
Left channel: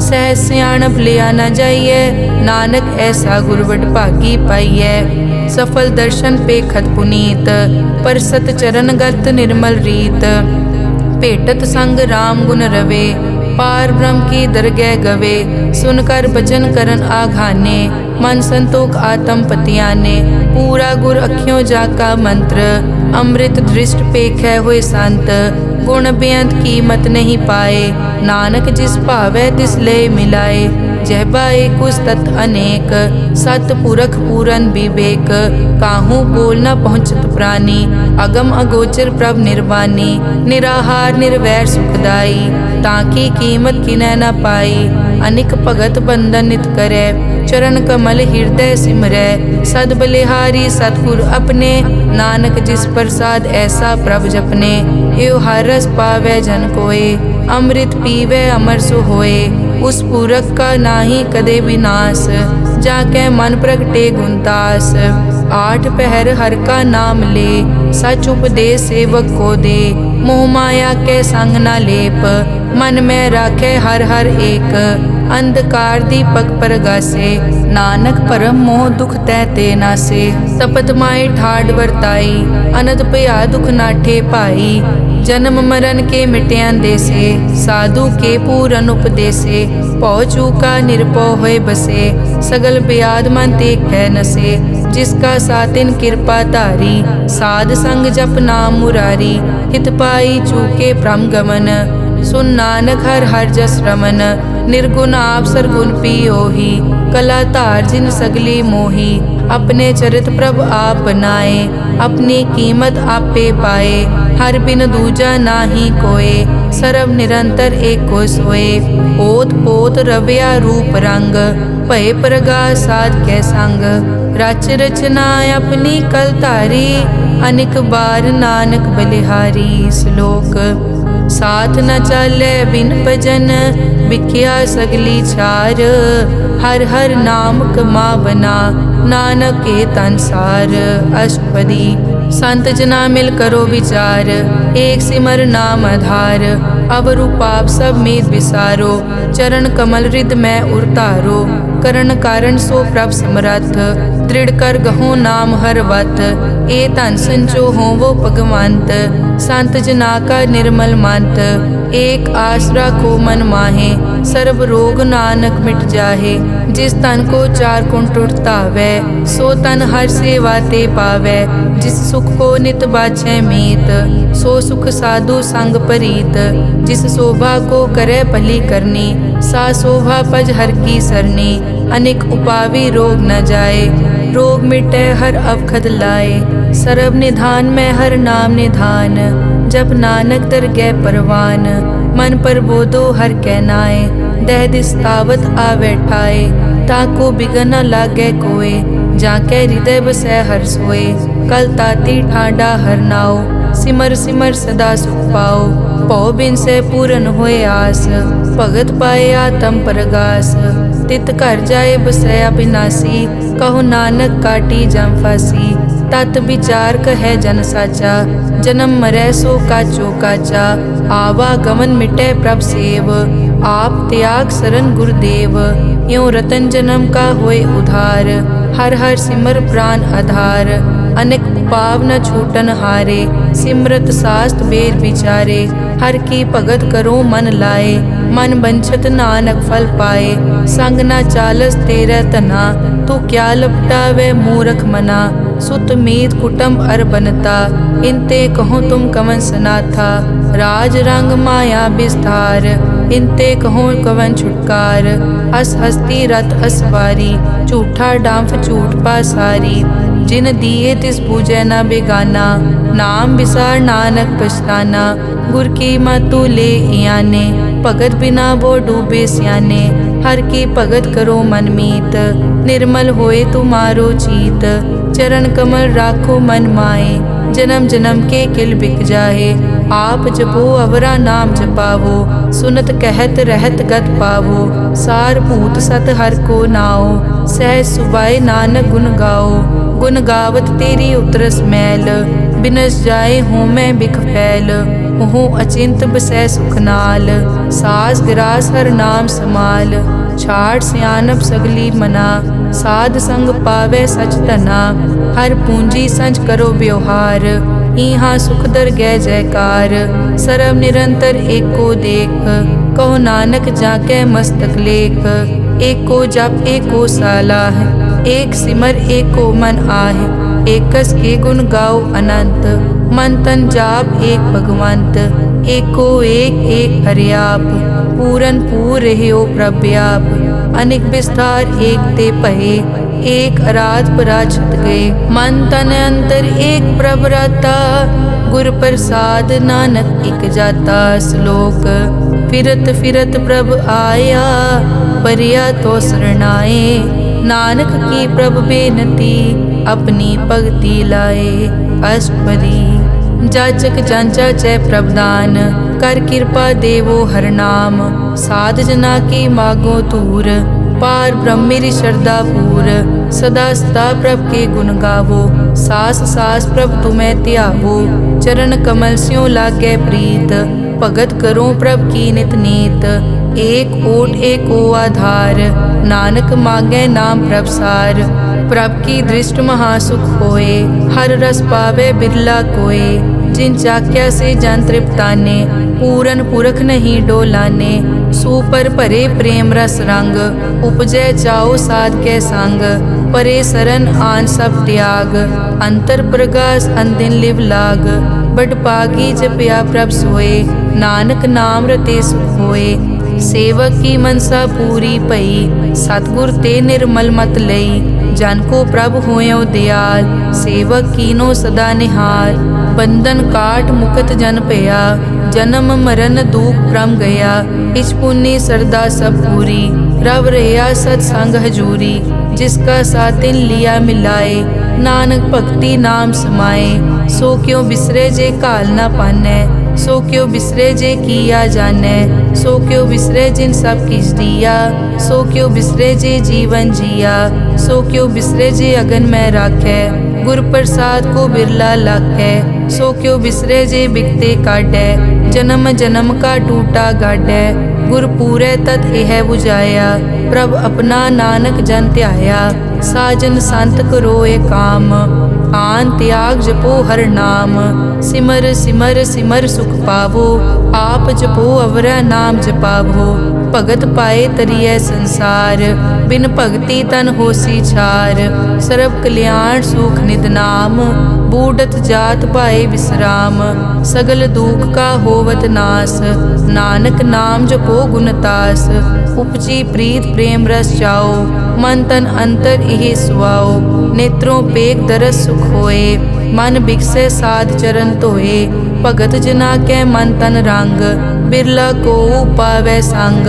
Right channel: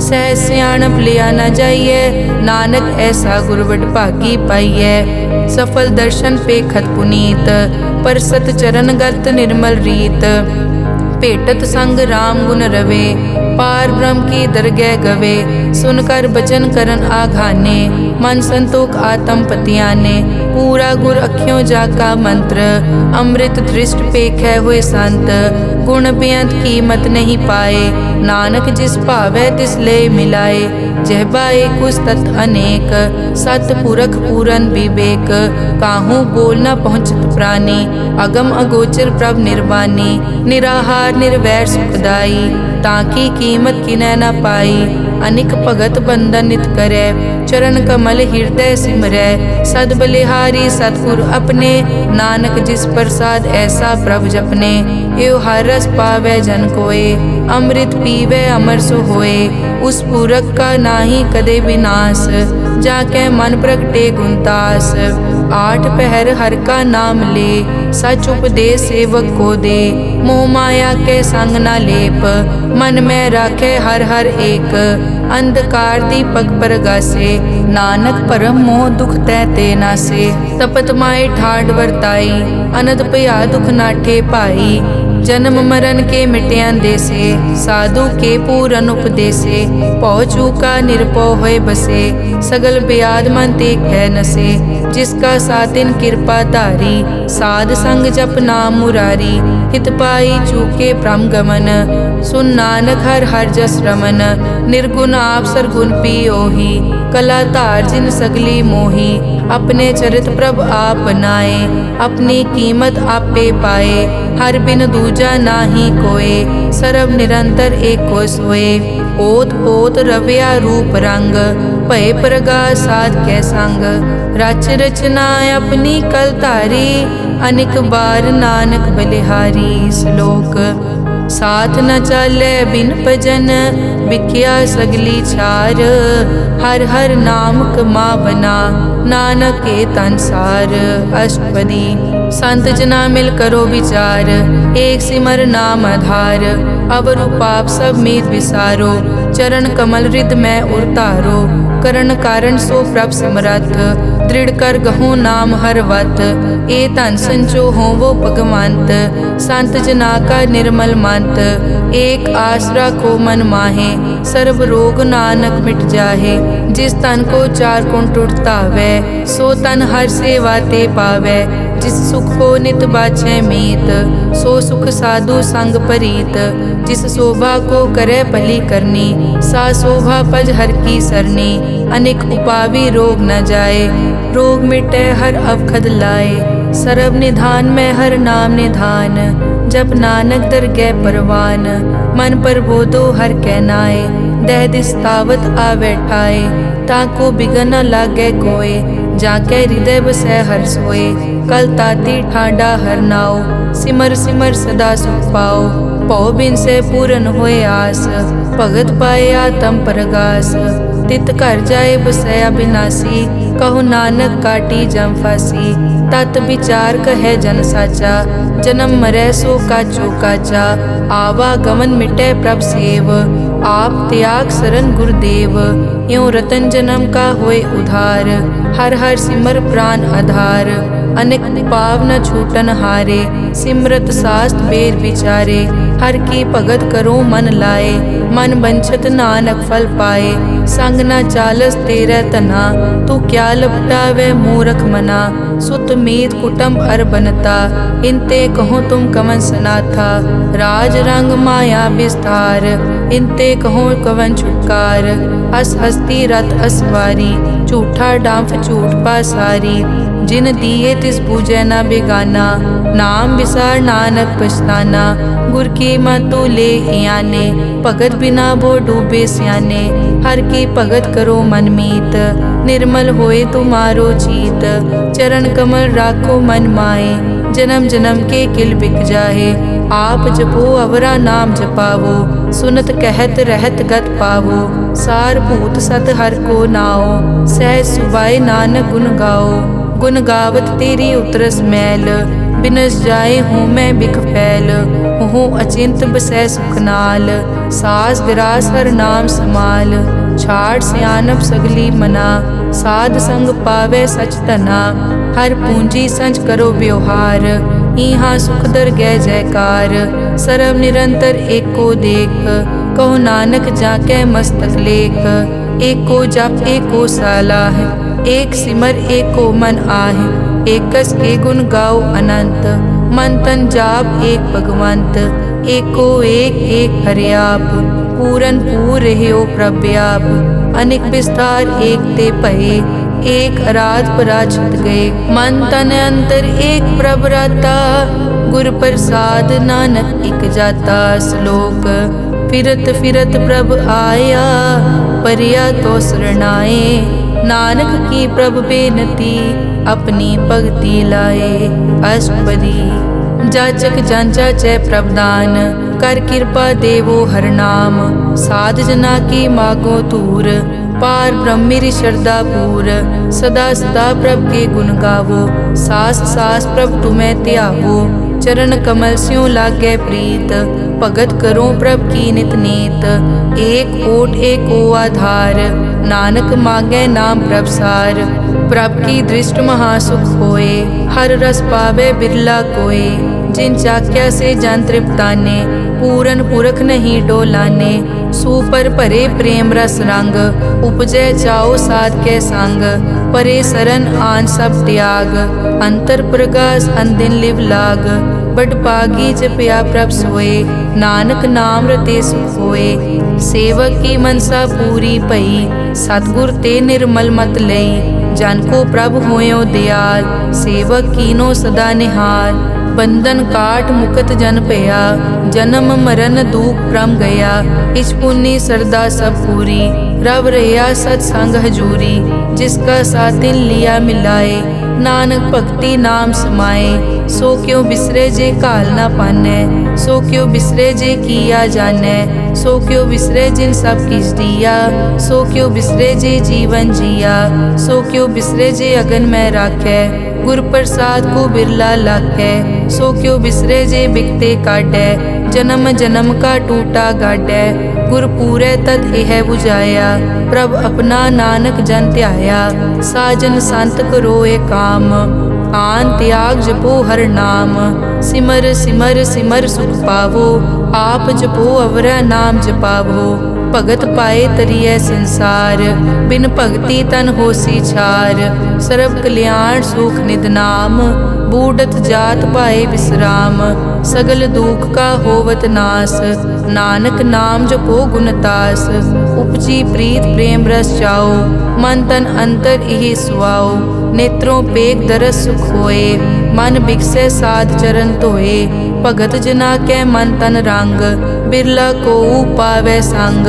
सह सियाणप लिया न जाइए, नानक ऐसा गुरवड भागी पाइए। सफल दर्शन पेखत पुनीत, परसत चरण गत निर्मल रीत। भेटत संग राम गुण रवे, पार ब्रह्म की दरगह गवे, सुनकर बचन करन आघाने, मन संतोख आत्म पतियाने, पूरा गुर अखियों जाका मंत्र, अमृत दृष्ट पेखै हुए संत, गुण बेअंत कीमत नहीं पाए, नानक जिस भावै तिस ले मिलाए, जहबा एक उस्तत अनेक, सत पुरख पूरन विवेक, काहू बोल न पहुँचत प्राणी, अगम अगोचर प्रभ निर्वाणी, निराहार निर्वैर सुखदाई, ताकी कीमत किनै न पाई, अनिक भगत बंदन नित करै, चरण कमल हृदय सिमरै, सद बलिहारी सतगुर अपने, नानक जिस प्रसाद ऐसा प्रभ जपने, एव हर रस पावै जन कोय, अमृत पीवै अमर सो होए, उस पूरक का नाहि कदे विनाश, जाकै मन प्रगटे गुणतास, आठ पहर हर का नाम ले, सच उपदेश सेवक को दे, मोह माया के संग न लेप, मन में राखे हर हर एक, अंधकार दीपक परगासे, नानक परम मोह दुख तै ते नासे, तपत माए ठाड वर्ताई, अनद भया दुख नाठे पाई, जन्म मरण के मिट्यान देसे, साधु के पूरन उपदेसे, पौ चूका निरपौ होए बसे, सगल ब्याद मन देखै नसे, जिसका सातिन कृपा धारी, साध संग जप नाम मुरारी, हित पाई चूके भ्रम गमन, सुन नानक हर हर जस रमन, निर्गुण आप सरगुण पियोही, कला धार जिन सगली मोही, अपने चरित प्रभ आप बनाए, अपनी कीमत आपे पाए, हर बिन दूजा नाही कोय, सर्व निरंतर एको सोए, ओत पोत रव्या रूप रंग, भय प्रगास साध कै संग, रच रचना अपनी कल धारी, अनिक बार नानक बलिहारी। श्लोक साथ न चालै बिन भजन, बिख्या सगली छार, हर हर नाम कमावना, नानक के तन सार। अष्टपदी संत जना मिल करो विचार, एक सिमर नाम आधार, अवर उपाप सब मीत विसारो, चरण कमल हृद में उरतारो, करण कारण सो प्रभ समरथ, दृढ़ कर गहो नाम हर वत, ए धन संचो हो वो भगवंत, संत जना का निर्मल मंत, एक आसरा को मन माहे, सर्व रोग नानक मिट जाहे, जिस तन को चार कुण टूटता वै, सो तन हर सेवा ते पावै, जिस सुख को नित बाछै मीत, सो सुख साधु संग परीत, जिस शोभा को करे भली करनी, सा शोभा पज हर की सरनी, अनेक उपावी रोग न जाए, रोग मिटे हर अवखद लाए, सर्व निधान में हर नाम निधान, जप नानक दरगह परवान, मन पर बोधो हर कहनाए, दह दिस तावत आवे ठाए, ताको बिगन न लागे कोय, जाके हृदय बसै हर सोए, कल ताती ठाडा हर नाओ, सिमर सिमर सदा सुख पाओ, पौ बिन से पूरन होए आस, भगत पाए आत्म परगास, तित घर जाए बसया बिनासी, कहो नानक काटी जम फासी, तत विचार कहे जन साचा, जन्म मरै सो काचो काचा, आवागमन मिटे प्रभ सेव, आप त्याग सरन गुरुदेव, यों रतन जन्म का होए उधार, हर हर सिमर प्राण आधार, अनेक पाव न छूटन हारे, सिमरत शास्त्र वेद विचारे, हर की भगत करो मन लाए, मन बंछत नानक फल पाए, संग न चालस तेरा तना, तू क्या लपटावे मूरख मना, सुत मीत कुटुम्ब अर बनता, इनते कहो तुम कवन सनाथा, राज रंग माया विस्तार, इनते कहो कवन छुटकार, अस हस्ती रथ असवारी, झूठा डांफ झूठ पासारी, जिन दिए तिस पूजै न बेगाना, नाम विसार नानक पछताना, गुर की मतु ले याने, भगत बिना वो डूबे स्याने, हर की भगत करो मन मीत, निर्मल होए तुम्हारो चीत, चरण कमल राखो मन माए, जन्म जन्म के किल बिक जाहे, आप जपो अवरा नाम जपावो, सुनत कहत रहत गत पावो, सार भूत सत हर को नाओ, सहज सुबाए नानक गुण गाओ, गुण गावत तेरी उतरस मैल, बिनस जाए हूँ मैं बिख फैल, हूँ अचिंत बसै सुख नाल, सास गिरास हर नाम समाल, छाड़ सियानप सगली मना, साध संग पावे सच तना, हर पूंजी संच करो व्यवहार, इहाँ सुख दर गै जयकार, सर्व निरंतर एको देख, कहो नानक जाके मस्तक लेख। एको जप एको सालाह, एक सिमर एको मन आह। एकस के गुण गाओ अनंत, मन तन जाप एक भगवंत। एको एक एक हरियाप, पूरन पूर रहियो प्रव्याप। अनेक विस्तार एक ते पहे, एक अराध पराछत गए। मन तन अंतर एक प्रभ राता, गुर प्रसाद नानक इक जाता। श्लोक फिरत फिरत प्रभ आया, परिया तो शरणाए। नानक की प्रभ बेनती, अपनी भगति लाए। अष्टपदी जाचक जांचा चै प्रभदान, कर कृपा देवो हर नाम। साध जना की मागो तूर, पार ब्रह्मेरी श्रद्धा पूर। सदा सदा प्रभ के गुण गावो, सास सास प्रभ तुम्हें त्यावो। चरण कमल स्यों लागे प्रीत, भगत करो प्रभ की नित नीत। एक ओट एको आधार, नानक मांगे नाम प्रभसार। प्रभ की दृष्ट महासुख होए, हर रस पावे बिरला कोय। जिन चाक्या से जान तृप्ताने, पूरन पुरख नहीं डोलाने। सुपर भरे प्रेम रस रंग, उपजै चाओ साध के संग। परे सरन आन सब त्याग, अंतर प्रगास अनदिन लिव लाग। बड़ पागी जपया प्रभ सोए, नानक नाम रते सुख होए। सेवक की मनसा पूरी पई, सतगुर ते निर्मल मत लई। जन को प्रभ होयो दयाल, सेवक कीनो सदा निहाल। बंधन काट मुकत जन पया, जन्म मरण दुख प्रम गया। इस पुण्य सरदा सब पूरी, रव रहा सत्संग हजूरी। जिसका सातिन लिया मिलाए, नानक भक्ति नाम समाए। सो क्यों बिसरे जे काल ना पाने, सो क्यों बिसरे जे किया जाने। सो क्यों बिसरे जिन सब किस दिया, सो क्यों बिसरे जे जीवन जिया। सो क्यों बिसरे जे अगन में राखे, गुर प्रसाद को बिरला लाखे। सो क्यों बिसरे जे बिकते काटे, जन्म जन्म का टूटा गाडे। गुर पूरे तत् एह बुझाया, प्रभ अपना नानक जन त्याया। साजन संत करो ए काम, आन त्याग जपो हर नाम। सिमर सिमर सिमर सुख पावो, आप जपो अवरा नाम जपावो। भगत पाए तरिए संसार, बिन भगति तन होसी छार। सर्व कल्याण सुख निद नाम, बूढ़त जात पाए विश्राम। सगल दुख का होवत नास, नानक नाम जपो गुणतास। उपजी प्रीत प्रेम रस चाओ, मन तन अंतर इहि सुआओ। नेत्रों पेग दरस सुख होए, मन बिकसे साध चरण धोए। भगत जना के मन तन रंग, बिरला को पावे संग।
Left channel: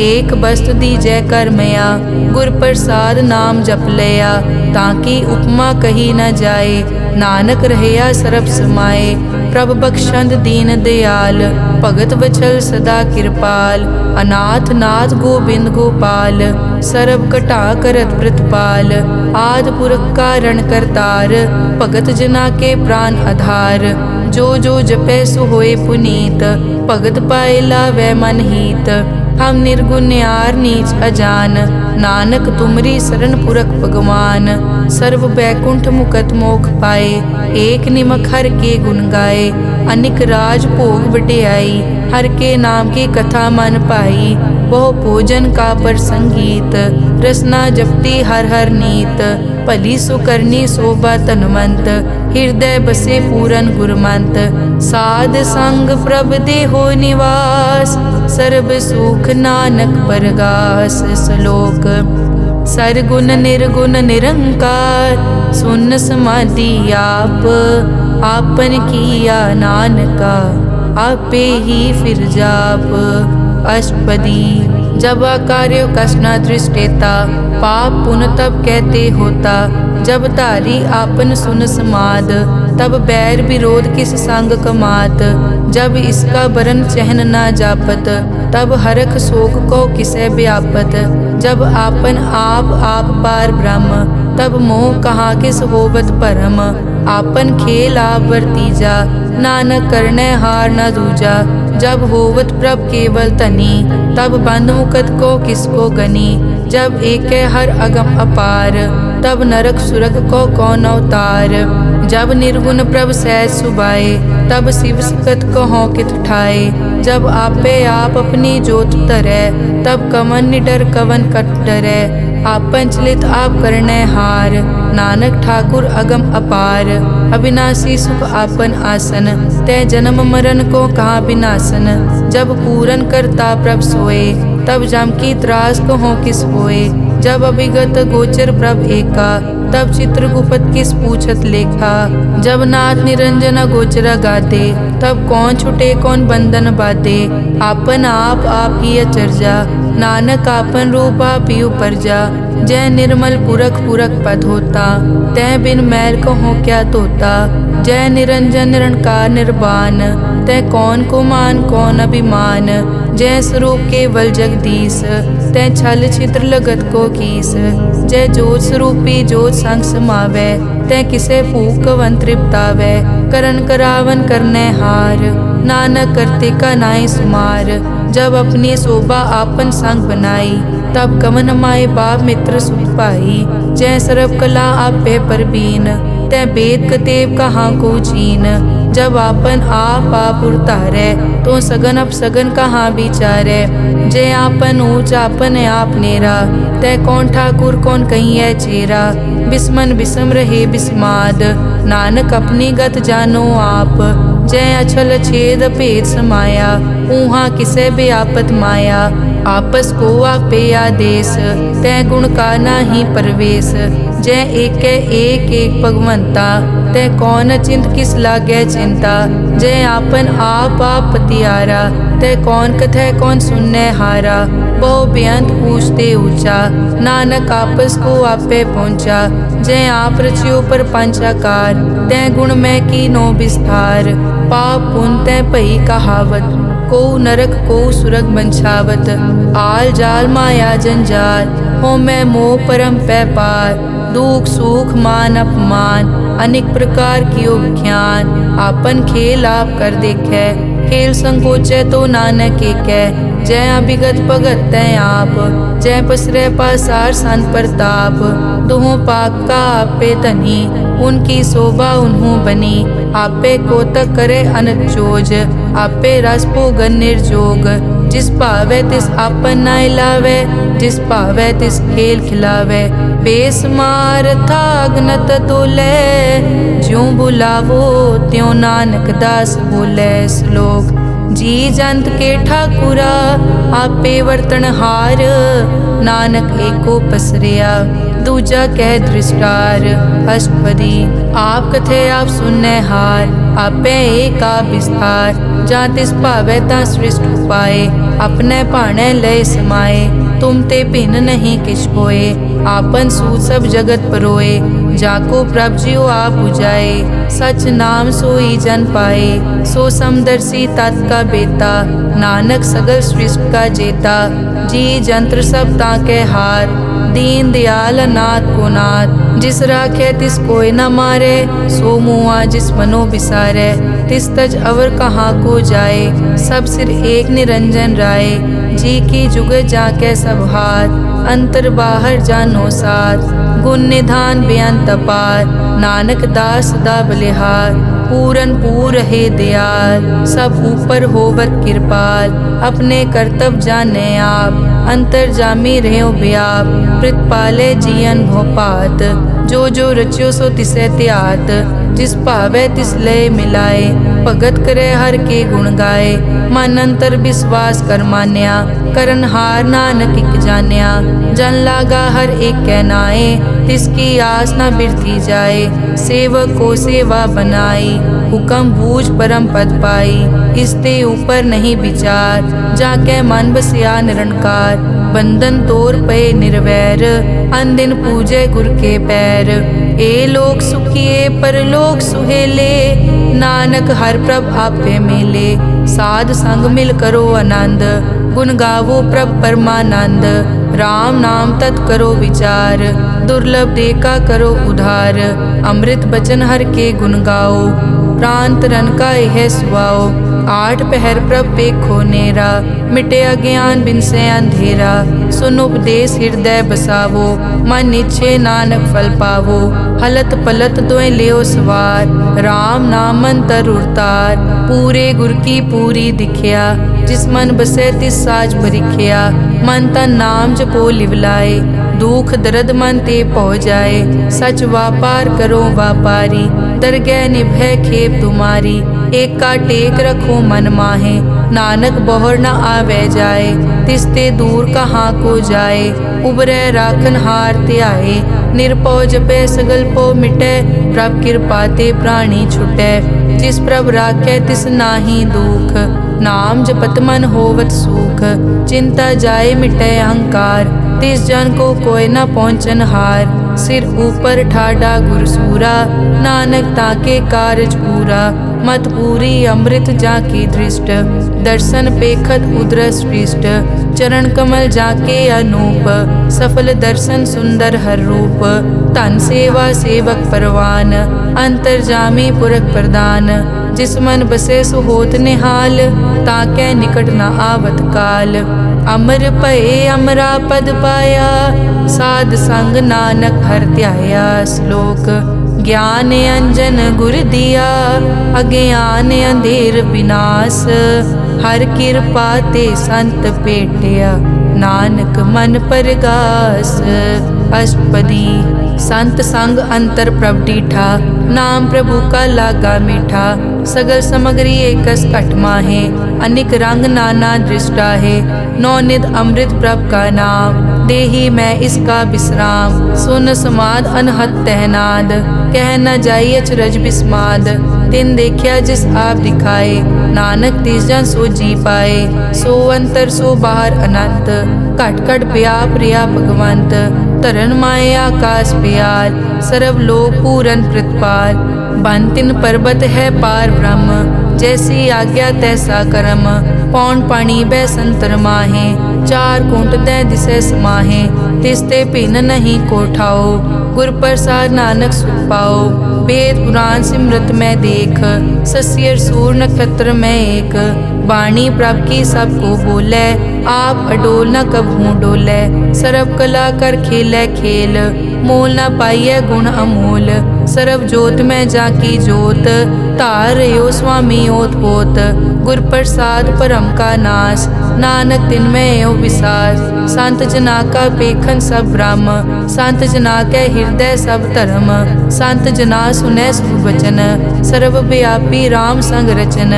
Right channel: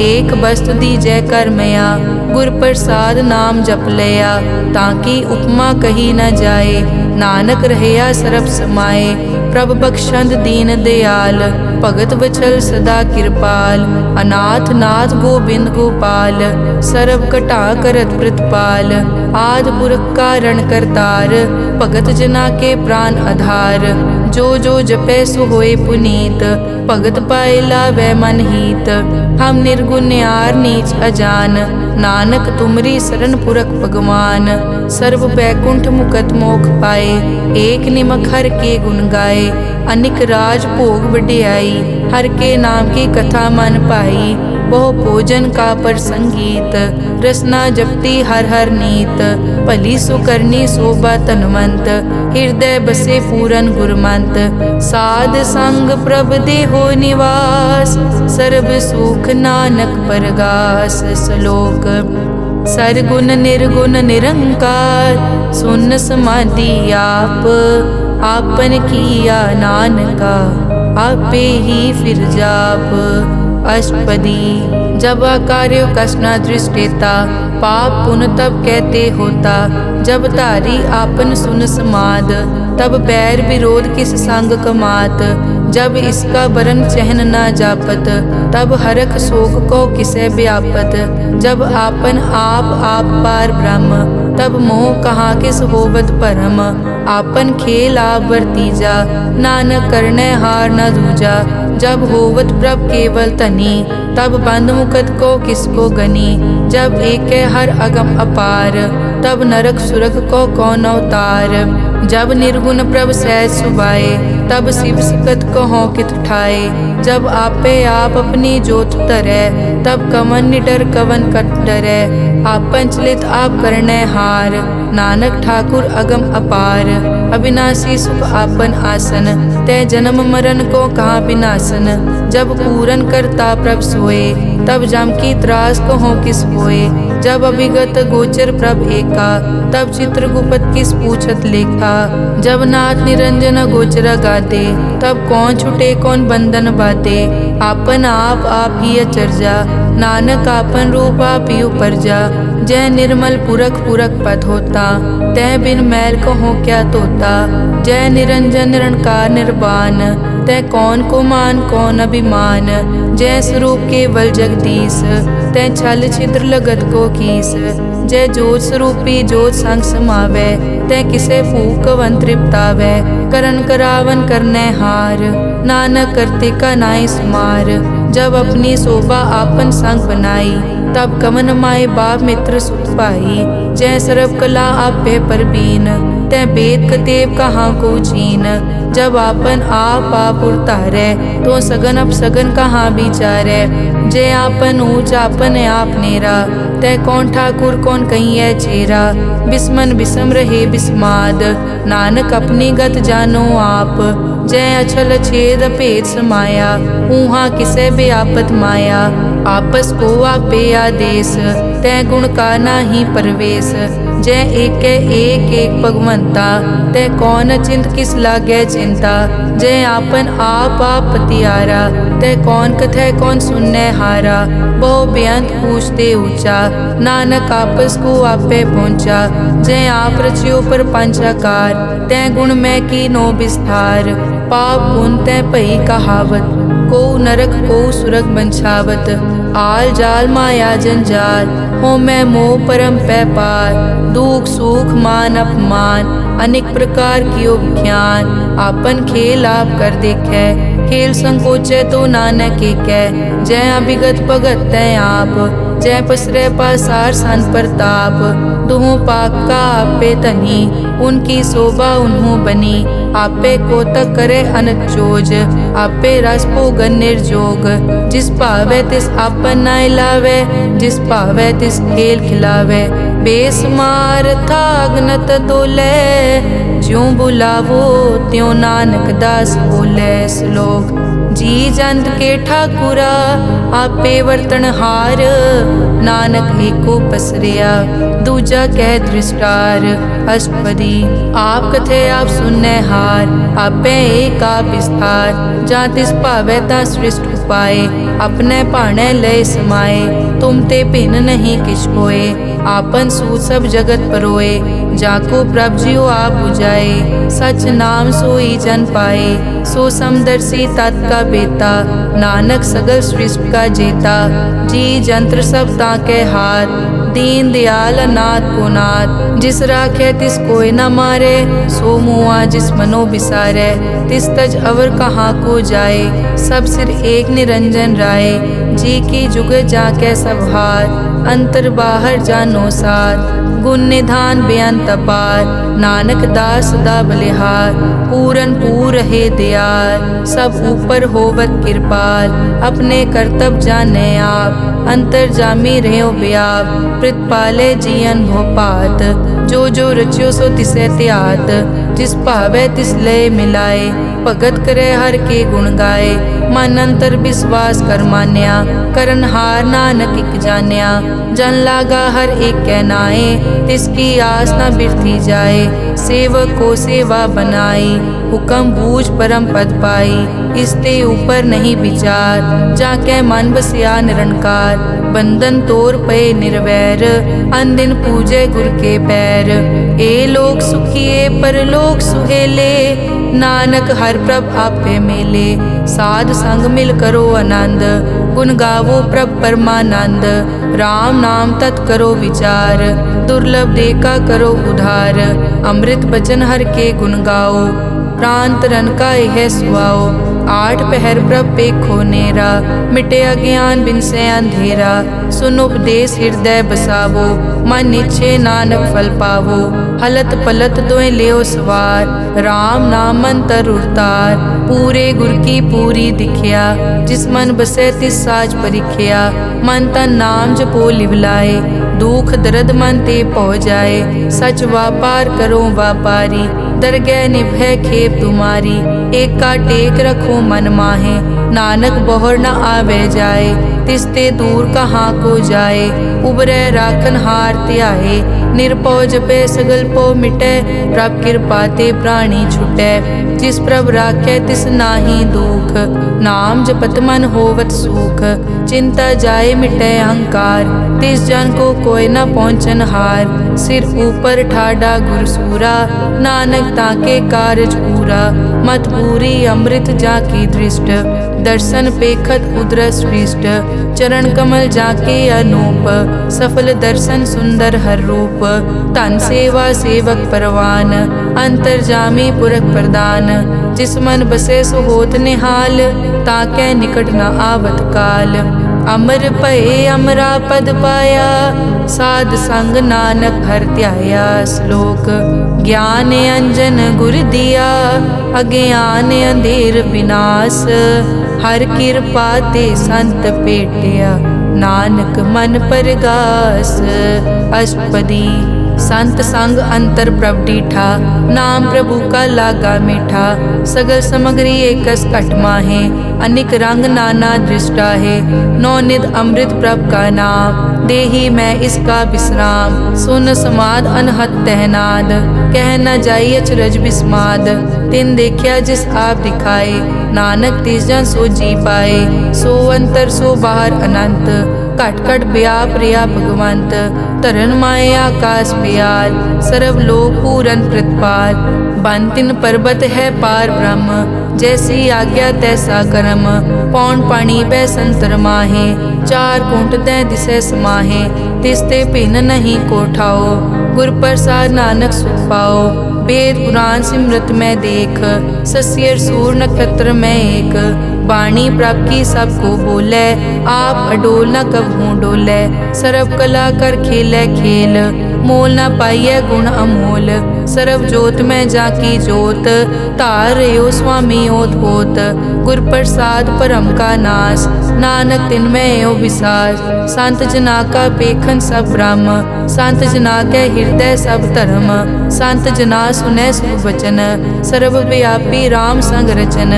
एक बस्त दीजै कर मया, गुर प्रसाद नाम जप लिया। ताकि उपमा कही न जाए, नानक रहया सरब समाए। प्रभ बख्शंद दीन दयाल, भगत वचल सदा कृपाल। अनाथ नाथ गोबिंद गोपाल, सरब कटा करत प्रतिपाल। आद पुरख कारण करतार, भगत जना के प्राण आधार। जो जो जपै सो होए पुनीत, भगत पाए लावै मन हीत। हम निर्गुण न्यार नीच अजान, नानक तुमरी शरण पुरख भगवान। सर्व बैकुंठ मुकत मोख पाए, एक निमक हर के गुण गाए। अनिक राज भोग बढ़ियाई, हर के नाम की कथा मन पाई। बहु भोजन का पर संगीत, रसना जपती हर हर नीत। भली सुकरनी शोभा तनवंत, हृदय बसे पूरन गुरमंत। साध संग प्रभ देहो निवास, सर्ब सुख नानक परगास। श्लोक सरगुण निर्गुण निरंकार, सुन समाधि आप। आपन किया नानका, आपे ही फिर जाप। अष्टपदी जब कार्यो कसना दृष्टेता, पाप पुन तब कहते होता। जब तारी आपन सुन समाद, तब बैर विरोध किस संग कमात। जब इसका बरन चहन ना जापत, तब हरख शोक को किसे व्यापत। जब आपन आप पार ब्रह्म, तब मोह कहाँ किस होवत परम। आपन खेल आप वर्तीजा, नानक करने हार न दूजा। जब होवत प्रभ केवल तनी, तब बंद मुकत को किसको गनी। जब एक हर अगम अपार, तब नरक सुरग को कौन अवतार। जब निर्गुण प्रभ सहज सुभाए, तब शिव सकत कहो कित ठाए। जब आपे आप अपनी जोत धरै, तब कवन निडर कवन कट डरै। आपन चलित आप करने हार, नानक ठाकुर अगम अपार। अविनाशी सुख आपन आसन, तै जन्म मरण को कहाँ विनाशन। जब पूरन करता प्रभ सोए, तब जम की त्रास कहो किस होए। जब अभिगत गोचर प्रभ एका, तब चित्रगुप्त किस पूछत लेखा। जब नाथ निरंजन गोचर गादे, तब कौन छुटे कौन बंधन बाधे। आपन आप ही अचरजा, नानक आपन रूप आप ही उपरजा। जय निर्मल पुरख पुरख पद होता, तै बिन मैल कहो क्या तोता। जय निरंजन निरंकार निर्वाण, तै कौन को मान कौन अभिमान। जय स्वरूप केवल जगदीश, तै छल छिद्र लगत को कीस। जय जोत स्वरूपी जोत संग समावै, तै किसे भूख कवन तृप्तावै। करन करावन करने हार, नानक करते का नाई सुमार। जब अपनी शोभा आपन संग बनाई, तब कवन माए बाप मित्र सुत पाई। जय सर्व कला आपे परबीन, तै वेद कतेव कहाँ को चीन। जब आपन आप उतारै, तो सगन अप सगन कहाँ विचारै। जय आपन ऊंच आपन आप नेरा, तै कौन ठाकुर कौन कहिए चेरा। बिस्मन बिसम रहे बिस्माद, नानक अपनी गत जानो आप। जय अछल छेद भेद समाया, ऊहा किसे बेआपत माया। आपस को आपे आदेश, तै गुण का नाही परवेश। जय एक भगवंता, तै कौन चिंत किस लागे चिंता। जय आपन आप पतियारा, तै कौन कथै कौन सुनने हारा। बहु बेअंत पूछते ऊंचा, नानक आपस को आपे पहुँचा। जय आप रचियो पर पंचाकार, तै गुण में की नो विस्तार। पाप पुन तै भई कहावत, को नरक को सुरग बंछावत। आल जाल माया जंजाल, हो मैं मोह परम पै पार। दुख सुख मान अपमान, अनेक प्रकार कियो ज्ञान। आपन खेल आप कर देखे, खेल संकोचे तो नानक एकै। जय अभिगत भगत तै आप, जय पसरै पासार सन प्रताप। दुहों पाक का आपे तनी, उनकी शोभा उन्हों बनी। आपे कोतक करे अनक चोज, आपे रस भोगन निर्जोग। जिस भावे तिस आपन नाय लावे, जिस भावे तिस खेल खिलावे। बेसमार था अगनत तोले, ज्यों बुलावो त्यों नानक दास बोले। श्लोक। जी जंत के ठाकुरा, आपे वर्तन हार। नानक एको पसरिया, दूजा कह दृष्टार। अष्टपदी। आप कथे आप सुनने हार, आपे एक आप विस्तार। जा तिस भावे ता सृष्ट उपाय, अपने भाणे लय समाए। तुम ते भिन्न नहीं किछ होए, आपन सूत सब जगत परोए। जाको प्रभ जियो आप बुझाए, सच नाम सोई जन पाए। सो समदर्शी तत् का बेता, नानक सगल सृष्टि का जेता। जी जंत्र सब ताके हाथ, दीन दयाल नाथ को नाथ। जिस राखे तिस कोई न मारे, सो मुआ जिस मनो बिसारे। तिस तज अवर कहाँ को जाए, सब सिर एक निरंजन राय। जी की जुग जाके सब हाथ, अंतर बाहर जानो साथ। गुण निधान बेअंत अपार, नानक दास सदा बलिहार। पूरन पूर है दयाल, सब ऊपर होवत कृपाल। अपने कर्तव्य जाने आप, अंतर जामी रहो व्याप। प्रतिपाले जियन भोपात, जो जो रच्यो सो तिसे त्यात। जिस भावे तिस लय मिलाए, भगत करे हर के गुण गाए। मन अंतर विश्वास कर मान्या, करन हार नानक इक जान्या। जन लागा हर एक कै नाए, तिसकी आस न बिरथी जाए। सेवक को सेवा बनाई, हुक्म बूझ परम पद पाई। इसते ऊपर नहीं विचार, जाके मन बसिया निरंकार। बंधन तोर पे निर्वैर, अनदिन पूजे गुर के पैर। ए लोक सुखिए परलोक सुहेले, नानक हर प्रभ आपे मेले। साध संग मिल करो आनंद, गुण गावो प्रभ परमानंद। राम नाम तत् करो विचार, दुर्लभ देखा करो उधार। अमृत बचन हर के गुण गाओ, प्राण तरन का यह सुआओ। आठ पहर प्रभ पेखो नेरा, मिटे अज्ञान बिन से अंधेरा। सुन उपदेश हृदय बसावो, मन इच्छे नानक फल पावो। हलत पलत दोए लियो सवार, राम नाम मन तर उरतार। पूरे गुर की पूरी दिखिया, जिस मन बसे तिस साच परिखिया। मन तन नाम जपो लिवलाए, दुख दर्द मन ते पौ जाए। सच व्यापार करो व्यापारी, दरगह निभय खेप तुम्हारी। एक का टेक रखो मन माहे, नानक बहुर न आवे जाए। तिसते दूर कहाँ को जाए, उबरे राखन हार त्याए। निरपौ जपे सगल पो मिटे, प्रभ कृपा ते प्राणी छुटे। जिस प्रभ राखे तिस नाहि दुख, नाम जपत मन होवत सुख। चिंता जाए मिटे अहंकार, तिस जन को कोई न पहुँचन हार। सिर ऊपर ठाडा गुरसूरा, नानक ताके कारज पूरा। मत पूरी अमृत जाकी दृष्ट, दर्शन पेखत उदरस पृष्ठ। चरण कमल जाके अनूप, सफल दर्शन सुंदर हर रूप। तन सेवा सेवक परवान, अंतर्जामी पुरख प्रदान। जिस मन बसे सो होत निहाल, ताके निकट न आवत काल। अमर भये अमरा पद पाया, साध संग नानक हर ध्याया। श्लोक ज्ञान अंजन गुर दिया, अज्ञान अंधेर विनाश। हर कृपा ते संत पेटिया, नानक मन परगास। अष्टपदी संत संग अंतर प्रभ डीठा, नाम प्रभु का लागा मीठा। सगल समग्री एकस घट माहे, अनिक रंग नाना दृष्टा है। नौनिध अमृत प्रभ का नाम, देही मैं इसका विश्राम। सुन समाद अनहत तहनाद, कह न जाई अचरज बिस्माद। तिन देखिया जिस आप दिखाए, नानक तिस जन सो जी पाए। सो अंतर सो बाहर अनंत, घट घट व्याप रिया भगवंत। तरन माए आकाश प्यार, सर्व लोक पूरन प्रतिपाल। बन तिन पर्वत है पार ब्रह्म, जैसी आज्ञा तैसा कर्म। पौन पानी बै संतर माहे, चार कुंट दै दिसे समाहे। तिसते भिन्न नहीं कोठाओ, गुर प्रसाद नानक सुख पाओ। वेद पुराण सिमरत में देख, सस्यर सूर नक्षत्र में एक। वाणी प्रभ की सबको बोले, आप अडोल न कबहूँ डोले। सर्व कला कर खेले खेल, मोल न पाइये गुण अमोल। सर्व जोत में जाकी जोत, तार रहो स्वामी ओत पोत। गुर प्रसाद परम का नाश, नानक तिन में यो विसास। संत जना का पेखन सब ब्रह्म, संत जना के हृदय सब धर्म। संत जना सुने शुभ वचन, सर्वव्यापी राम संग रचन।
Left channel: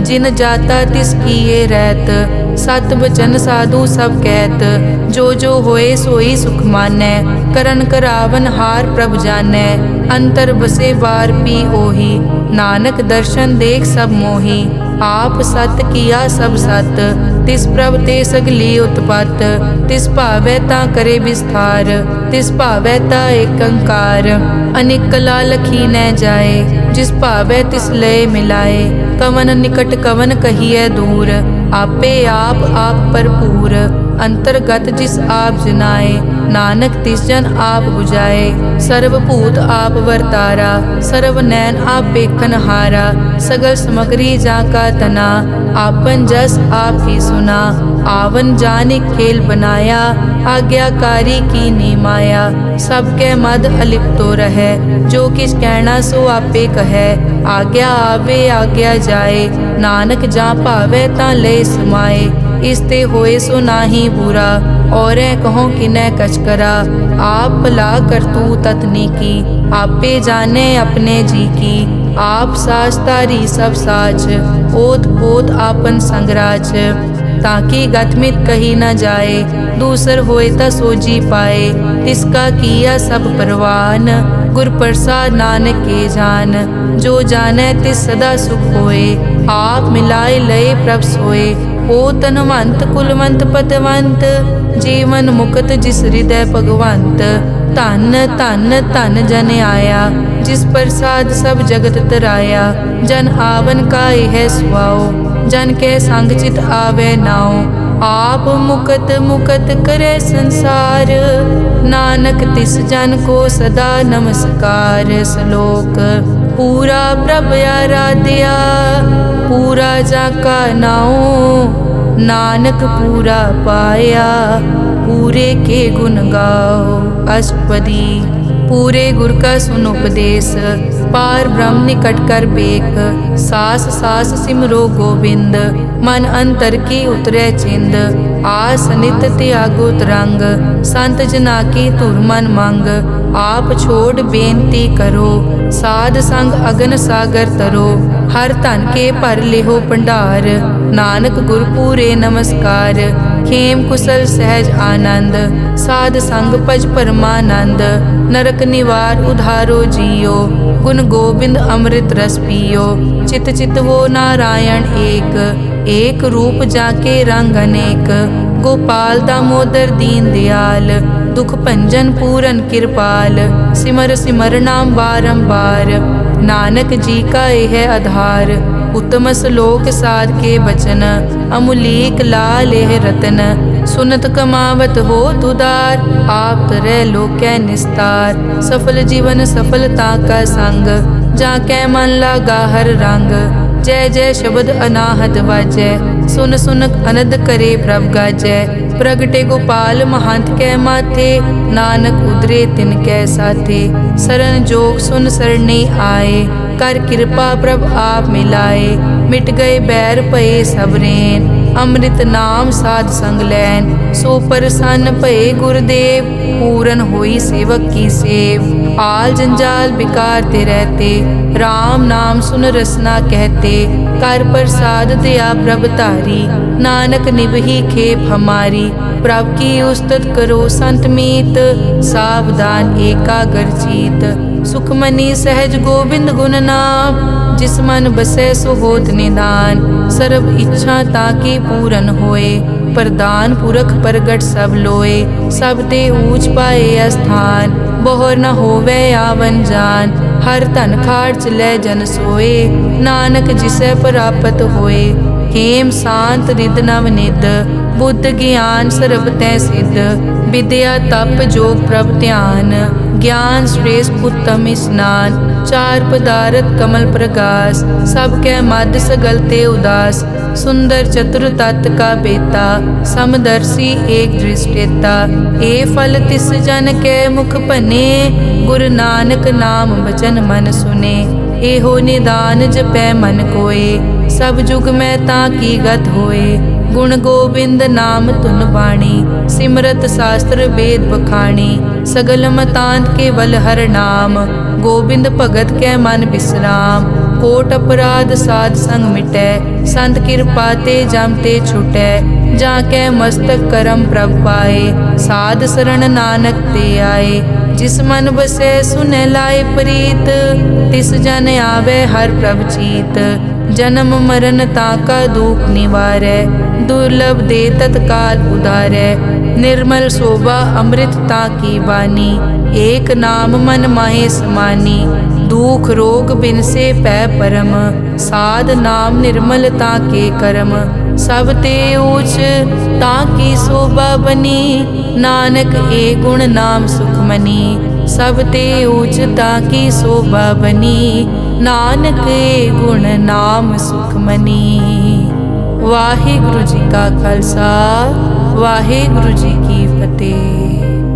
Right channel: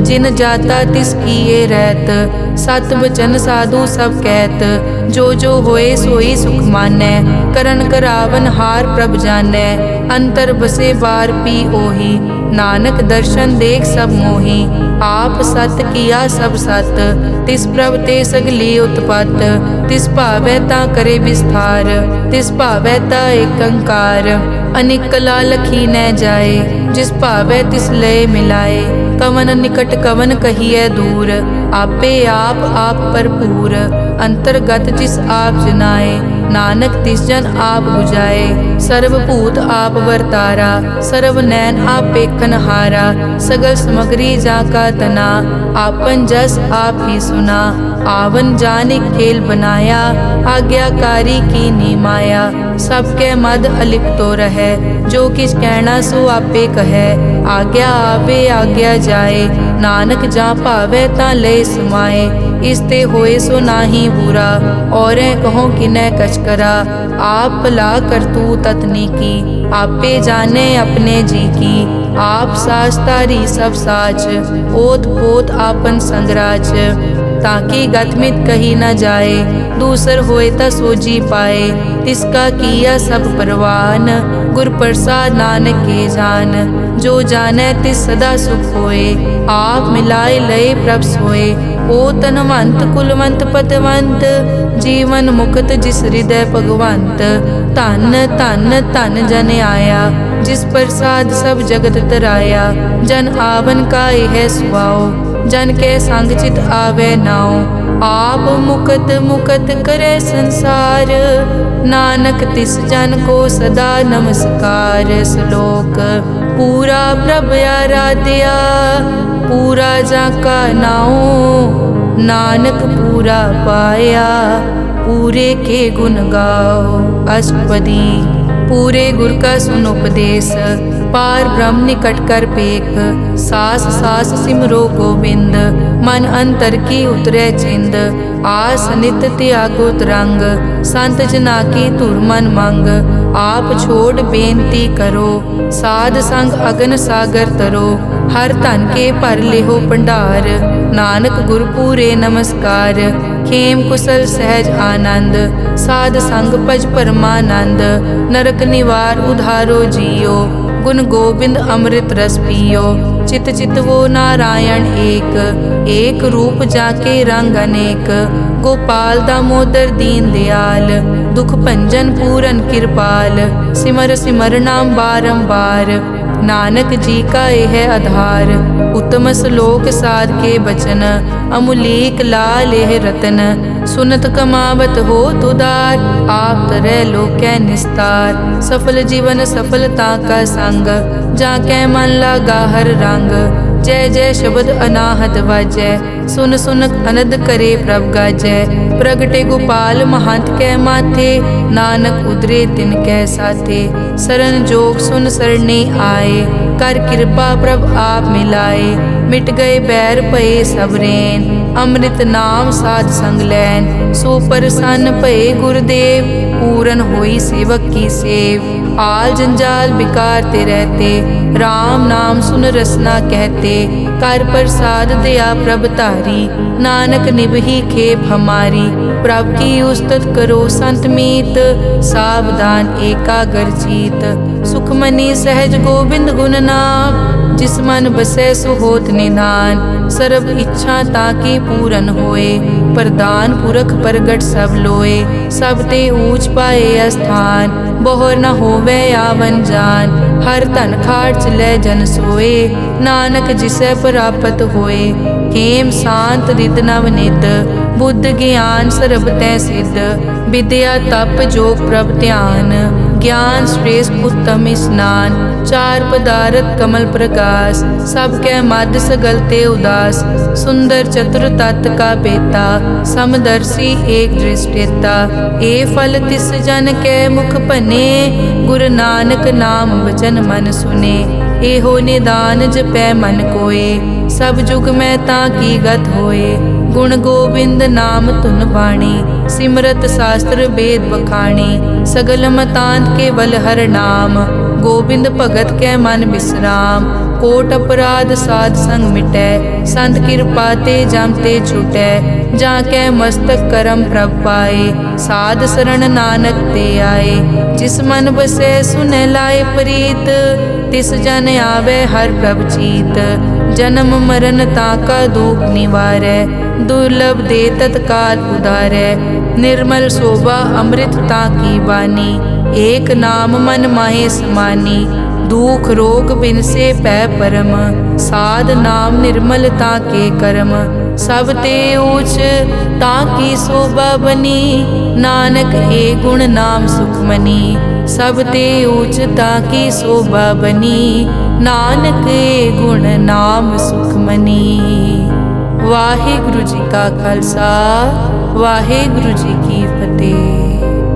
जिन जाता तिस किए रहत, सत बचन साधु सब कहत। जो जो होए सोई सुख मानै, करन करावन हार प्रभ जानै। अंतर बसे बार पी ओही, नानक दर्शन देख सब मोही। आप सत किया सब सत, तिस प्रभ ते सगली उत्पत। तिस भावै ता करे विस्तार, तिस भावै ता एक अंकार। अनेक कला लखी न जाए, जिस भावै तिस लय मिलाए। कवन निकट कवन कहिए दूर, आपे आप भरपूर। अंतर्गत जिस आप जनाए, नानक तिस जन आप बुझाए। सर्वभूत आप वर्तारा, सर्व नैन आप पेखन हारा। सगल समग्री जाका तना, आपन जस आप ही सुना। आवन जाने खेल बनाया, आज्ञाकारी की नी माया। सबके मद अलिप्तो रहे, जो किस कहना सो आपे कहे। आज्ञा आवे आज्ञा जाए, नानक जा भावे ता ले समाए। इसते होए सो नाही बुरा, औरें कहो किनै कछ करा। आप भला करतू ततनी की, आपे जाने अपने जी की। आप साच तारी सब साच, ओत पोत आपन संगराज। ताकि गतमित कही न जाए, दूसर होए ता सोजी पाए। तिसका किया सब परवान, गुर प्रसाद नानक के जान। जो जाने तिस सदा सुख होए, आप मिलाए लय प्रभ सोए। ओ तनवंत कुलवंत पतवंत, जीवन मुक्त जिस हृदय भगवंत। धन धन धन जन आया, जिस प्रसाद सब जगत तराया। जन आवन का यह सुआओ, जन के संग चित आवे नाओ। आप मुकत मुकत करे संसार, नानक तिस जन को सदा नमस्कार। श्लोक पूरा प्रभ आराध्या, पूरा जाका नाओ, नानक पूरा पाया, पूरे के गुण गाओ। अष्टपदी। पूरे गुर का सुन उपदेश, पार ब्रह्म निकट कर पेख, सास सास सिमरो गोविंद, मन अंतर की उतरे चिंद, आस नित त्यागो तरंग, संत जना की धुर मन मंग, आप छोड़ बेनती करो, साध संग अगन सागर तरो, हर धन के भर लिहो भंडार, नानक गुर पूरे नमस्कार, खेम कुशल सहज आनंद, साध संग भज परमानंद, नरक निवार उधारो जियो, गुण गोबिंद अमृत रस पियो, चित चित वो नारायण एक, एक रूप जाके रंग अनेक, गोपाल दामोदर दीन दयाल, दुख भंजन पूरन कृपाल, सिमर सिमर नाम बारंबार, नानक जी का यह आधार, उत्तम श्लोक साध के बचन, अमुलीक लाल यह रतन, सुनत कमावत हो तुदार, आप तरह लोकै निस्तार, सफल जीवन सफलता का संग, जाकै मन लागा हर रंग, जय जय शब्द अनाहत वाजै, सुन सुन अनद करे प्रभ गाजै, प्रगटे गोपाल महंत कै माथे, नानक उदरे तिन कै साथे, सरन जोग सुन सरने आए, कर कृपा प्रभ आप मिलाए, मिट गए बैर भये सब रैन, अमृत नाम साध संग लैन, सो प्रसन्न भये गुरुदेव, पूरन होई सेवक की सेव, आल जंजाल बिकार ते रहते, राम नाम सुन रसना कहते, कर प्रसाद दया प्रभ तारी, नानक निभही खेप हमारी, प्रभ की उस्तत करो संत मीत, सावधान एकाग्र चीत, सुखमनी सहज गोविंद गुण नाम, जिस मन बसै सो होत निधान, सर्ब इच्छा ताकी पूरन होए, प्रदान पुरख प्रगट सब लोए, सब ते ऊंच पाए स्थान, बोहर न होवे आवन जान, हर धन खाट चलै जन सोए, नानक जिसै प्राप्त होए, हेम शांत रिद नव निद, बुद्ध ज्ञान सर्ब तै सिद्ध, विद्या तप जोग प्रभ ध्यान, ज्ञान श्रेष्ठ उत्तम स्नान, चार पदारथ कमल प्रकाश, सब कै मद सगल ते उदास, सुंदर चतुर तत् का बेता, समदर्शी एक दृष्टेता, ए फल तिस जन कै मुख बने, गुरु नानक नाम भजन मन सुने, एहो निदान जपै मन कोय, सब जुग में ताकी गत होए, गुण गोविंद नाम धुन बाणी, सिमरत शास्त्र वेद बखाणी, सगल मतांत केवल हर नाम, गोविंद भगत कै मन विश्राम, कोट अपराध साध संग मिटै, संत कृपा ते जम ते छुटै, जाकै मस्तक करम प्रभ पाए, साध शरण नानक ते आए, जिस मन बसै सुनै लाए प्रीत, तिस जन आवे हर प्रभ चीत, जन्म मरण ताका दुख निवारै, दुर्लभ दे तत्काल उधारै, निर्मल शोभा अमृत ताकी वाणी, एक नाम मन माहे समानी, दुख रोग बिन से पै परम, साध नाम निर्मलता के कर्म, सब ते ऊच ताकी शोभा बनी, नानक ए गुण नाम सुखमनी, सब ते ऊच ताकी शोभा बनी, नानक ए गुण नाम सुखमनी। वाहिगुरु जी का खालसा, वाहिगुरु जी की फतेह।